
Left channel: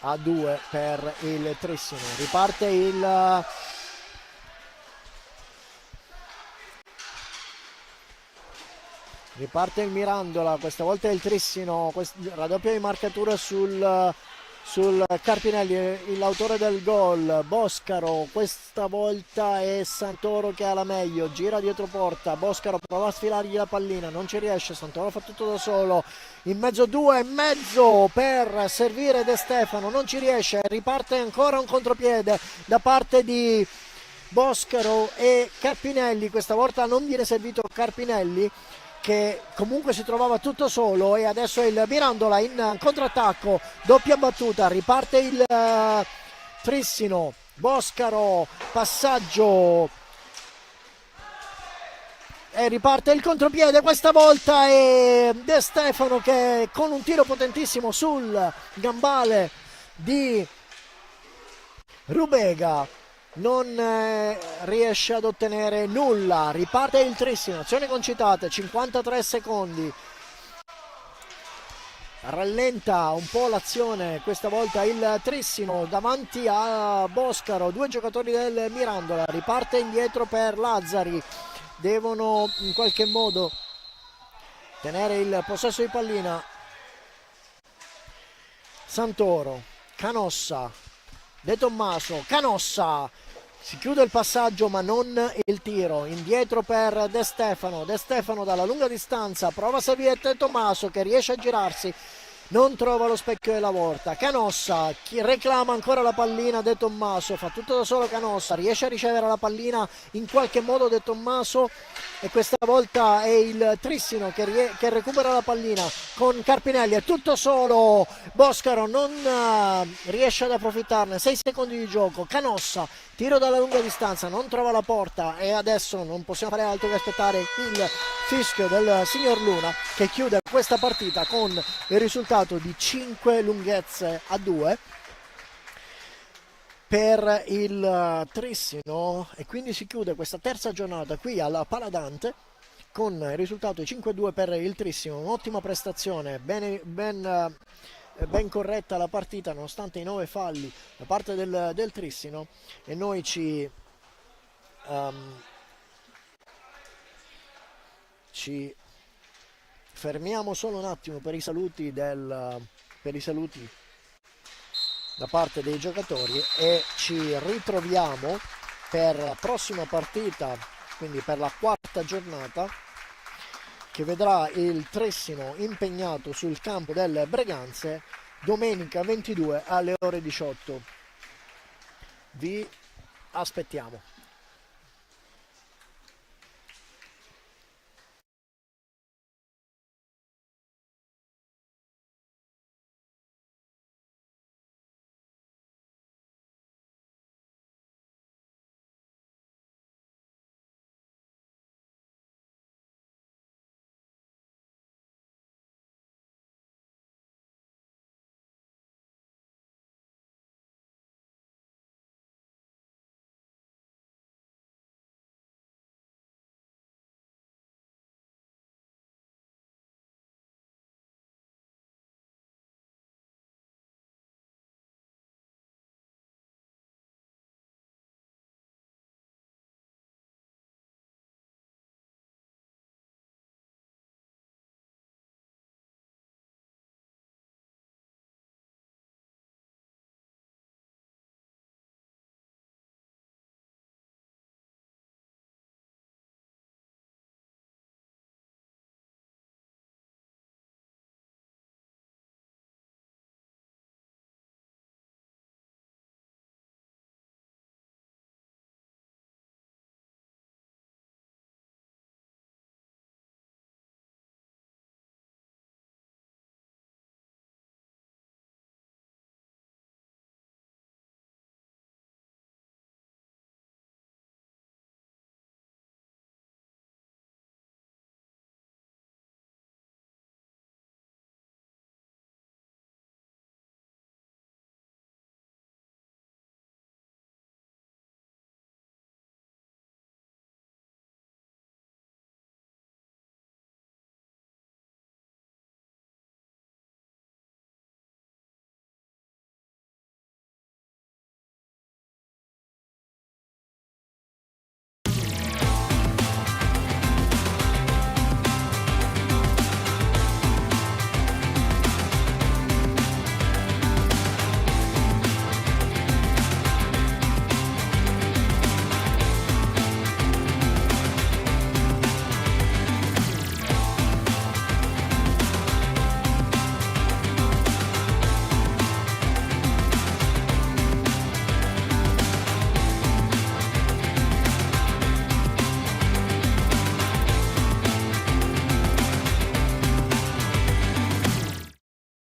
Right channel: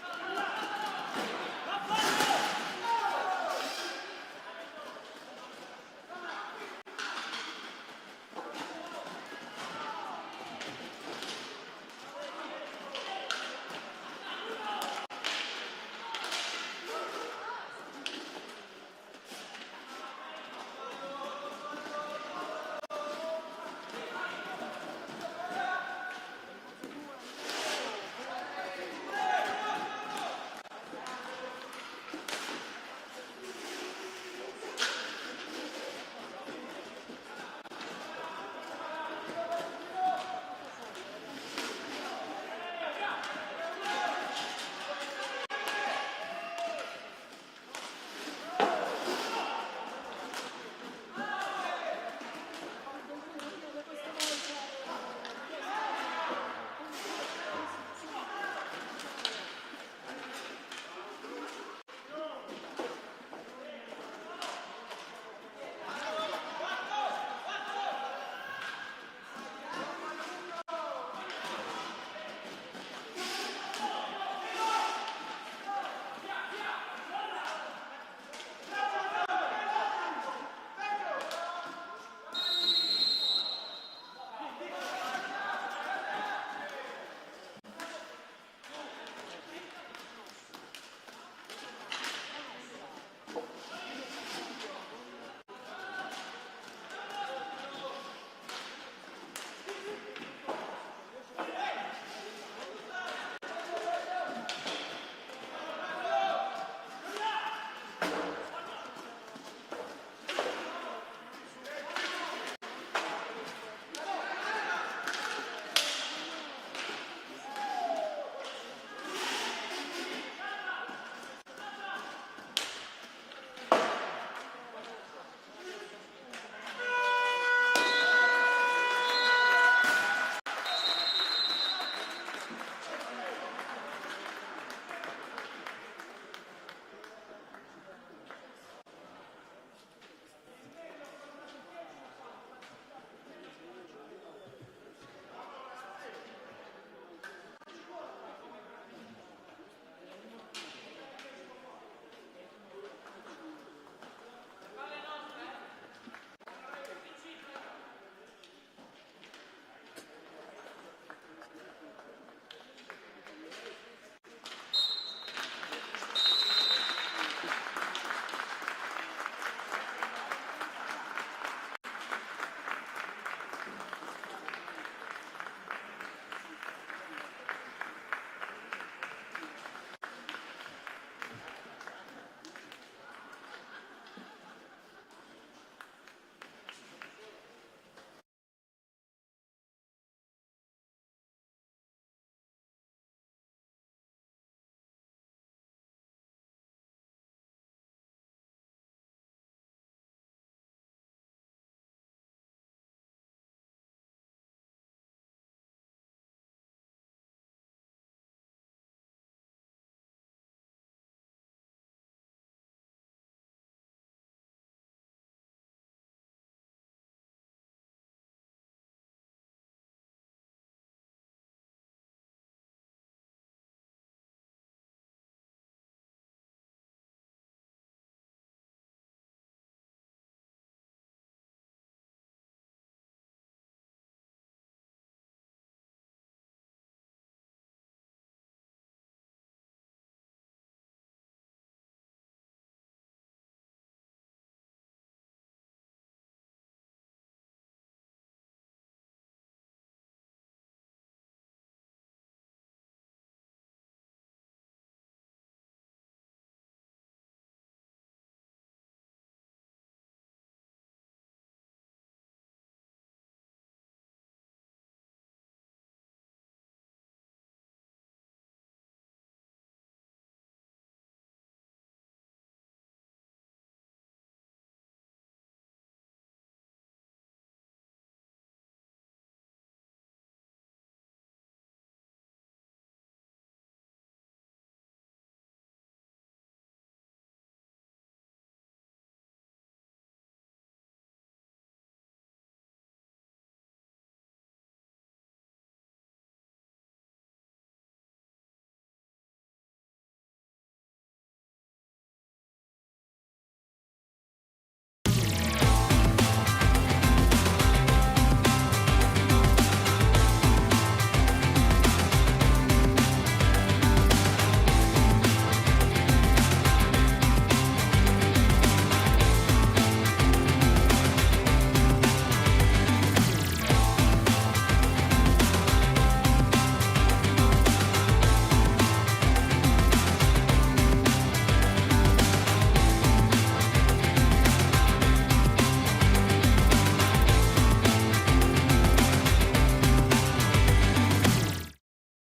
a 2 per il Trissino. Riparte il Mirandola, questa volta è il Trissino, raddoppia di marcatura sul Carpinelli, l'autore del gol, Boscaro, questa volta è Santoro che ha la meglio, gira dietro porta, Boscaro prova a sfilargli la pallina, non ci riesce, Santoro fa tutto da solo, in mezzo 2,5 per servire De Stefano, non ci riesce, riparte ancora un contropiede da parte di Boscaro e Carpinelli, questa volta non viene servito Carpinelli che comunque si trovava tutto solo e adesso il Mirandola in contrattacco, doppia battuta, riparte Trissino, Boscaro, passaggio e riparte il contropiede questa volta, e De Stefano che con un tiro potentissimo sul gambale di Rubega non riesce ad ottenere nulla. Riparte il Trissino, azione concitata, 53 secondi, rallenta un po' l'azione questa volta il Trissino davanti a Boscaro, due giocatori del Mirandola, riparte indietro per Lazzari, devono in qualche modo tenere il possesso di pallina. Santoro, Canossa, De Tommaso, Canossa, si chiude il passaggio ma non il tiro, indietro per De Stefano, De Stefano dalla lunga distanza prova a salire De Tommaso che riesce a girarsi, non trova lo specchio della volta. Canossa reclama ancora la pallina, De Tommaso fa tutto da solo, Canossa riesce a ricevere la pallina in qualche modo De Tommaso, e questa volta è il Trissino che recupera la pallina con Carpinelli, è tutto solo, Boscaro non riesce ad approfittarne, 6 secondi di gioco, Canossa tiro dalla lunga distanza, non trova la porta, e adesso non possiamo fare altro che aspettare il fischio del signor Luna che chiude questa partita con il risultato di 5 lunghezze a 2 per il Trissino, e quindi si chiude questa terza giornata qui alla Paladante con il risultato di 5-2 per il Trissino. Un'ottima prestazione, ben corretta la partita nonostante i 9 falli da parte del Trissino, e noi ci fermiamo solo un attimo per i saluti da parte dei giocatori, e ci ritroviamo per la prossima partita, quindi per la quarta giornata, che vedrà il Trissino impegnato sul campo del Breganze domenica 22 alle ore 18. Vi aspettiamo.